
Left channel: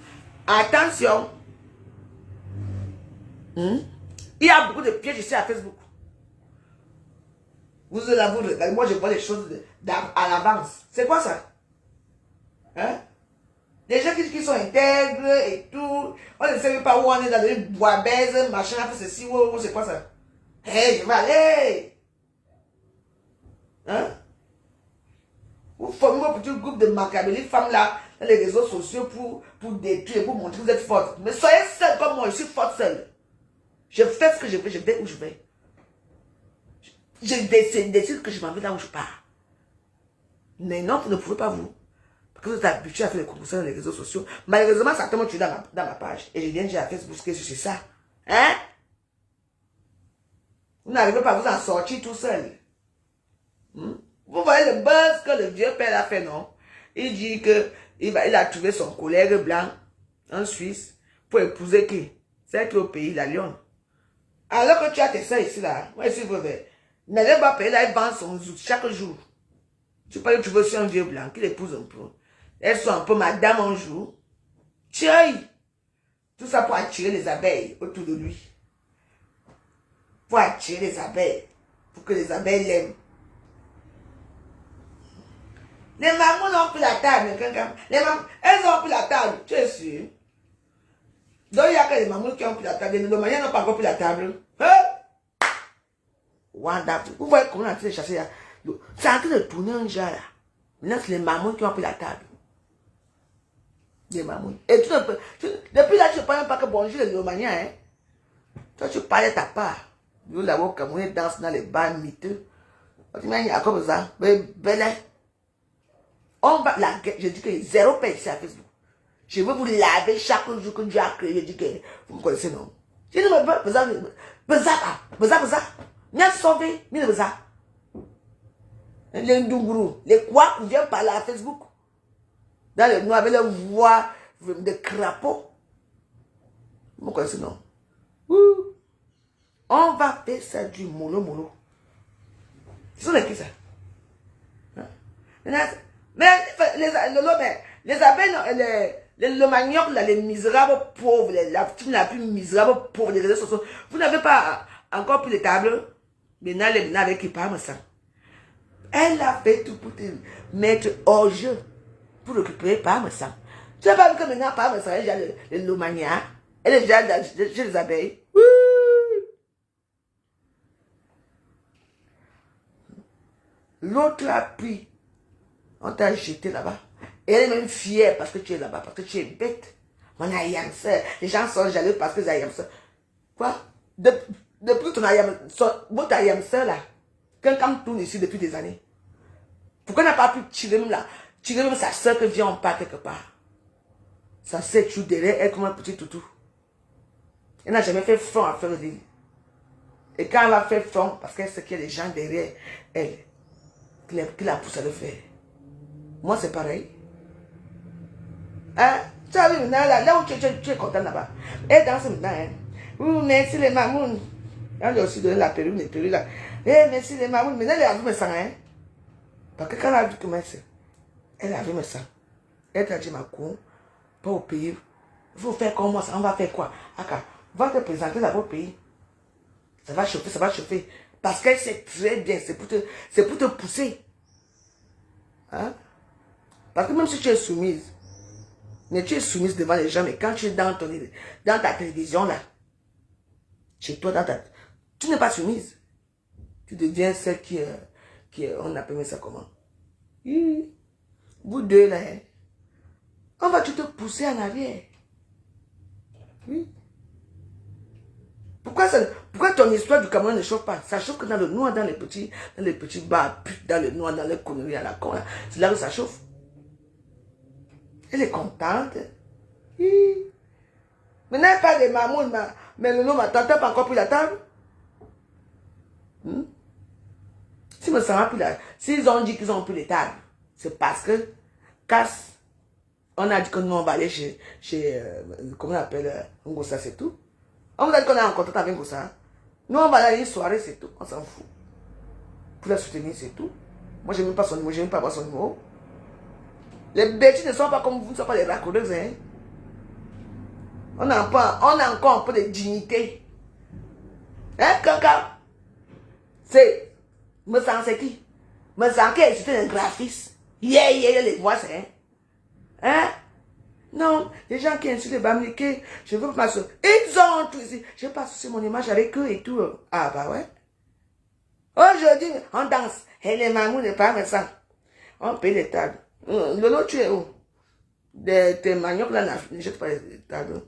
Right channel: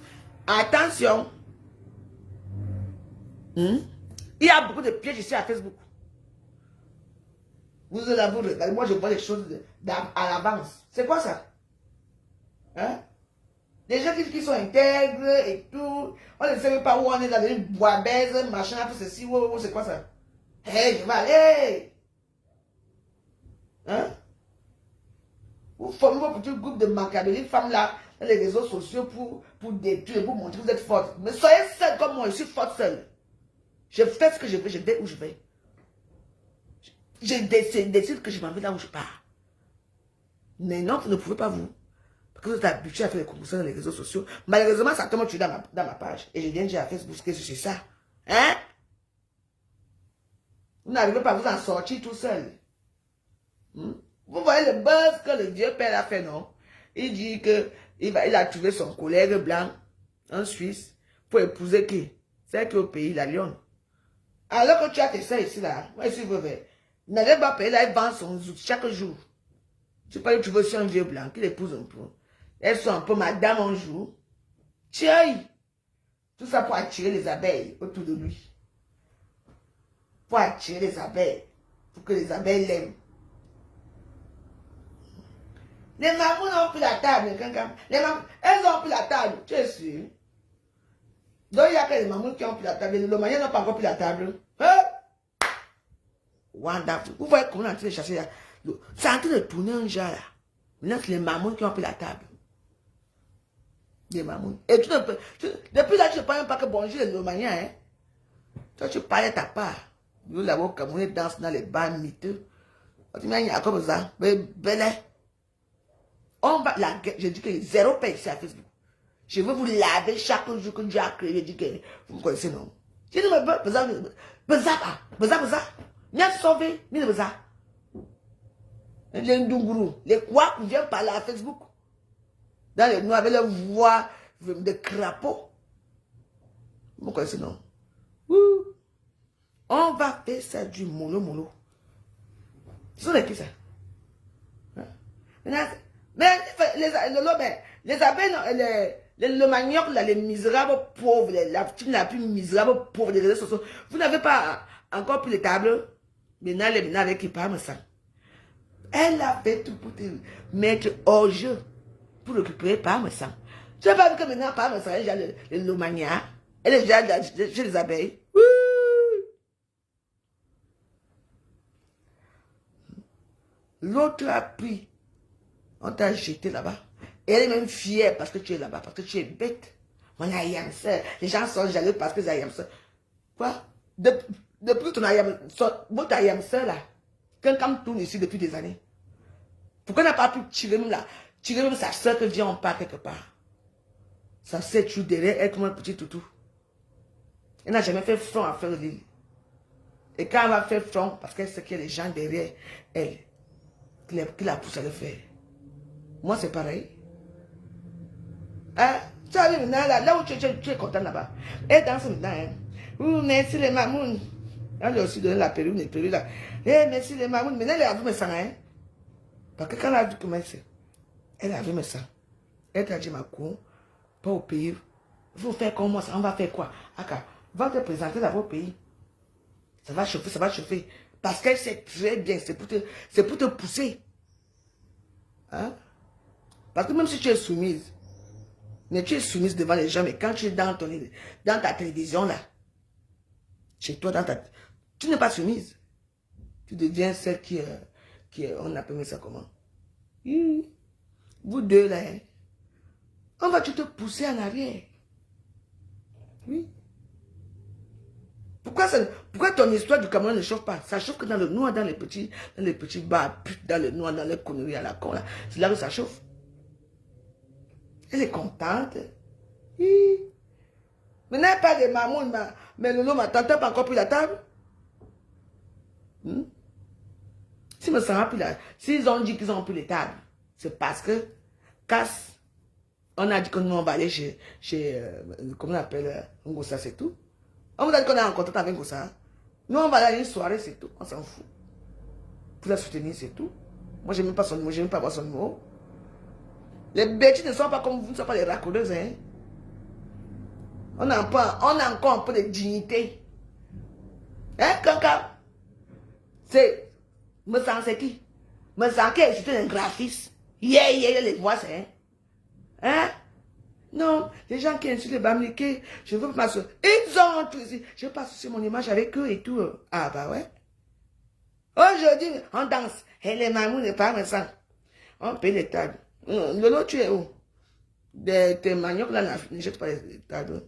Attention. Il y a beaucoup de pièges ici à Facebook. Vous allez vous regarder. Moi, je vois les choses à l'avance. C'est quoi ça? Hein? Les gens qui sont intègres et tout. On ne sait pas où on est dans les bois baises, machin, ceci, c'est quoi ça? Hey, je vais aller. Hein? Vous formez un petit groupe de macabre, femmes là, dans les réseaux sociaux pour détruire, pour montrer que vous êtes forte. Mais soyez seule comme moi, je suis forte seule. Je fais ce que je veux, je vais où je vais. Je décide que je m'en vais là où je pars. Mais non, vous ne pouvez pas vous. Parce que vous êtes habitué à faire des compositions dans les réseaux sociaux. Malheureusement, ça tombe tu dans ma page. Et je viens dire à Facebook que je suis ça. Hein? Vous n'arrivez pas à vous en sortir tout seul. Vous voyez le buzz que le vieux père a fait, non? Il dit que il a trouvé son collègue blanc en Suisse pour épouser qui? Celle qui est au pays, la Lyon. Alors que tu as tes soeurs ici, là, moi, je veux. Mais le bas pays, là, il vend son zout chaque jour. Tu peux aller trouver aussi un vieux blanc qui l'épouse un peu. Elles sont un peu madame un jour. Tiens! Tout ça pour attirer les abeilles autour de lui. Pour attirer les abeilles. Pour que les abeilles l'aiment. Les mamans ont pris la table. Les mamans, elles ont pris la table. Tu es sûr? Donc il y a que les mamans qui ont pris la table. Les mamans n'ont pas encore pris la table. Hein? Wonderful. Vous voyez comment on est en train de chasser là? C'est en train de tourner un genre là. Maintenant, c'est les mamans qui ont pris la table. Les mamans. Et depuis là, tu ne parles même pas que bonjour les Lomaniens. Hein? Toi, tu parles de ta part. Nous, là-bas, comme on danse dans les bars miteux. Tu m'as dit, à quoi ça? Belle. On va la guerre. Je dis que zéro paix ici à Facebook. Je veux vous laver chaque jour que Dieu a créé. Je dis que vous me connaissez, non? Je dis, beza. Mien sauvé, mien beza. Les Ndunguru, les quoi, ils viennent parler à Facebook. Dans le noir avec leur voix de crapaud. Vous me connaissez, non? On va faire ça du mono. Ce sont les qui ça? Mais les abeilles, le manioc, les misérables pauvres, la team la plus misérable pauvre des réseaux sociaux, vous n'avez pas encore pris les tables? Maintenant, les qui parlent ça. Elle a fait tout pour te mettre hors jeu, pour récupérer par ça. Tu n'as pas vu que maintenant, par ça, il y a le lomania, elle est déjà chez les abeilles. L'autre a pris. On t'a jeté là-bas. Et elle est même fière parce que tu es là-bas, parce que tu es bête. Mon ayamseur. Les gens sont jaloux parce que c'est ayamseur. Quoi? Depuis ton ayamseur, votre ayamseur là, quelqu'un tourne ici depuis des années. Pourquoi on n'a pas pu tirer même sa soeur que vient en part quelque part? Ça s'est toujours derrière elle comme un petit toutou. Elle n'a jamais fait front à faire l'île. Et quand elle va faire front, parce qu'elle sait qu'il y a des gens derrière elle, qui la poussent à le faire. Moi, c'est pareil. Hein? Tu as vu maintenant, là où tu es content là-bas. Elle danse maintenant. Hein? Merci les mamounes. Elle a aussi donné la perruque, les perruques là. Merci les mamounes. Maintenant, elle a vu mes sangs. Hein? Parce que quand elle a vu comment c'est, elle a vu mes sangs. Elle t'a dit, ma cour, pas au pays. Il faut faire comme moi, on va faire quoi? Aka, va te présenter là-bas au pays. Ça va chauffer. Parce qu'elle sait très bien, c'est pour te pousser. Hein? Parce que même si tu es soumise, mais tu es soumise devant les gens, mais quand tu es dans ta télévision là, chez toi, tu n'es pas soumise. Tu deviens celle qui on appelle ça comment? Vous deux là, hein? On va te pousser en arrière. Oui. Pourquoi ton histoire du Cameroun ne chauffe pas? Ça chauffe que dans le noir, dans les petits bars, dans le noir, dans les conneries à la con. C'est là où ça chauffe. Elle est contente. Oui. Mais n'avez pas de mamoun, mais le nom, ma tante n'a pas encore pris la table. Si me sens plus là, s'ils ont dit qu'ils ont pris les tables, c'est parce que, casse, on a dit que nous on va aller chez comment on appelle, Ngossa, c'est tout. On vous a dit qu'on est en contact avec Ngossa. Nous on va aller à une soirée, c'est tout. On s'en fout. Pour la soutenir, c'est tout. Moi, je n'aime pas son numéro, je n'aime pas voir son numéro. Les bêtises ne sont pas comme vous, ne sont pas les raccordeuses, hein. On a encore un peu de dignité. Hein, Kaka? C'est, me sens c'est qui? Me sens qui est un graphiste. Les voix, c'est, hein? Hein? Non, les gens qui insultent les Bamileke, je veux pas ça. Ils ont tout ici. Je passe sur mon image avec eux et tout. Ah, bah ouais. Aujourd'hui, on danse. Et les mamous ne parlent pas ça. On paye les tables. Lolo, tu es où? Tes maniocs là, ne jettent pas les tables.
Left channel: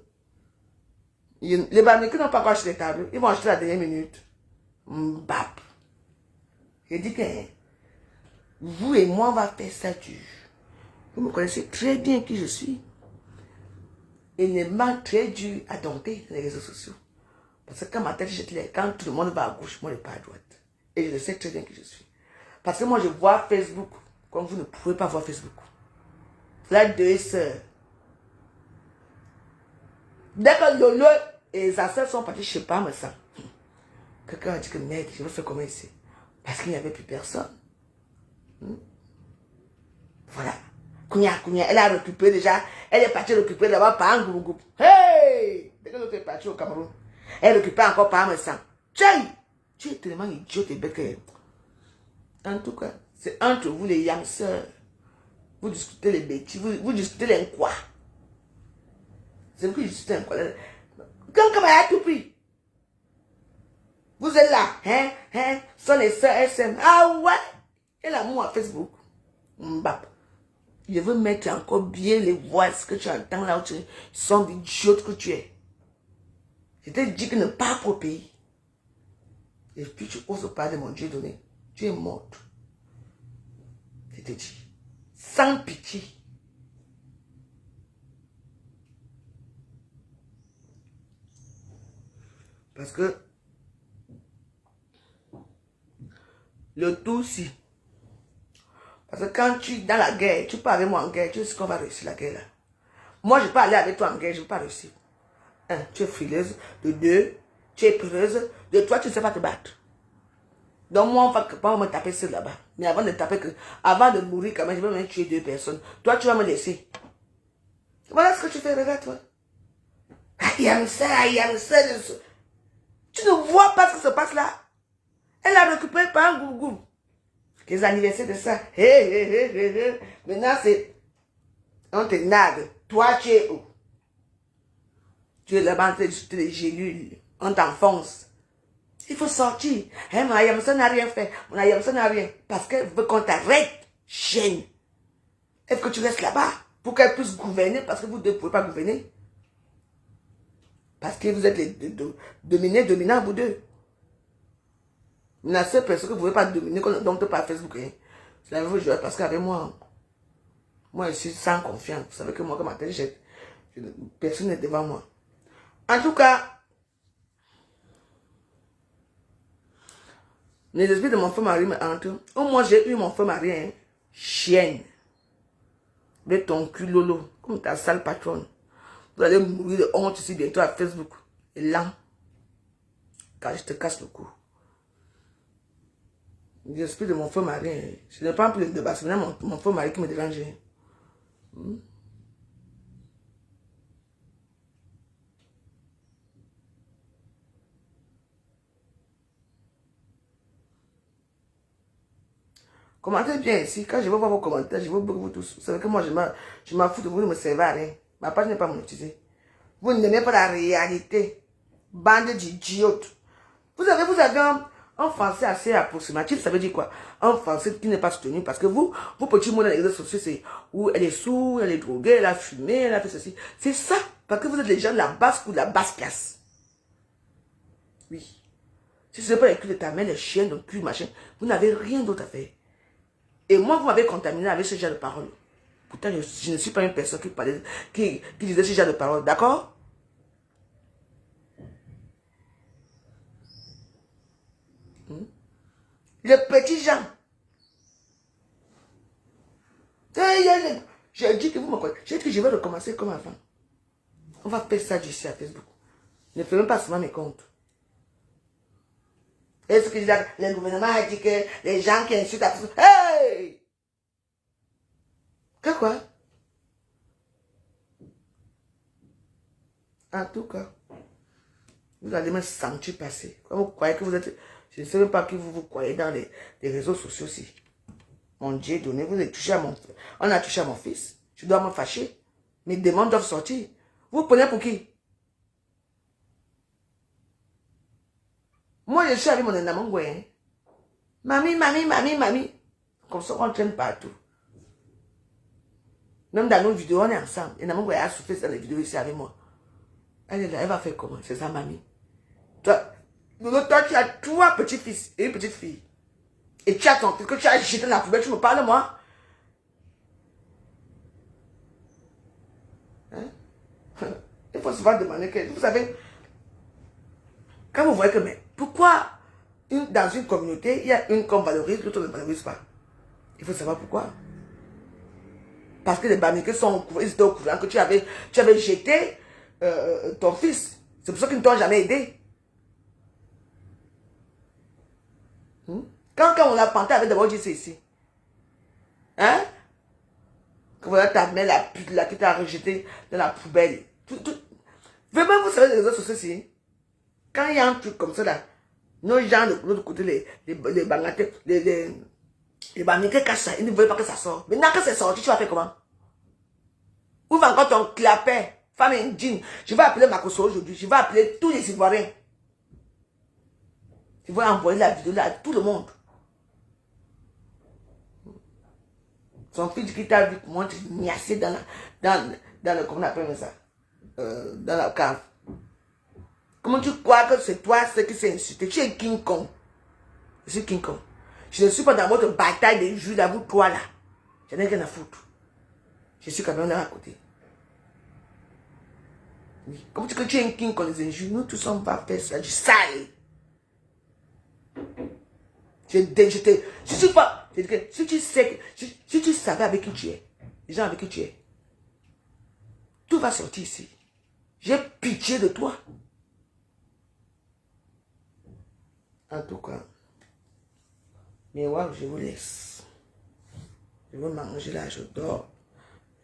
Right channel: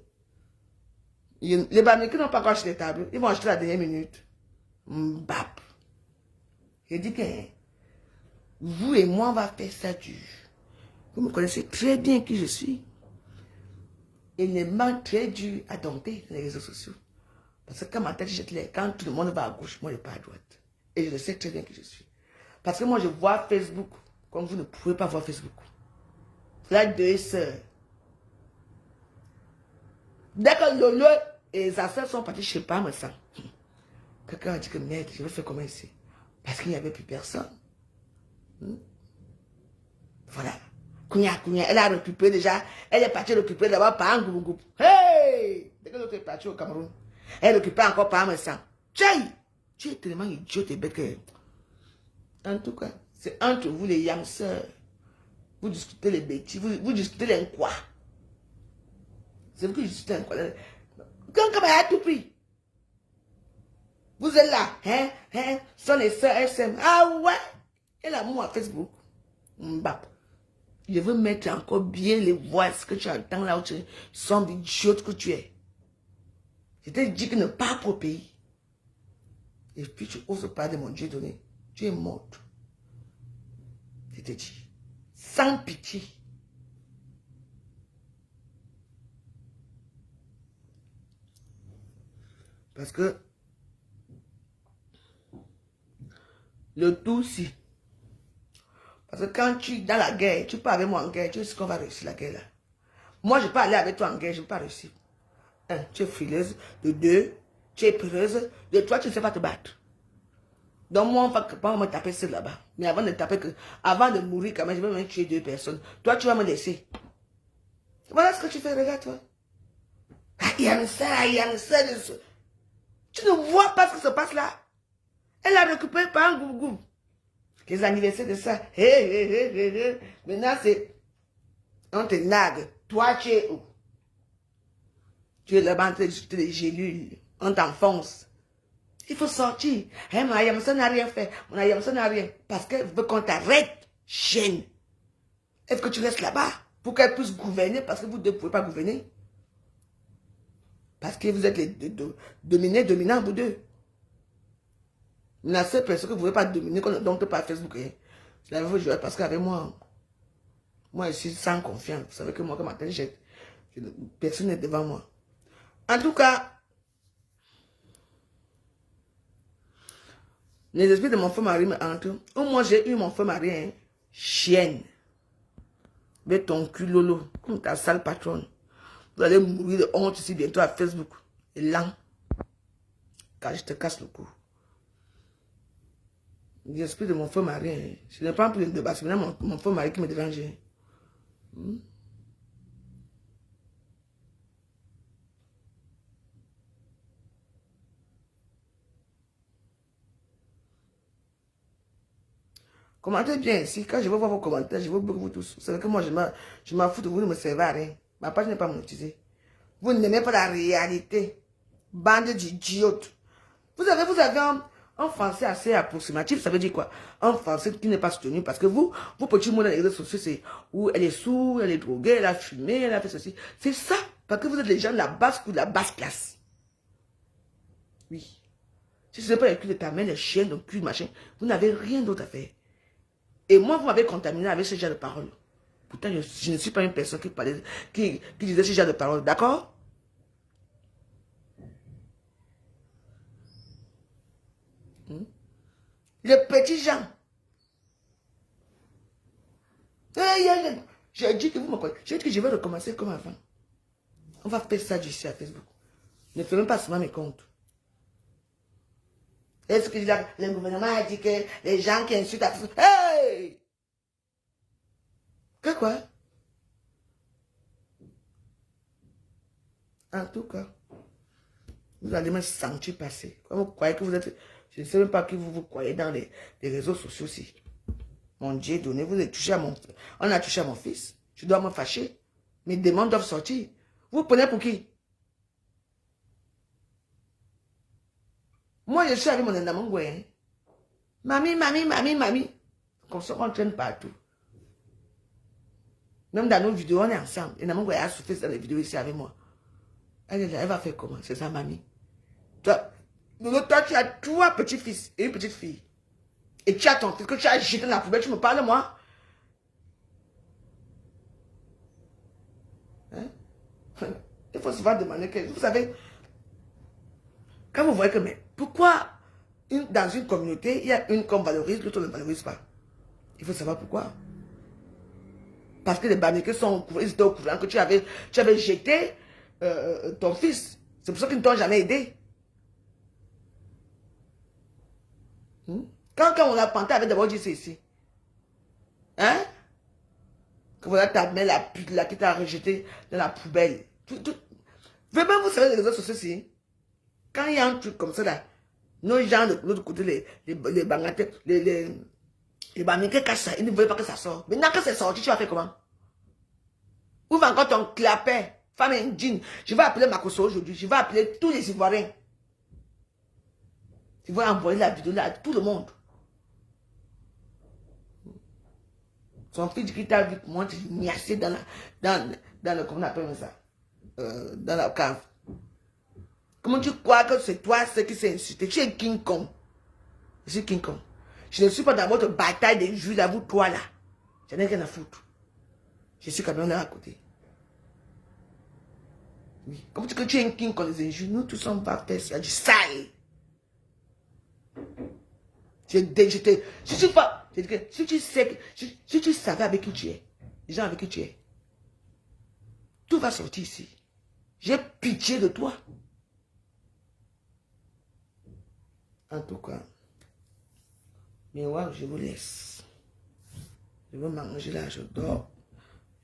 Les Bamileke n'ont pas encore acheté les tables. Ils vont acheter la dernière minute. Mbap. Je dis que vous et moi, on va faire ça dur. Vous me connaissez très bien qui je suis. Il est vraiment très dur à dompter les réseaux sociaux. Parce que quand ma tête jette les, quand tout le monde va à gauche, moi je pas à droite. Et je sais très bien qui je suis. Parce que moi je vois Facebook comme vous ne pouvez pas voir Facebook. Là, deux sœurs. Dès que Lolo et sa sœur sont partis, je sais pas, mais ça. Quelqu'un a dit que merde, je vais faire comment ici. Parce qu'il n'y avait plus personne. Voilà. Kounia, elle a récupéré déjà. Elle est partie récupérer d'abord par un groupe. Hey! Dès que l'autre est partie au Cameroun, elle récupère encore par un sang. Tchaï! Tu es tellement idiot et bête que... En tout cas, c'est entre vous les youngsters. Vous discutez les bêtises, vous discutez les quoi. C'est vous qui discutez les quoi. Quand a tout pris. Vous êtes là, hein, sont les sœurs SM. Ah ouais! Et l'amour à Facebook. Mbap. Je veux mettre encore bien les voix que tu entends là où tu sont d'idiots que tu es. Je t'ai dit que ne pas pour le pays. Et puis tu oses pas de mon Dieu donné. Tu es morte. Je t'ai dit. Sans pitié. Parce que le tout si. Parce que quand tu es dans la guerre, tu pars avec moi en guerre, tu sais qu'on va réussir la guerre là. Moi, je ne peux pas aller avec toi en guerre, je ne vais pas réussir. Un, tu es frileuse. De deux, tu es peureuse. De trois, tu ne sais pas te battre. Donc moi, on va pas me taper sur là-bas. Mais avant de taper, avant de mourir quand même, je vais même tuer deux personnes. Toi, tu vas me laisser. Voilà ce que tu fais, regarde toi. Il y a ça. Tu ne vois pas ce qui se passe là. Elle a récupéré par un gougou. Les anniversaires de ça. Maintenant, c'est... On te nargue. Toi, tu es où? Tu es là-bas en train de discuter des gélules. On t'enfonce. Il faut sortir. Hein, mon Ayamsa n'a rien fait. Mon Ayamsa n'a rien. Parce qu'elle veut qu'on t'arrête. Chaîne. Est-ce que tu restes là-bas pour qu'elle puisse gouverner? Parce que vous ne pouvez pas gouverner. Parce que vous êtes les dominants, vous deux. La seule personne que vous ne pouvez pas dominer, qu'on ne domine pas Facebook, hein. C'est la vraie parce qu'avec moi, je suis sans confiance. Vous savez que moi, comme matin, personne n'est devant moi. En tout cas, les esprits de mon frère Marie me hantent. Moi, j'ai eu mon frère Marie, hein. Chienne. De ton cul, Lolo, comme ta sale patronne. Vous allez mourir de honte ici bientôt à Facebook. Et là, car je te casse le cou. L'esprit de mon frère Marie, hein. Je n'ai pas plus de débat, c'est maintenant mon frère Marie qui me dérange. Commentez bien ici. Quand je vais voir vos commentaires, je veux beaucoup vous tous. Vous savez que moi, je m'en fous de vous, ne me servez à rien. Ma page n'est pas monétisée. Vous n'aimez pas la réalité. Bande d'idiotes. Vous avez un français assez approximatif. Ça veut dire quoi? Un français qui n'est pas soutenu. Parce que vous petit monde dans les réseaux sociaux, c'est où elle est sourde, elle est droguée, elle a fumé, elle a fait ceci. C'est ça. Parce que vous êtes les gens de la basse ou de la basse classe. Oui. Si ce n'est pas les culs de ta mère, les chiens, le cul, machin, vous n'avez rien d'autre à faire. Et moi, vous m'avez contaminé avec ce genre de paroles. Pourtant, je ne suis pas une personne qui disait ce genre de paroles. D'accord? Les petits gens. J'ai dit que vous me connaissez. J'ai dit que je vais recommencer comme avant. On va faire ça d'ici à Facebook. Ne fais même pas seulement mes comptes. Est-ce que le gouvernement a dit que les gens qui insultent à Facebook... Hey! Que quoi? En tout cas, vous allez me sentir passer. Quand vous croyez que vous êtes... Je ne sais même pas qui vous croyez dans les réseaux sociaux aussi. Mon Dieu, donné, vous avez touché à mon... On a touché à mon fils. Je dois me fâcher. Mes démons doivent sortir. Vous prenez pour qui? Moi, je suis avec mon enamangoué. Hein? Mamie, mamie, mamie, mamie. Comme ça, on traîne partout. Même dans nos vidéos, on est ensemble. Enamangoué a souffert dans les vidéos ici avec moi. Elle est là, elle va faire comment? C'est sa mamie. Toi, tu as 3 petits-fils et une petite fille. Et tu as ton fils que tu as jeté dans la poubelle, tu me parles, moi? Hein? Il faut souvent demander que, vous savez, quand vous voyez que, mais pourquoi dans une communauté, il y a une qu'on valorise, l'autre ne valorise pas? Il faut savoir pourquoi. Parce que les Bamileke sont au courant, ils étaient au courant que tu avais jeté ton fils. C'est pour ça qu'ils ne t'ont jamais aidé. Quand on a planté avec d'abord dit c'est ici. Hein? Que voilà ta mère, la pute là, qui t'a rejeté dans la poubelle. Vraiment, vous savez, les réseaux sociaux, si. Quand il y a un truc comme ça là, nos gens de l'autre côté, les Bangladesh, les Bamileke cachent ça, ils ne veulent pas que ça sorte. Maintenant que c'est sorti, tu vas faire comment? Ouvre encore ton clapet, femme indigne. Je vais appeler Makoso aujourd'hui, je vais appeler tous les Ivoiriens. Je vais envoyer la vidéo là à tout le monde. Son fils qui t'a vu monter niassé dans le, comment on appelle ça? Dans la cave. Comment tu crois que c'est toi ce qui s'est insulté? Tu es King Kong. Je suis King Kong. Je ne suis pas dans votre bataille des juges à vous, toi là. J'en ai rien à foutre. Je suis quand même là à côté. Oui. Comme que tu es un King Kong, les injures, nous tous on va faire ça du sale. Si tu sais, si tu savais avec qui tu es, les gens avec qui tu es, tout va sortir ici. J'ai pitié de toi. En tout cas, mais ouais, je vous laisse. Je vais manger là, je dors.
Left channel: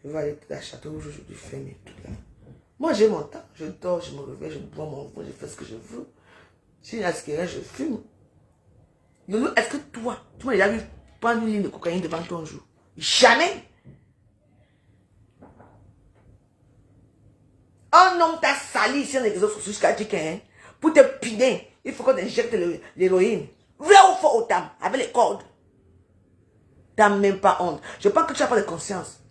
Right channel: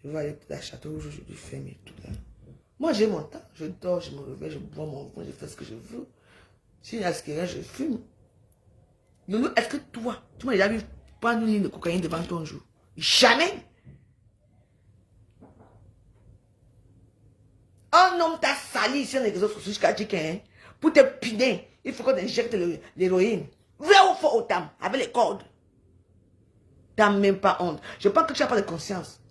Je vais aller à la château rouge aujourd'hui, faire mes trucs là. Moi j'ai mon temps, je dors, je me réveille, je bois mon vin, je fais ce que je veux. Si il y a ce qui reste, je fume. Loulou, est-ce que toi, tu m'as déjà vu prendre une ligne de cocaïne devant ton jour? Jamais! Un homme t'a sali ici dans les réseaux sociaux jusqu'à dire que pour te piner, il faut qu'on injecte l'héroïne. Vrai ou faux autant, avec les cordes. T'as même pas honte. Je pense que tu n'as pas de conscience.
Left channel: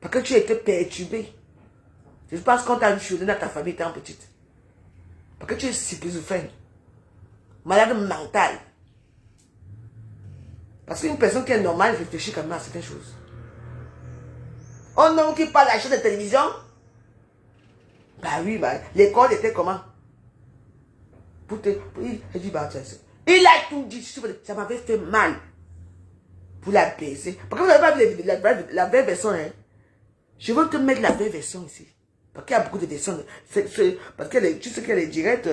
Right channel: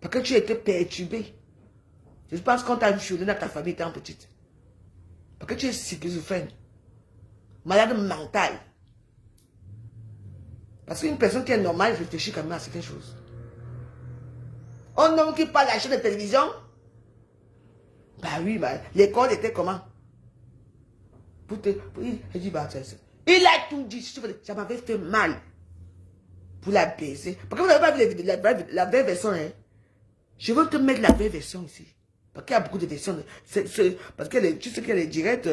Parce que tu étais perturbé. Je pense qu'on t'a violé dans ta famille étant petite. Parce que tu es schizophrène. Malade mental. Parce qu'une personne qui est normale réfléchit quand même à certaines choses. Un homme qui parle à la chaîne de télévision. Bah oui, bah, l'école était comment? Il a tout dit. Ça m'avait fait mal. Pour la baiser. Parce que vous n'avez pas vu la vraie version. Hein? Je veux te mettre la vraie version ici. Parce qu'il y a beaucoup de versions. Parce que tu sais qu'il y a les directs.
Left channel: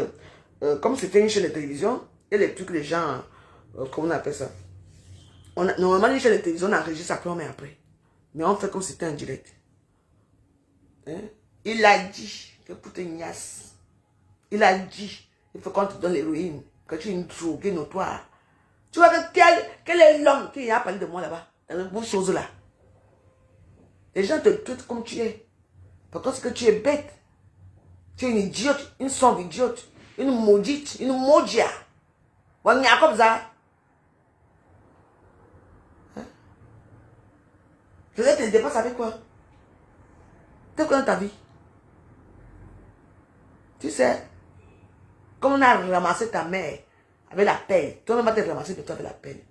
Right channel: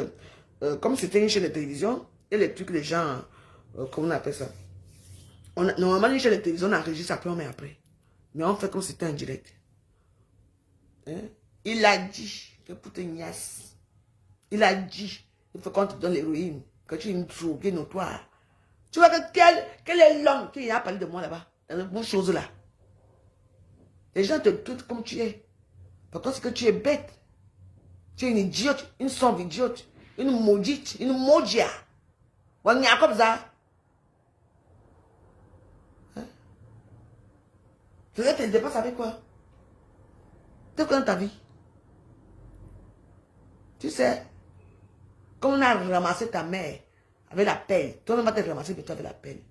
Comme c'était une chaîne de télévision. Et les trucs, les gens. Comment on appelle ça? Normalement, une chaîne de télévision, on enregistre après, on met après. Mais on fait comme si c'était un direct. Hein? Il a dit que pour te niasse. Il a dit. Il faut qu'on te donne l'héroïne. Que tu es une droguée notoire. Tu vois que quel est l'homme qui a parlé de moi là-bas, dans une bonne chose là. Les gens te traitent comme tu es. Par contre, c'est que tu es bête. Tu es une idiote, une sombre idiote, une maudite, une maudia. On y a comme ça. Hein? Je vais te dépenser avec quoi? Tu connais ta vie. Tu sais, comme on a ramassé ta mère avec la pelle, toi-même va te ramasser de toi avec la pelle.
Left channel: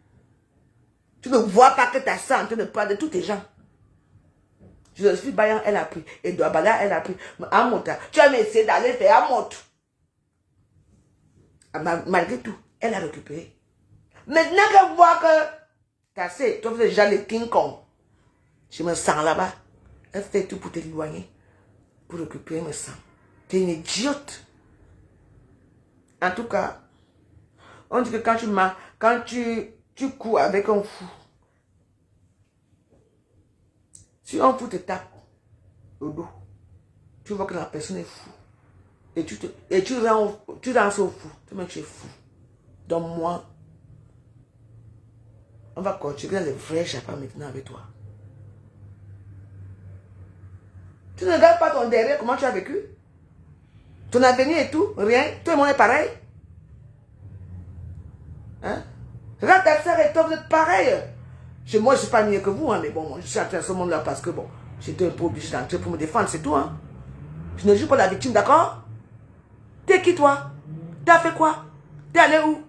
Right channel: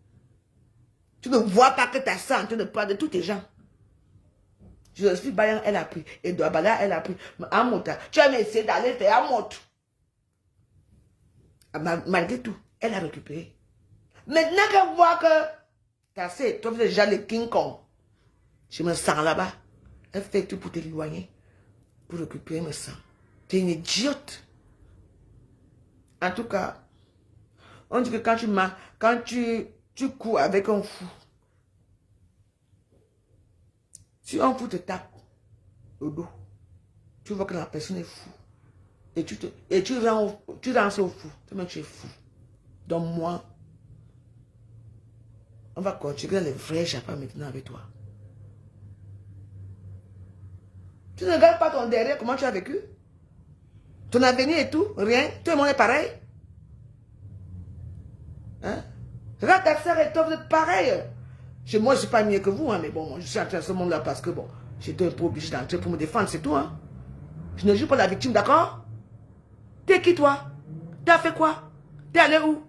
Tu ne vois pas que ta soeur en train de prendre de tous tes gens. Je suis Bayan, elle a pris. Et Douabala, elle a pris. Amota, tu as essayé d'aller faire Amot. Malgré tout, elle a récupéré. Maintenant qu'elle voit que t'as assez, tu fais déjà le King Kong. Je me sens là-bas. Elle fait tout pour t'éloigner. Pour récupérer me sang. T'es une idiote. En tout cas, on dit que quand tu cours avec un fou, si un fou te tape au dos, tu vois que la personne est fou. Et tu danses au fou. Toi-même, tu es fou. Donc moi, on va continuer les vrais chapeaux maintenant avec toi. Tu ne regardes pas ton derrière, comment tu as vécu? Ton avenir et tout, rien. Tout le monde est pareil. Hein? Regarde ta soeur et toi, vous êtes pareil. Moi, je ne suis pas mieux que vous, hein, mais bon, moi, je suis entré à ce monde-là parce que, bon, j'étais un peu obligé d'entrer pour me défendre, c'est tout. Hein? Je ne joue pas la victime, d'accord? T'es qui, toi? T'as fait quoi? T'es allé où?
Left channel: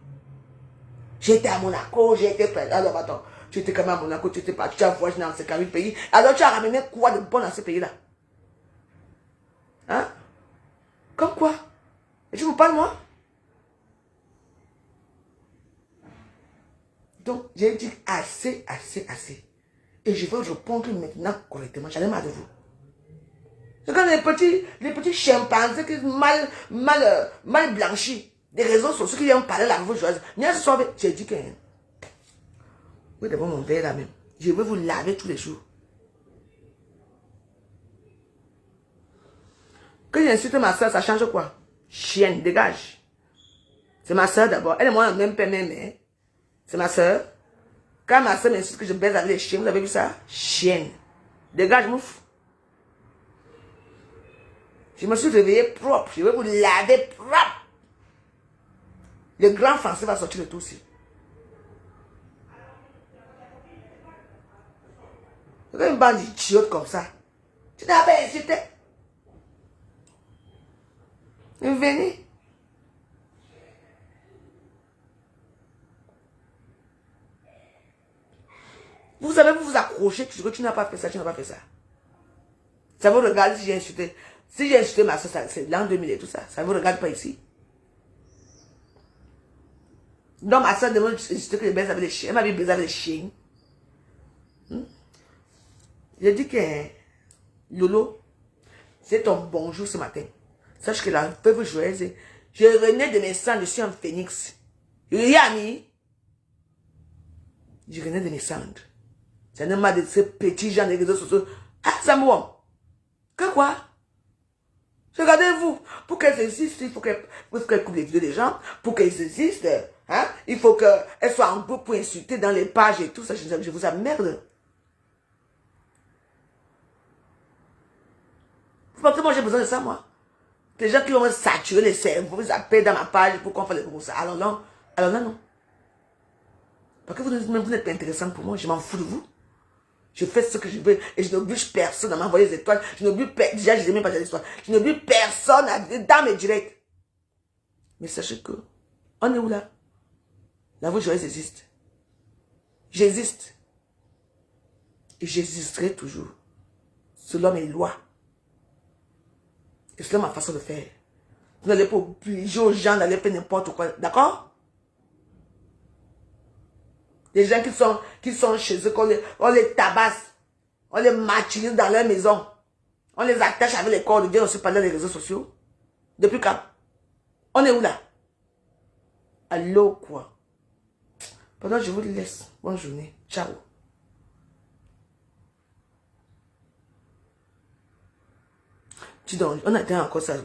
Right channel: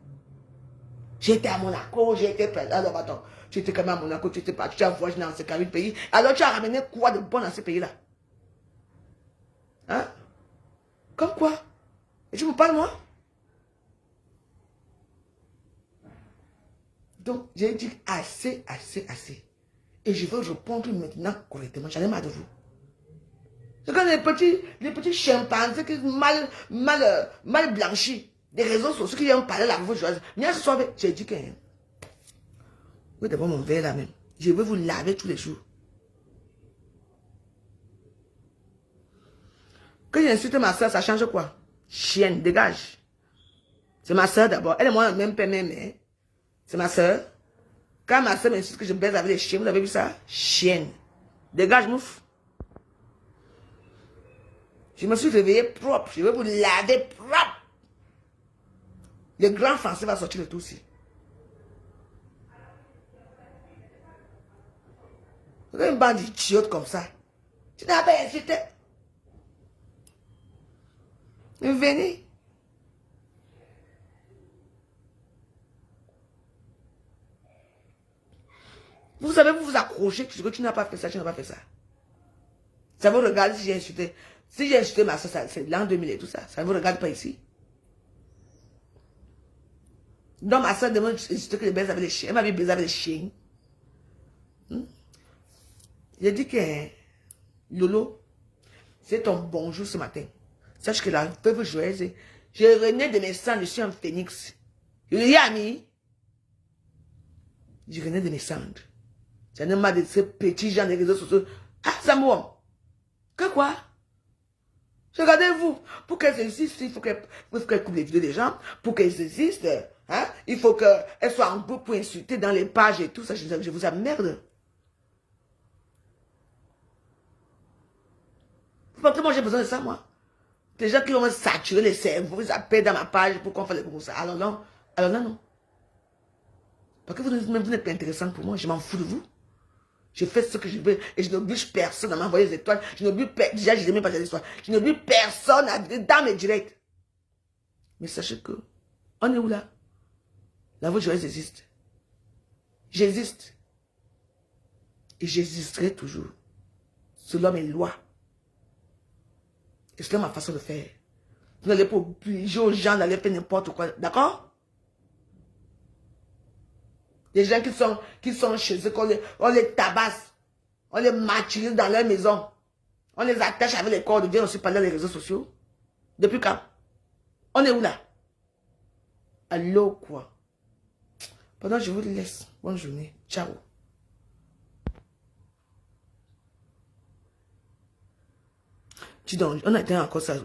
J'étais à Monaco, j'ai été prête. Alors, attends, tu étais quand même à Monaco, tu étais parti, tu as voyagé dans ces 40 pays. Alors, tu as ramené quoi de bon dans ces pays-là? Hein? Comme quoi? Et tu me parles, moi? Donc, j'ai dit assez, assez, assez. Et je vais répondre maintenant correctement. J'en ai marre de vous. C'est comme les petits chimpanzés qui sont mal blanchis. Des réseaux sociaux qui viennent parler la voix joyeuse. Mais ce soir, j'ai dit que... Oui, d'abord mon verre là même. Je vais vous laver tous les jours. Quand j'insulte ma soeur, ça change quoi? Chienne, dégage. C'est ma soeur d'abord. Elle et moi, même père, même mère. C'est ma soeur. Quand ma soeur m'insulte que je baise avec les chiens, vous avez vu ça? Chienne. Dégage, mouf. Je me suis réveillé propre. Je vais vous laver propre. Le grand français va sortir de tout aussi. Une bande d'idiotes comme ça. Tu n'as pas insulté. Venez. Vous savez, vous vous accrochez, que tu n'as pas fait ça, tu n'as pas fait ça. Ça vous regarde si j'ai insulté. Si j'ai insulté ma soeur, c'est l'an 2000 et tout ça. Ça ne vous regarde pas ici. Donc ma soeur demande insulter que je baise avec les chiens. Elle m'a dit baiser avec les chiens. J'ai dit que Lolo, c'est ton bonjour ce matin. Sache que la veuve joyeuse, je renais de mes cendres, je suis un phénix. Yami, je renais de mes cendres. Ça ne m'a de ces petits gens des réseaux sociaux. Ah, Samuel, que quoi? Regardez-vous, pour qu'elles existent, il faut qu'elles coupent les vidéos des gens. Pour qu'elles existent, hein, il faut qu'elles soient en groupe pour insulter dans les pages et tout ça. Je vous emmerde. Vous pensez que moi j'ai besoin de ça, moi? Les gens qui l'ont saturé les cerveaux, ils appellent dans ma page pour qu'on fasse les gros ça. Alors non, non. Parce que vous n'êtes pas intéressant pour moi, je m'en fous de vous. Je fais ce que je veux et je n'oblige personne à m'envoyer des étoiles. Je n'oblige personne, déjà je n'ai même pas des étoiles. Je n'oblige personne à dans mes directs. Mais sachez que, on est où là? La voix joyeuse existe. J'existe. Et j'existerai toujours. Selon mes lois. Et c'est ma façon de faire. Vous n'allez pas obliger aux gens d'aller faire n'importe quoi. D'accord? Les gens qui sont chez eux, on les tabasse. On les martyrise dans leur maison. On les attache avec les corps de Dieu aussi pendant les réseaux sociaux. Depuis quand? On est où là? Allô quoi? Pendant je vous laisse. Bonne journée. Ciao. Tu donnes, on a dit encore ça.